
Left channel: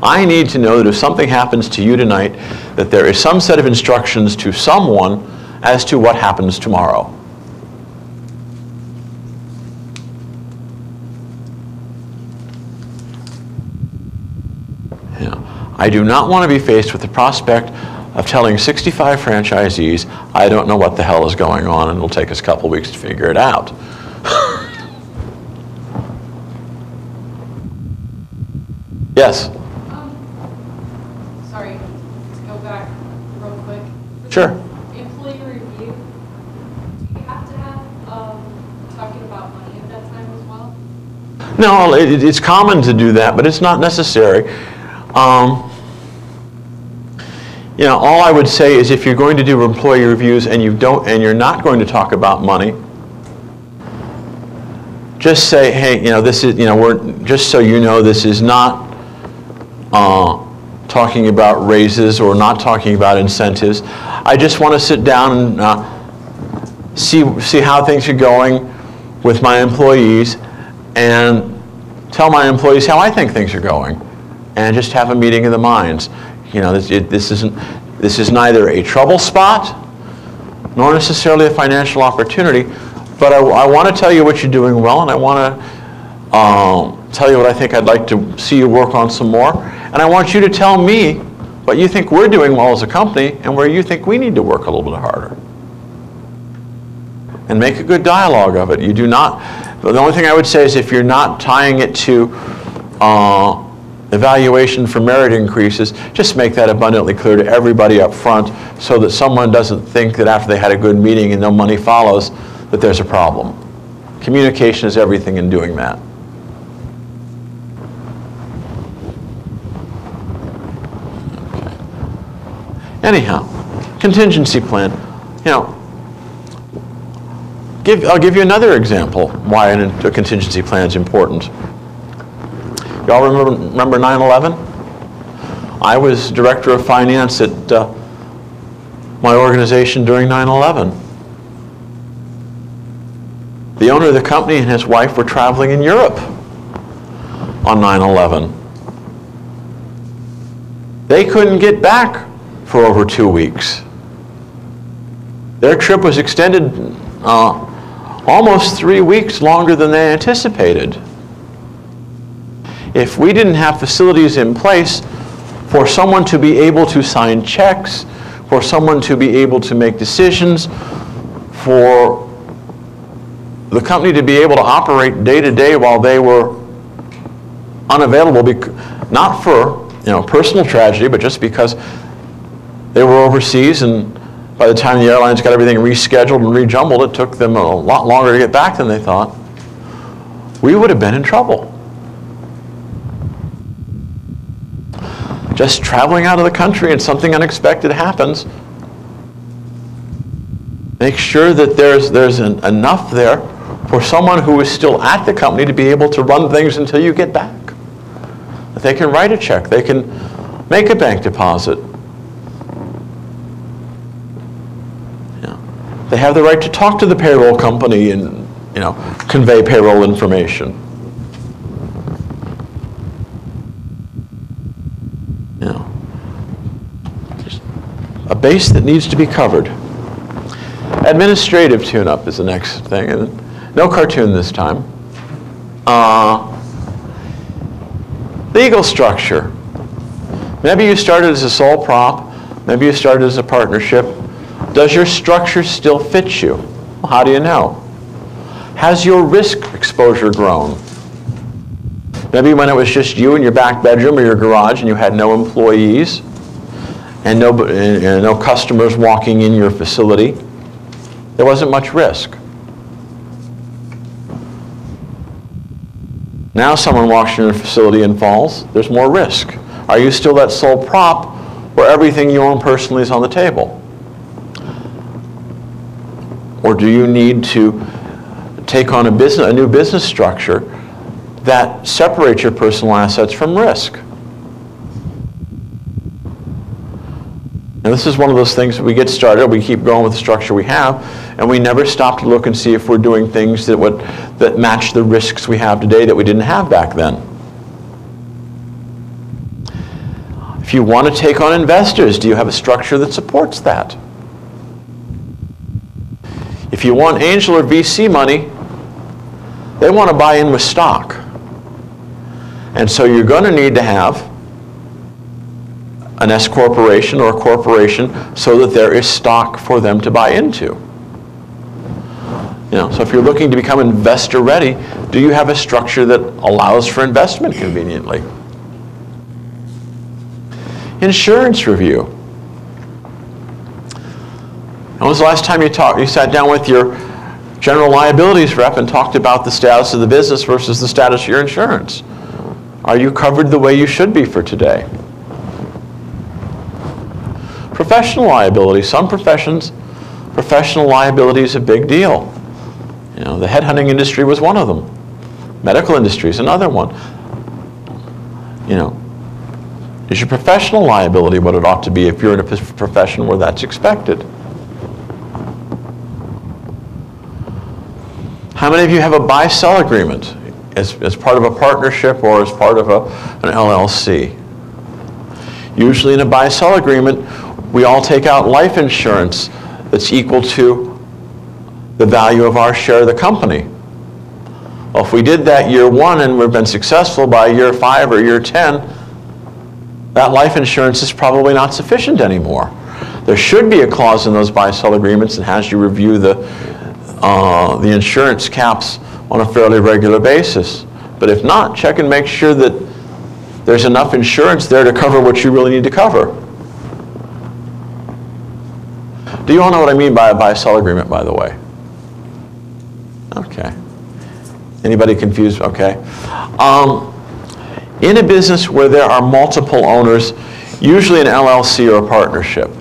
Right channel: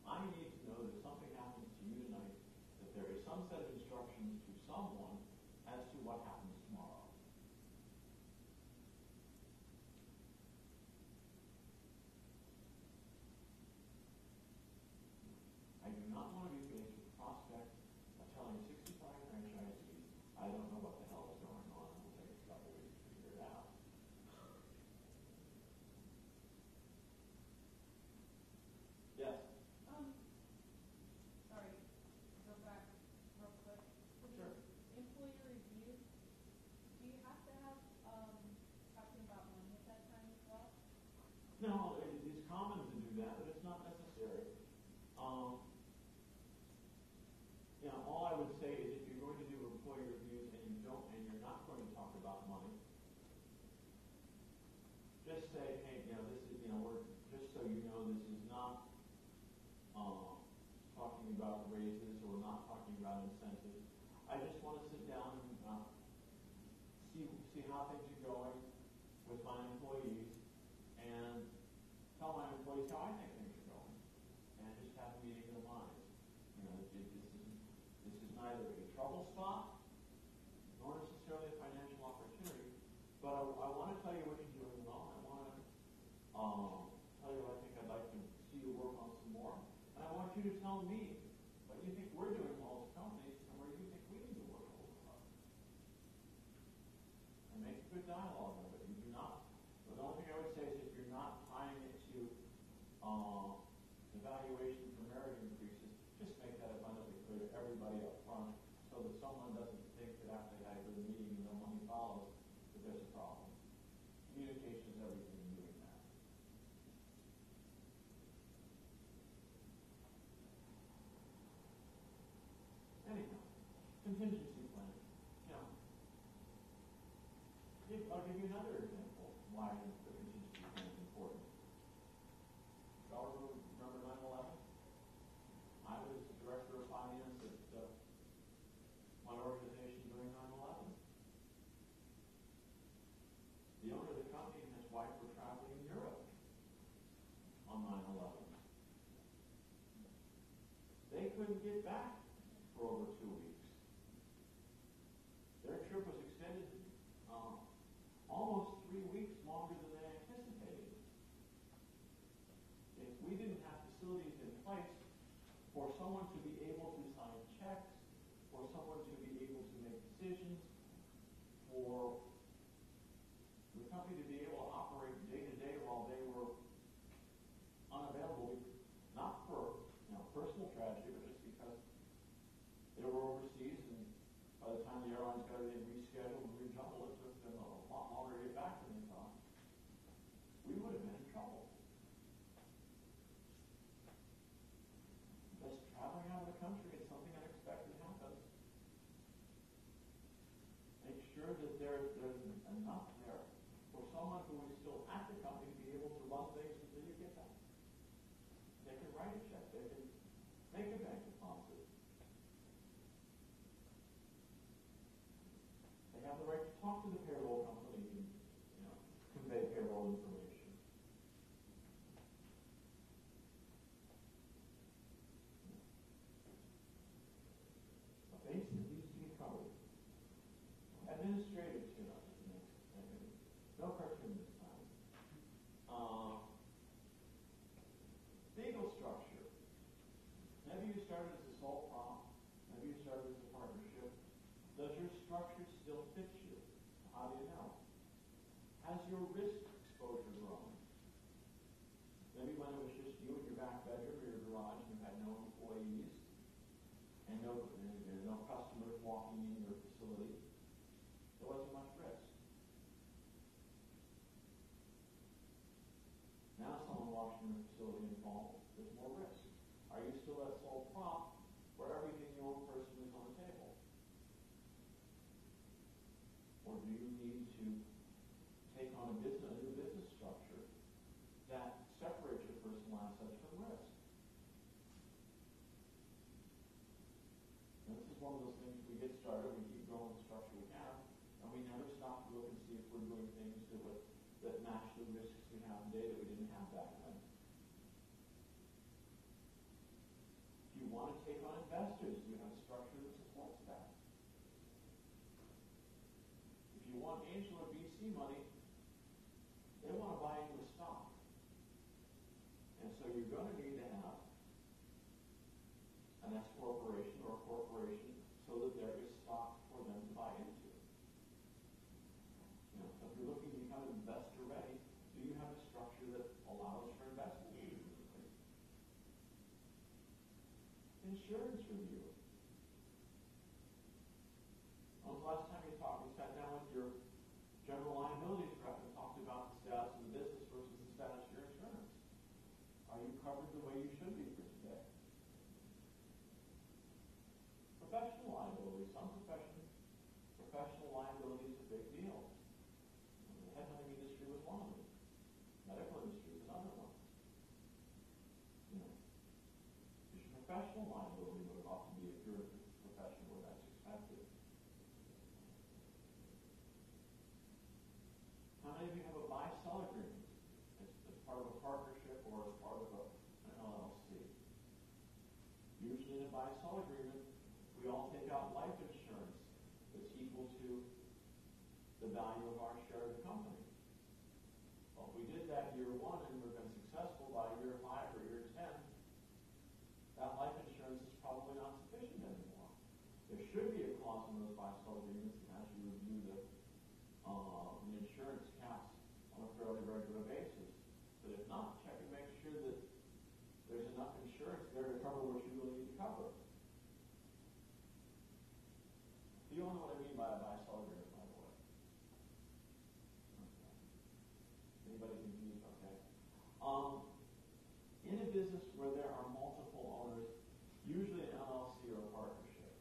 I need to know that if something happens to you tonight, that there is some set of instructions to someone as to what happens tomorrow. I do not want to be faced with the prospect of telling 65 franchisees, I don't know what the hell is going on, and it'll take us a couple weeks to figure it out. Yes? Sorry, to go back real quick. Sure. Employee review, do you have to have talking about money at that time as well? No, it's common to do that, but it's not necessary. You know, all I would say is if you're going to do employee reviews and you're not going to talk about money, just say, hey, you know, this is, you know, just so you know, this is not talking about raises or not talking about incentives. I just want to sit down and see how things are going with my employees and tell my employees how I think things are going, and just have a meeting of the minds. You know, this is neither a trouble spot nor necessarily a financial opportunity, but I want to tell you what you're doing well, and I want to tell you what I think I'd like to see you work on some more, and I want you to tell me what you think we're doing well as a company and where you think we need to work a little bit harder. And make a good dialogue of it. You do not, the only thing I would say is if you're not tying it to evaluation for merit increases, just make that abundantly clear to everybody up front so that someone doesn't think that after they had a good meeting and no money follows that there's a problem. Communication is everything in doing that. Okay. Anyhow, contingency plan. You know, I'll give you another example why a contingency plan is important. Y'all remember 9/11? I was director of finance at my organization during 9/11. The owner of the company and his wife were traveling in Europe on 9/11. They couldn't get back for over 2 weeks. Their trip was extended almost 3 weeks longer than they anticipated. If we didn't have facilities in place for someone to be able to sign checks, for someone to be able to make decisions, for the company to be able to operate day to day while they were unavailable, not for personal tragedy, but just because they were overseas, and by the time the airlines got everything rescheduled and rejumbled, it took them a lot longer to get back than they thought, we would have been in trouble. Just traveling out of the country and something unexpected happens, make sure that there's enough there for someone who is still at the company to be able to run things until you get back. That they can write a check, they can make a bank deposit. They have the right to talk to the payroll company and convey payroll information. There's a base that needs to be covered. Administrative tune-up is the next thing, and no cartoon this time. Legal structure. Maybe you started as a sole prop, maybe you started as a partnership. Does your structure still fit you? Well, how do you know? Has your risk exposure grown? Maybe when it was just you in your back bedroom or your garage and you had no employees and no customers walking in your facility, there wasn't much risk. Now someone walks in your facility and falls, there's more risk. Are you still that sole prop where everything you own personally is on the table? Or do you need to take on a new business structure that separates your personal assets from risk? And this is one of those things that we get started, we keep going with the structure we have, and we never stop to look and see if we're doing things that match the risks we have today that we didn't have back then. If you want to take on investors, do you have a structure that supports that? If you want angel or VC money, they want to buy in with stock. And so you're going to need to have an S corporation or a corporation so that there is stock for them to buy into. So if you're looking to become investor ready, do you have a structure that allows for investment conveniently? Insurance review. When was the last time you sat down with your general liabilities rep and talked about the status of the business versus the status of your insurance? Are you covered the way you should be for today? Professional liability. Some professions, professional liability is a big deal. The headhunting industry was one of them. Medical industry is another one. Is your professional liability what it ought to be if you're in a profession where that's expected? How many of you have a buy-sell agreement as part of a partnership or as part of an LLC? Usually in a buy-sell agreement, we all take out life insurance that's equal to the value of our share of the company. Well, if we did that year 1 and we've been successful by year 5 or year 10, that life insurance is probably not sufficient anymore. There should be a clause in those buy-sell agreements that has you review the insurance caps on a fairly regular basis. But if not, check and make sure that there's enough insurance there to cover what you really need to cover. Do you all know what I mean by a buy-sell agreement, by the way? Okay. Anybody confused? Okay. In a business where there are multiple owners, usually an LLC or a partnership.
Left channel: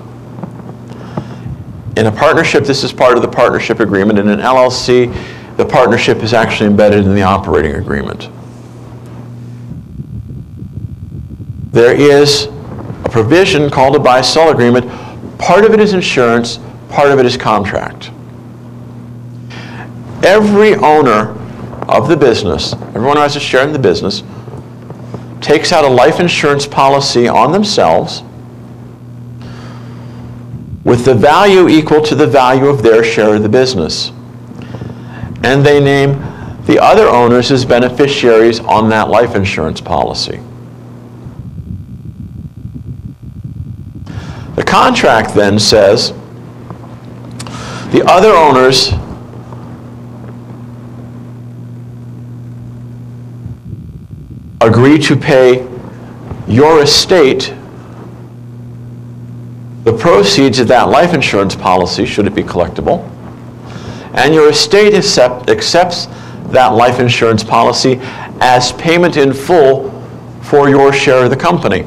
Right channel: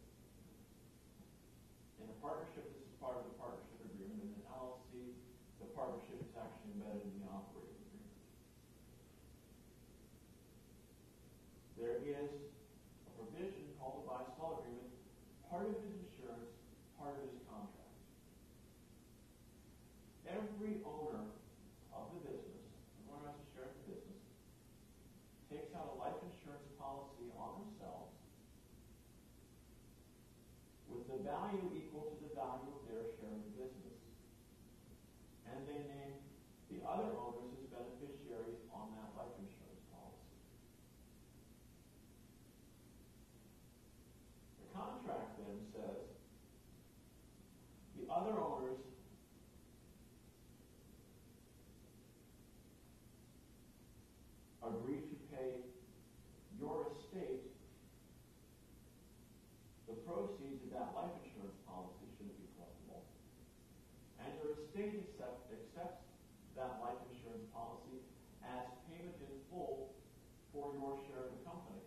In a partnership, this is part of the partnership agreement. In an LLC, the partnership is actually embedded in the operating agreement. There is a provision called a buy-sell agreement. Part of it is insurance, part of it is contract. Every owner of the business, everyone who has a share in the business, takes out a life insurance policy on themselves with the value equal to the value of their share of the business. And they name the other owners as beneficiaries on that life insurance policy. The contract then says the other owners agree to pay your estate the proceeds of that life insurance policy, should it be collectible, and your estate accepts that life insurance policy as payment in full for your share of the company.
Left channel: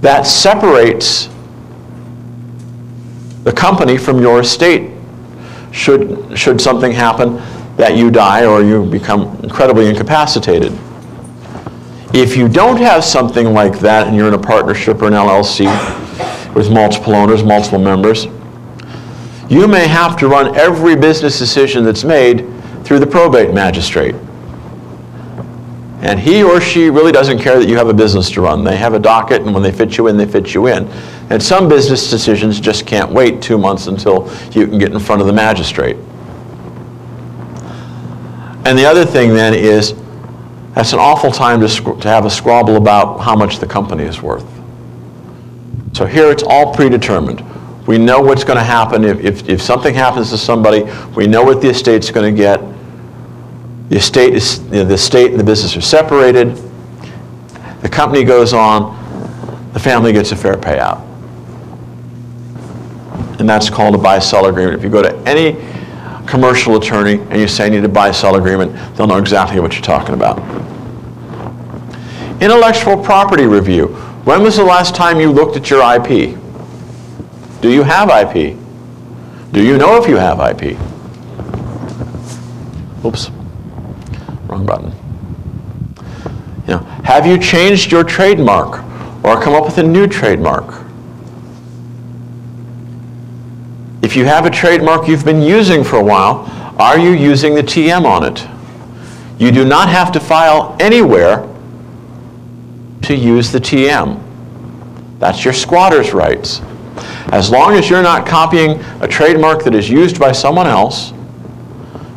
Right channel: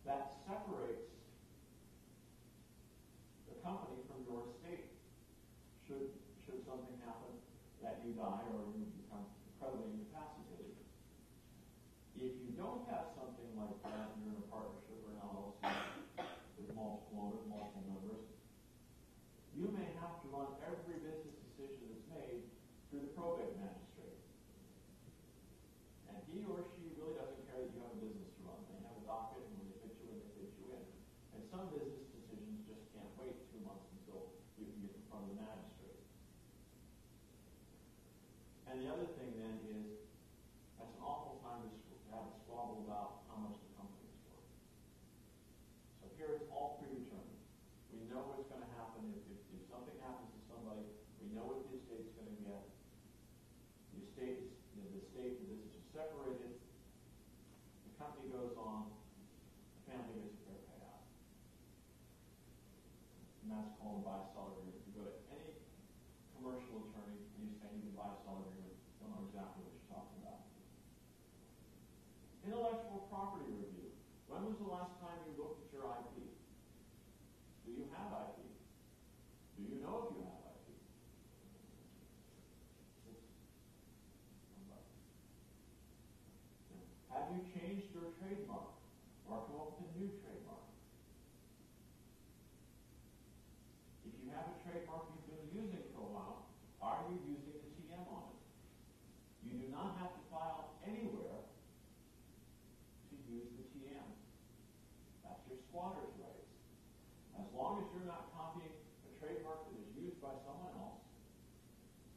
That separates the company from your estate should something happen that you die or you become incredibly incapacitated. If you don't have something like that and you're in a partnership or an LLC with multiple owners, multiple members, you may have to run every business decision that's made through the probate magistrate. And he or she really doesn't care that you have a business to run. They have a docket, and when they fit you in, they fit you in. And some business decisions just can't wait 2 months until you can get in front of the magistrate. And the other thing then is, that's an awful time to have a squabble about how much the company is worth. So here it's all predetermined. We know what's going to happen. If something happens to somebody, we know what the estate's going to get. The estate and the business are separated. The company goes on. The family gets a fair payout. And that's called a buy-sell agreement. If you go to any commercial attorney and you say you need a buy-sell agreement, they'll know exactly what you're talking about. Intellectual property review. When was the last time you looked at your IP? Do you have IP? Do you know if you have IP? Oops, wrong button. Have you changed your trademark or come up with a new trademark? If you have a trademark you've been using for a while, are you using the TM on it? You do not have to file anywhere to use the TM. That's your squatter's rights. As long as you're not copying a trademark that is used by someone else,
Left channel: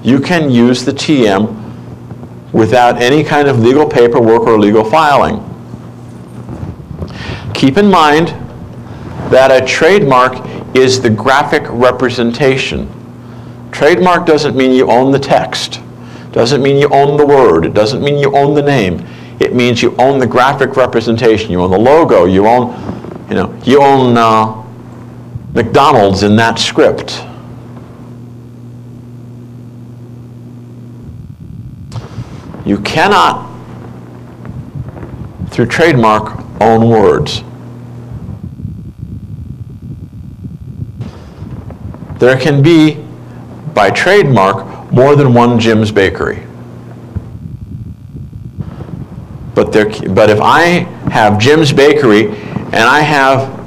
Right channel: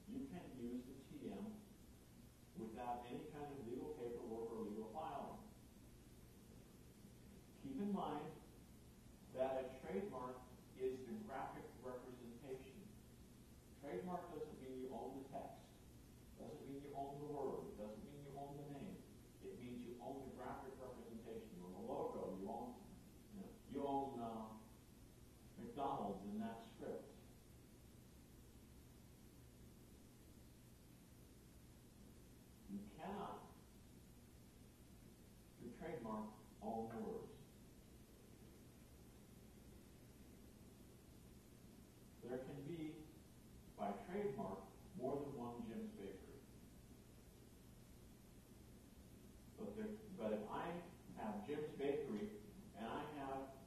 you can use the TM without any kind of legal paperwork or legal filing. Keep in mind that a trademark is the graphic representation. Trademark doesn't mean you own the text. Doesn't mean you own the word. It doesn't mean you own the name. It means you own the graphic representation. You own the logo. You own, McDonald's in that script. You cannot, through trademark, own words. There can be, by trademark, more than one Jim's Bakery. But if I have Jim's Bakery and I have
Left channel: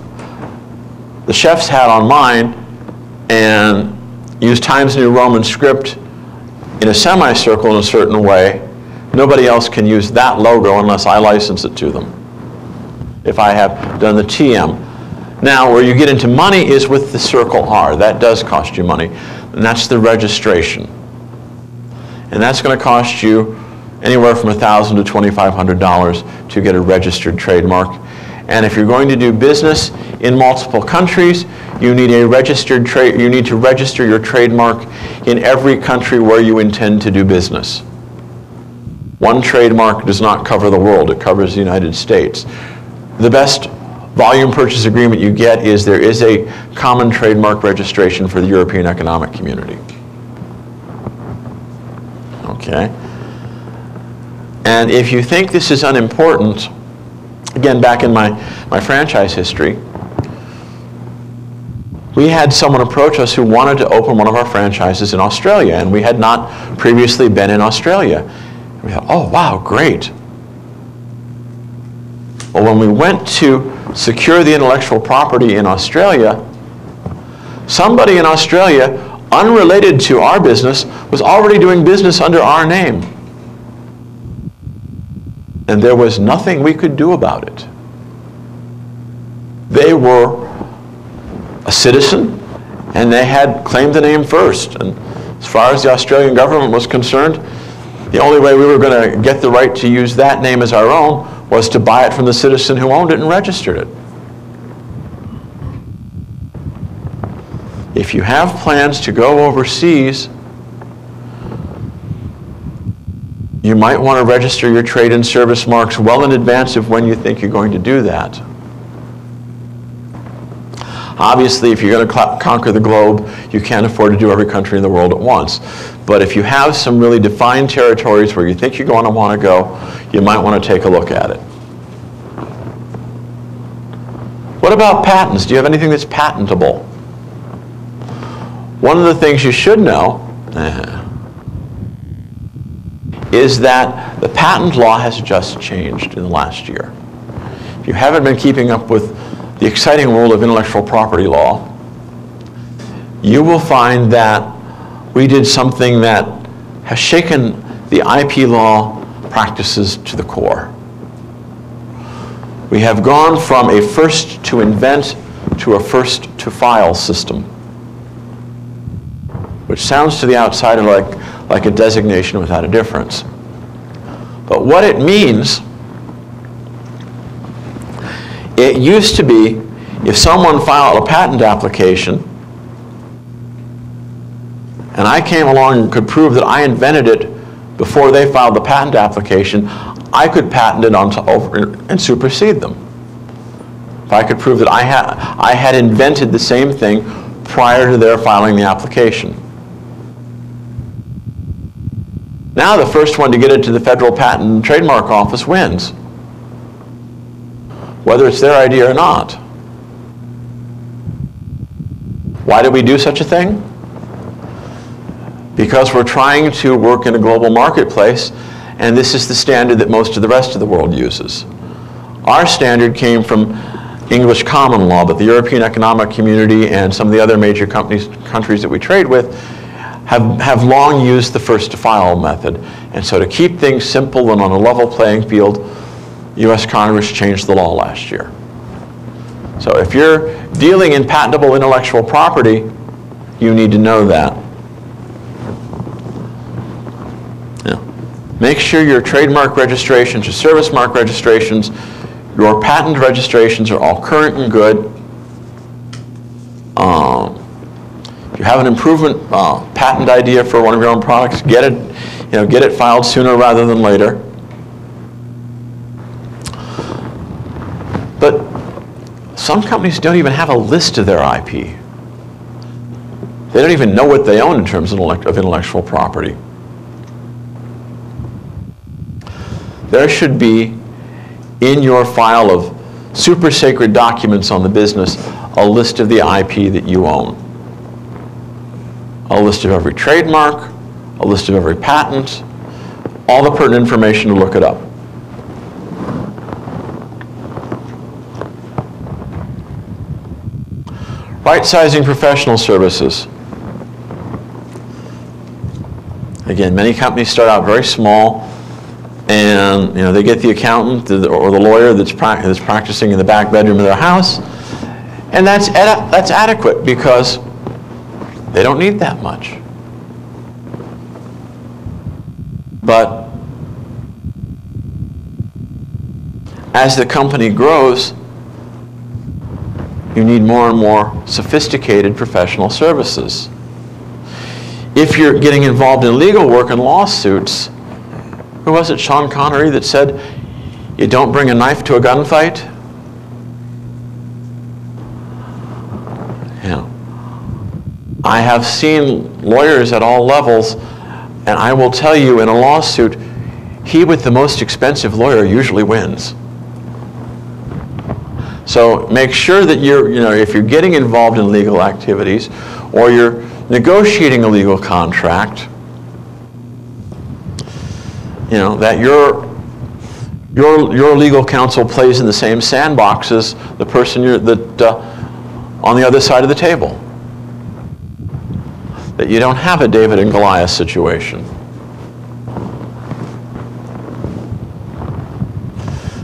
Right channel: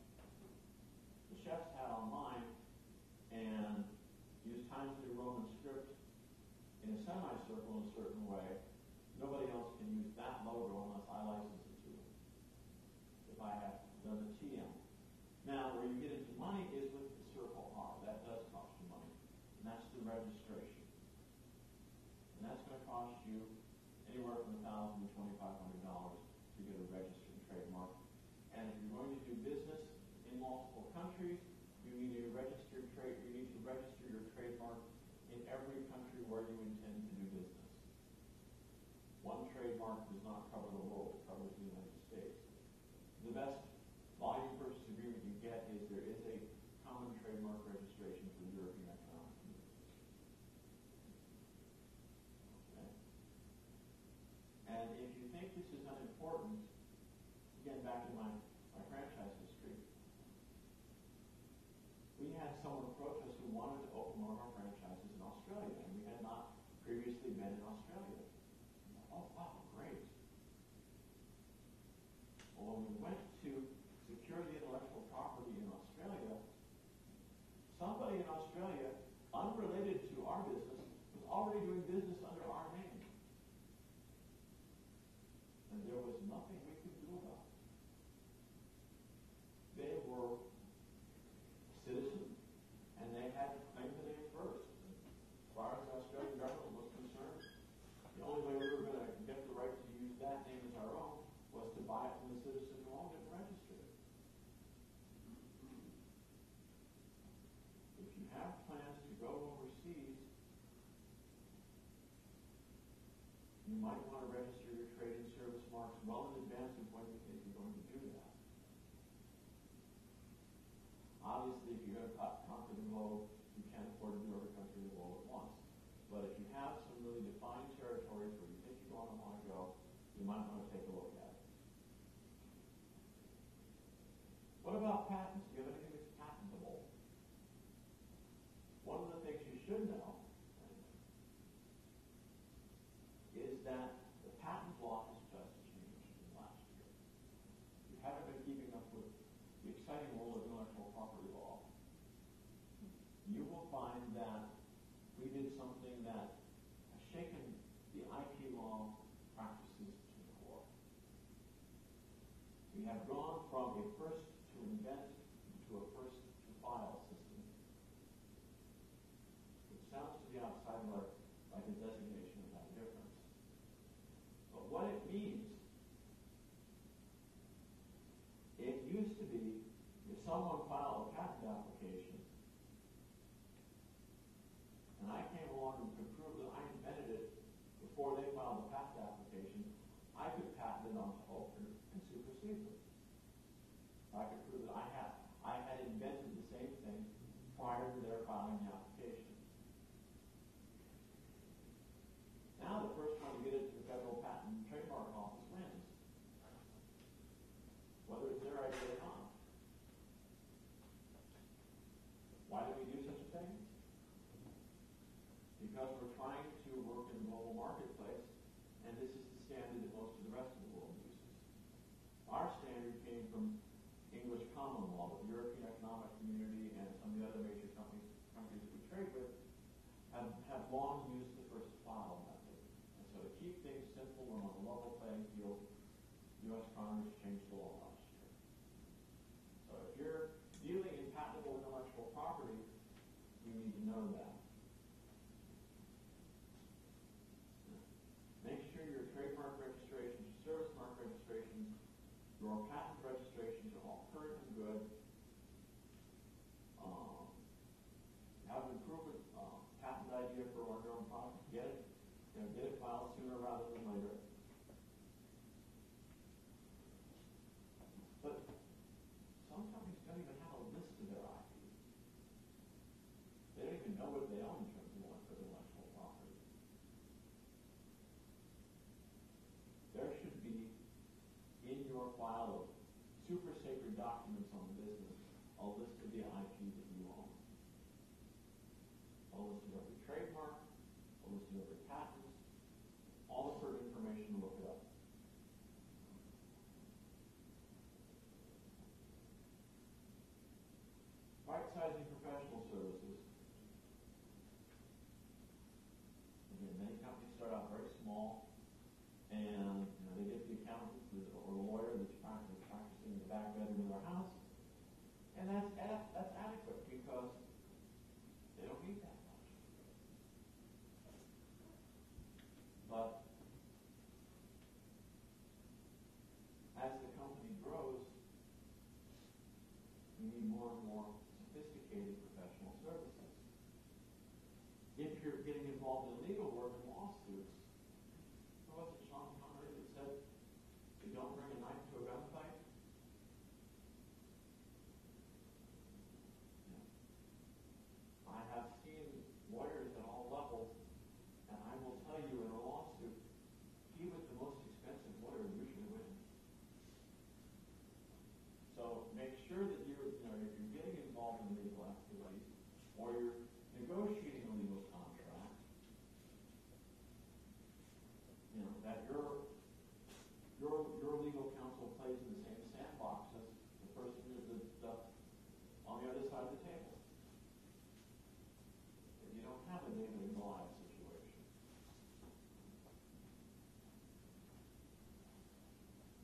the chef's hat on mine and use Times New Roman script in a semicircle in a certain way, nobody else can use that logo unless I license it to them, if I have done the TM. Now, where you get into money is with the circle R. That does cost you money, and that's the registration. And that's going to cost you anywhere from $1,000 to $2,500 to get a registered trademark. And if you're going to do business in multiple countries, you need to register your trademark in every country where you intend to do business. One trademark does not cover the world, it covers the United States. The best volume purchase agreement you get is there is a common trademark registration for the European Economic Community. Okay? And if you think this is unimportant, again, back in my franchise history, we had someone approach us who wanted to open one of our franchises in Australia, and we had not previously been in Australia. We thought, oh, wow, great. Well, when we went to secure the intellectual property in Australia, somebody in Australia, unrelated to our business, was already doing business under our name. And there was nothing we could do about it. They were a citizen, and they had claimed the name first. And as far as the Australian government was concerned, the only way we were going to get the right to use that name as our own was to buy it from the citizen who owned it and registered it. If you have plans to go overseas, you might want to register your trade and service marks well in advance of when you think you're going to do that. Obviously, if you're going to conquer the globe, you can't afford to do every country in the world at once. But if you have some really defined territories where you think you're going to want to go, you might want to take a look at it. What about patents? Do you have anything that's patentable? One of the things you should know is that the patent law has just changed in the last year. If you haven't been keeping up with the exciting world of intellectual property law, you will find that we did something that has shaken the IP law practices to the core. We have gone from a first to invent to a first to file system, which sounds to the outsider like a designation without a difference. But what it means, it used to be if someone filed a patent application and I came along and could prove that I invented it before they filed the patent application, I could patent it over and supersede them. If I could prove that I had invented the same thing prior to their filing the application. Now the first one to get it to the Federal Patent and Trademark Office wins, whether it's their idea or not. Why did we do such a thing? Because we're trying to work in a global marketplace, and this is the standard that most of the rest of the world uses. Our standard came from English common law, but the European Economic Community and some of the other major countries that we trade with have long used the first to file method. And so to keep things simple and on a level playing field, U.S. Congress changed the law last year. So if you're dealing in patentable intellectual property, you need to know that. Make sure your trademark registrations, your service mark registrations, your patent registrations are all current and good. If you have an improvement patent idea for one of your own products, get it filed sooner rather than later. But some companies don't even have a list of their IP. They don't even know what they own in terms of intellectual property. There should be, in your file of super sacred documents on the business, a list of the IP that you own. A list of every trademark, a list of every patent, all the pertinent information to look it up. Right-sizing professional services. Again, many companies start out very small, and they get the accountant or the lawyer that's practicing in the back bedroom of their house, and that's adequate because they don't need that much. But as the company grows, you need more and more sophisticated professional services. If you're getting involved in legal work and lawsuits, who was it, Sean Connery, that said, you don't bring a knife to a gunfight? I have seen lawyers at all levels, and I will tell you, in a lawsuit, he with the most expensive lawyer usually wins. So make sure that if you're getting involved in legal activities or you're negotiating a legal contract, that your legal counsel plays in the same sandbox as the person on the other side of the table. That you don't have a David and Goliath situation.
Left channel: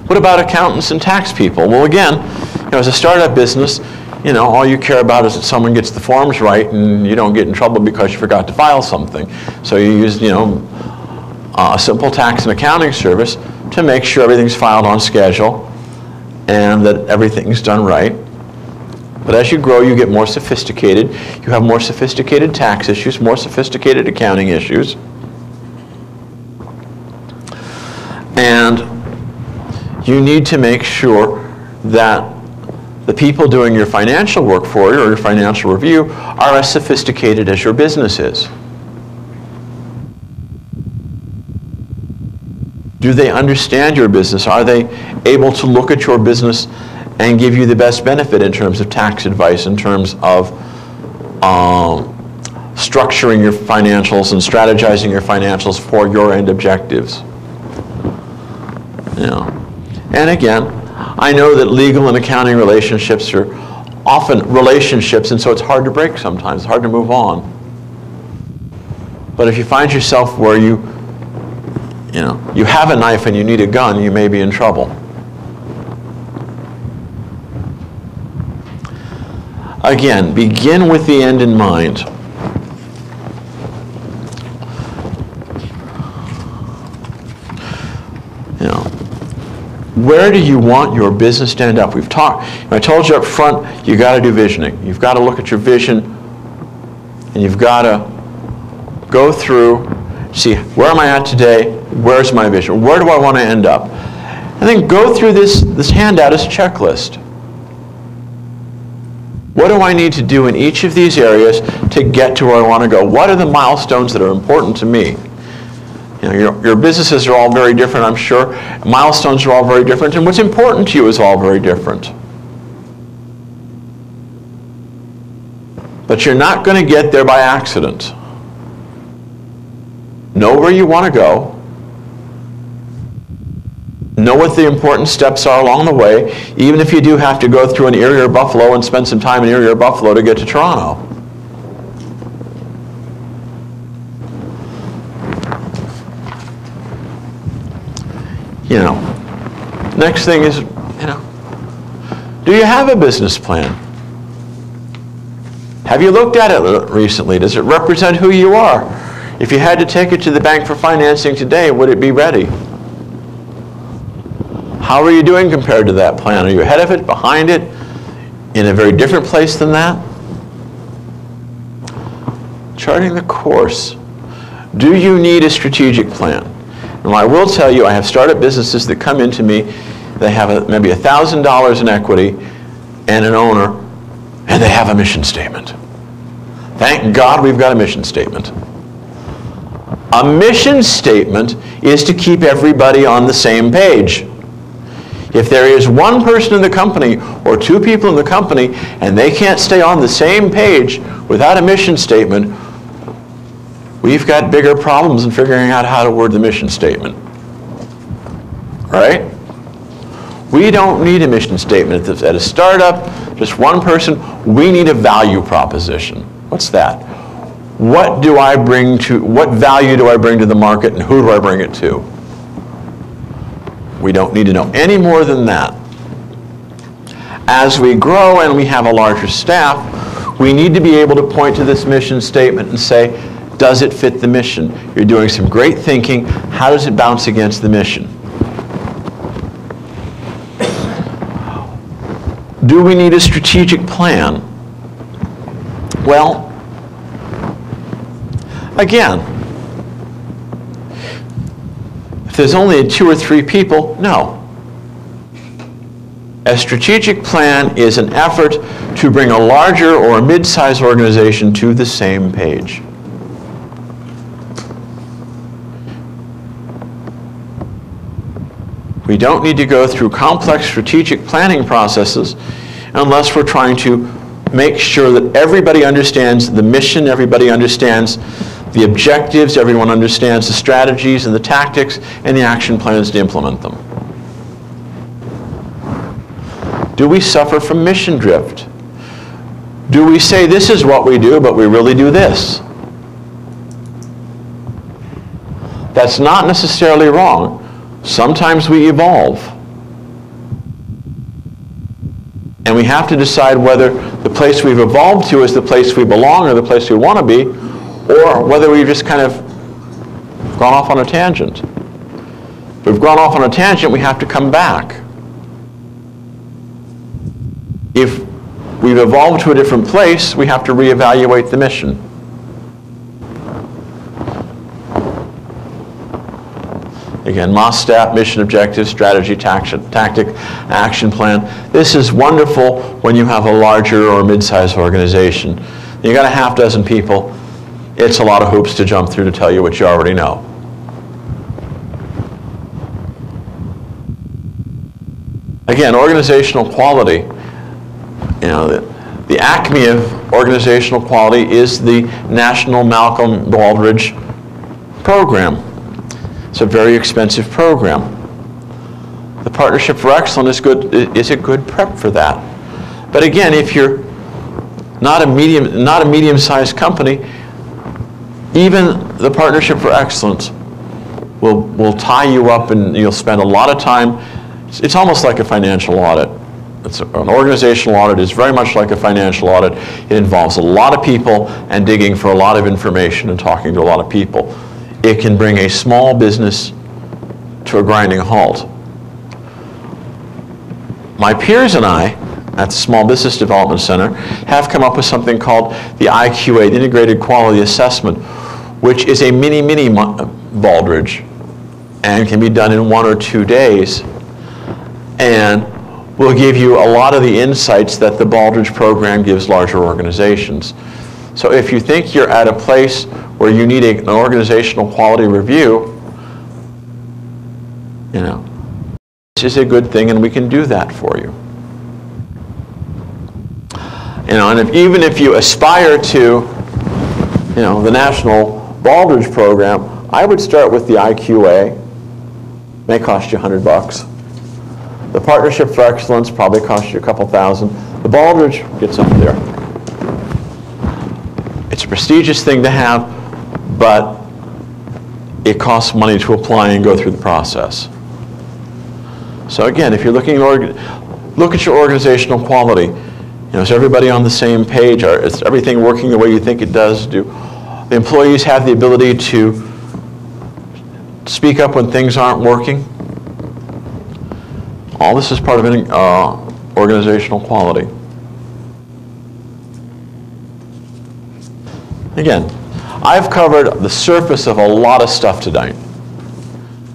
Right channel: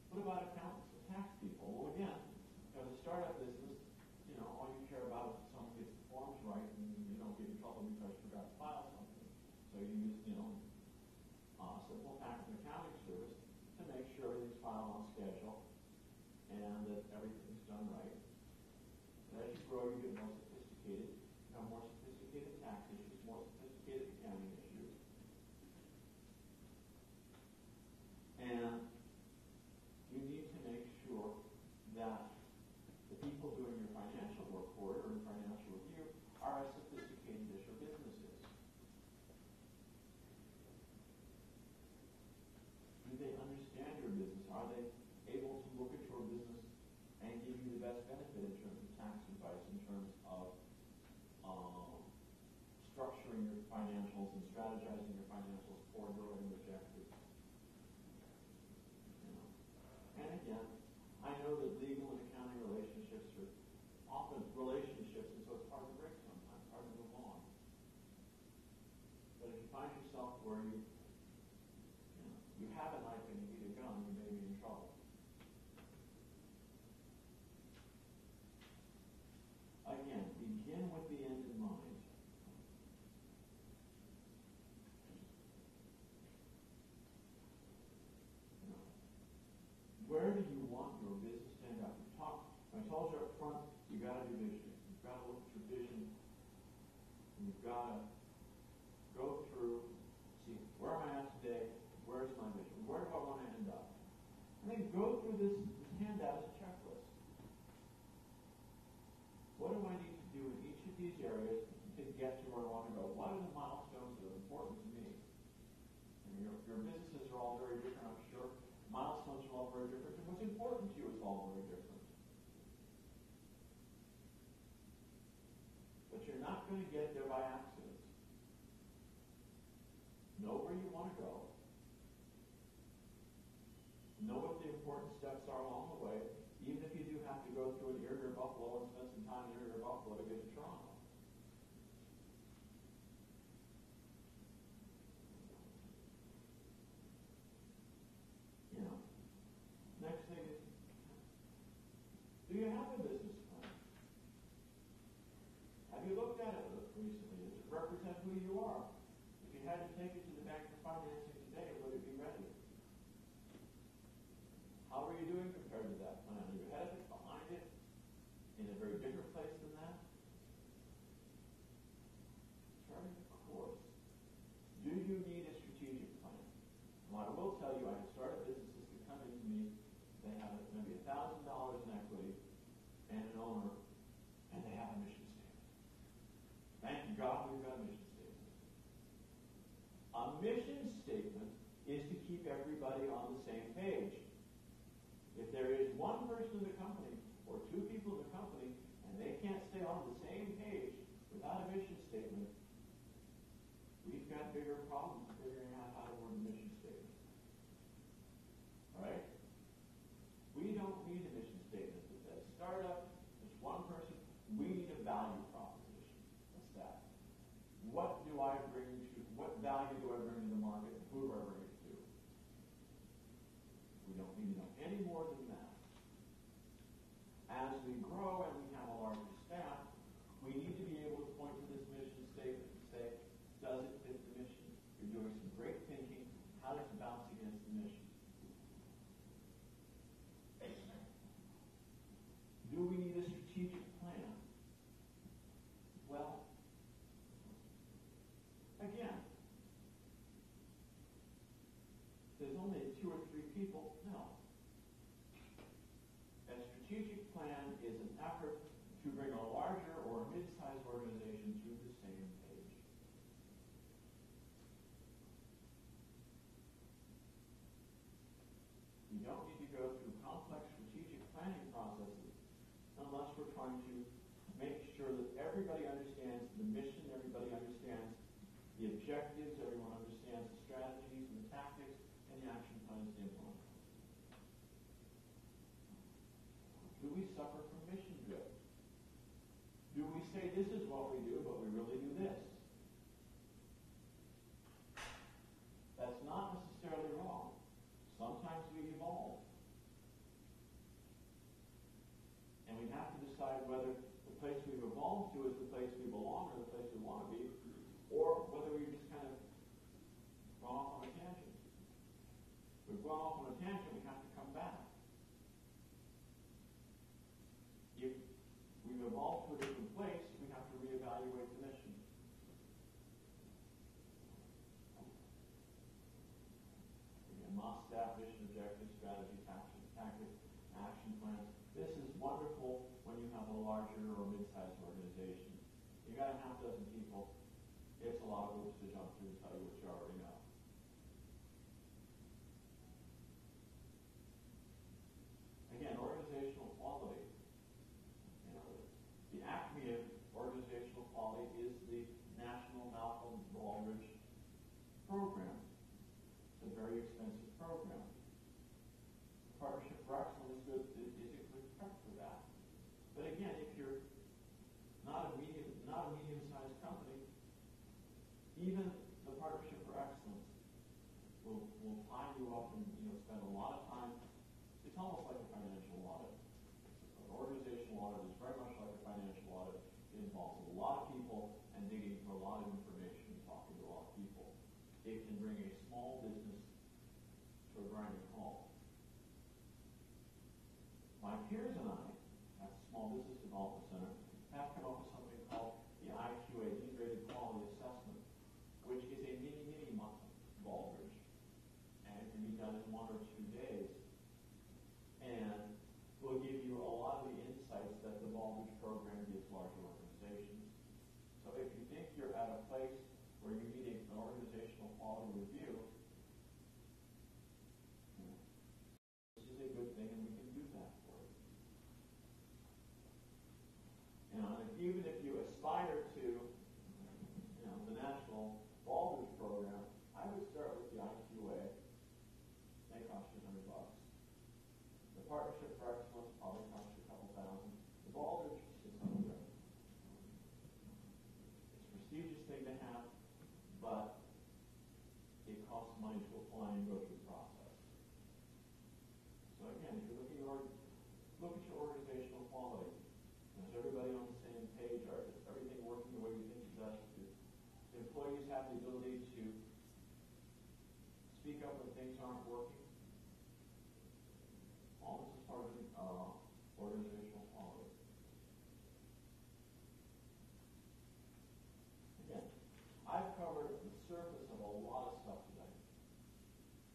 What about accountants and tax people? Well, again, as a startup business, all you care about is that someone gets the forms right and you don't get in trouble because you forgot to file something. So you use, a simple tax and accounting service to make sure everything's filed on schedule and that everything's done right. But as you grow, you get more sophisticated. You have more sophisticated tax issues, more sophisticated accounting issues. And you need to make sure that the people doing your financial work for you or your financial review are as sophisticated as your business is. Do they understand your business? Are they able to look at your business and give you the best benefit in terms of tax advice, in terms of structuring your financials and strategizing your financials for your end objectives? And again, I know that legal and accounting relationships are often relationships, and so it's hard to break sometimes. It's hard to move on. But if you find yourself where you have a knife and you need a gun, you may be in trouble. Again, begin with the end in mind. Where do you want your business to end up? We've talked, I told you up front, you got to do visioning. You've got to look at your vision, and you've got to go through, see, where am I at today? Where's my vision? Where do I want to end up? And then go through this handout as a checklist. What do I need to do in each of these areas to get to where I want to go? What are the milestones that are important to me? Your businesses are all very different, I'm sure. Milestones are all very different, and what's important to you is all very different. But you're not going to get there by accident. Know where you want to go. Know what the important steps are along the way, even if you do have to go through an Erie or Buffalo and spend some time in Erie or Buffalo to get to Toronto. Next thing is, do you have a business plan? Have you looked at it recently? Does it represent who you are? If you had to take it to the bank for financing today, would it be ready? How are you doing compared to that plan? Are you ahead of it, behind it, in a very different place than that? Charting the course. Do you need a strategic plan? And I will tell you, I have startup businesses that come into me, they have maybe $1,000 in equity and an owner, and they have a mission statement. Thank God we've got a mission statement. A mission statement is to keep everybody on the same page. If there is one person in the company or two people in the company and they can't stay on the same page without a mission statement, we've got bigger problems in figuring out how to word the mission statement. Right? We don't need a mission statement. At a startup, just one person, we need a value proposition. What's that? What value do I bring to the market, and who do I bring it to? We don't need to know any more than that. As we grow and we have a larger staff, we need to be able to point to this mission statement and say, does it fit the mission? You're doing some great thinking. How does it bounce against the mission? Do we need a strategic plan? Well, again, if there's only 2 or 3 people, no. A strategic plan is an effort to bring a larger or a mid-sized organization to the same page. We don't need to go through complex strategic planning processes unless we're trying to make sure that everybody understands the mission, everybody understands the objectives, everyone understands the strategies and the tactics and the action plans to implement them. Do we suffer from mission drift? Do we say this is what we do, but we really do this? That's not necessarily wrong. Sometimes we evolve. And we have to decide whether the place we've evolved to is the place we belong or the place we want to be, or whether we've just kind of gone off on a tangent. If we've gone off on a tangent, we have to come back. If we've evolved to a different place, we have to reevaluate the mission. Again, MOSTAP, mission, objective, strategy, tactic, action plan. This is wonderful when you have a larger or mid-sized organization. You got a half dozen people. It's a lot of hoops to jump through to tell you what you already know. Again, organizational quality. You know, the acme of organizational quality is the National Malcolm Baldrige program. It's a very expensive program. The Partnership for Excellence is a good prep for that. But again, if you're not a medium-sized company, even the Partnership for Excellence will tie you up, and you'll spend a lot of time. It's almost like a financial audit. An organizational audit is very much like a financial audit. It involves a lot of people and digging for a lot of information and talking to a lot of people. It can bring a small business to a grinding halt. My peers and I at the Small Business Development Center have come up with something called the IQA, the Integrated Quality Assessment, which is a mini Baldrige and can be done in 1 or 2 days, and will give you a lot of the insights that the Baldrige program gives larger organizations. So if you think you're at a place where you need an organizational quality review, you know, this is a good thing, and we can do that for you. You know, and even if you aspire to, you know, the National Baldrige program, I would start with the IQA. May cost you $100. The Partnership for Excellence probably costs you a couple thousand. The Baldrige gets up there. It's a prestigious thing to have, but it costs money to apply and go through the process. So again, if you're looking at look at your organizational quality. You know, is everybody on the same page? Is everything working the way you think it does? Do the employees have the ability to speak up when things aren't working? All this is part of any organizational quality. Again, I've covered the surface of a lot of stuff tonight.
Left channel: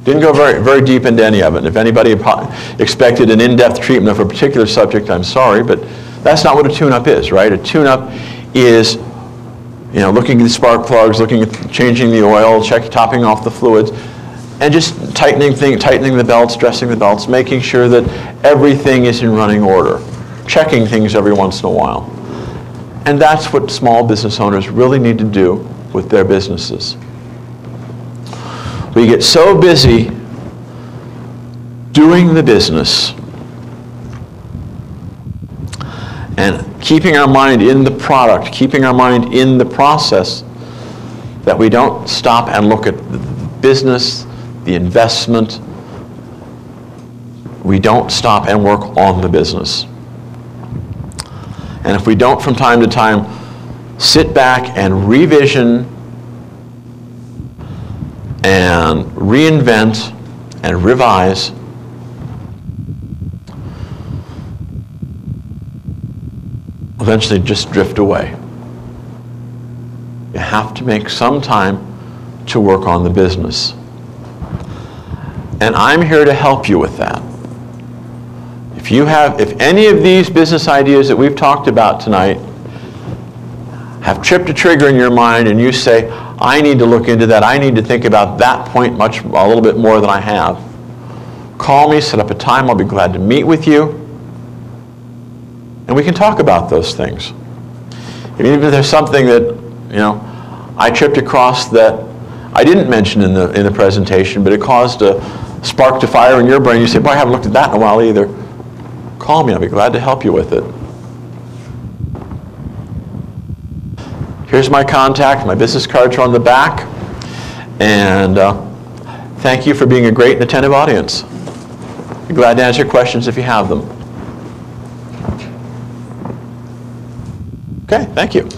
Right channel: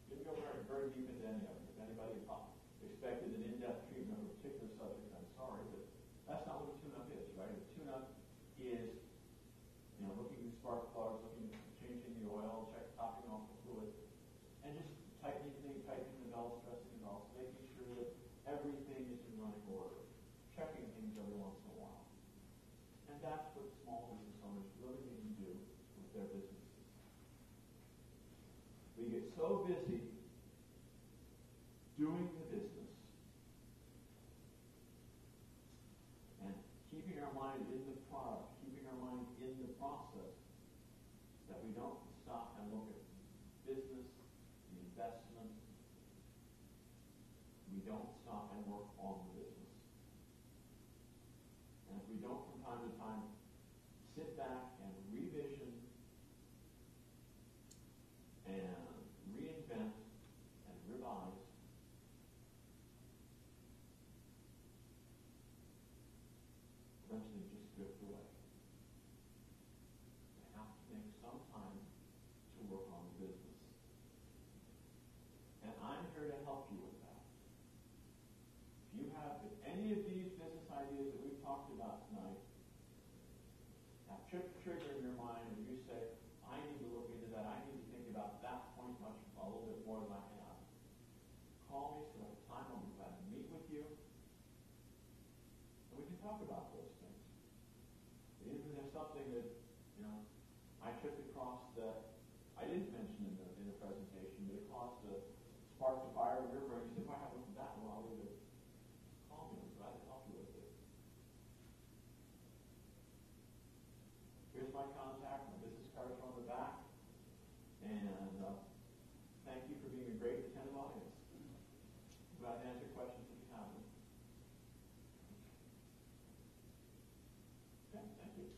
Didn't go very deep into any of it. If anybody expected an in-depth treatment of a particular subject, I'm sorry, but that's not what a tune-up is, right? A tune-up is, looking at the spark plugs, looking at changing the oil, topping off the fluids, and just tightening the belts, dressing the belts, making sure that everything is in running order, checking things every once in a while. And that's what small business owners really need to do with their businesses. We get so busy doing the business and keeping our mind in the product, keeping our mind in the process, that we don't stop and look at the business, the investment. We don't stop and work on the business. And if we don't from time to time sit back and revision and reinvent and revise, eventually just drift away. You have to make some time to work on the business. And I'm here to help you with that. If any of these business ideas that we've talked about tonight have tripped a trigger in your mind and you say, I need to look into that, I need to think about that point a little bit more than I have, call me, set up a time, I'll be glad to meet with you, and we can talk about those things. Even if there's something that, I tripped across that I didn't mention in the presentation, but it caused a spark to fire in your brain, you say, boy, I haven't looked at that in a while either. Call me, I'll be glad to help you with it. Here's my contact. My business cards are on the back. And thank you for being a great and attentive audience. Be glad to answer questions if you have them. Okay, thank you.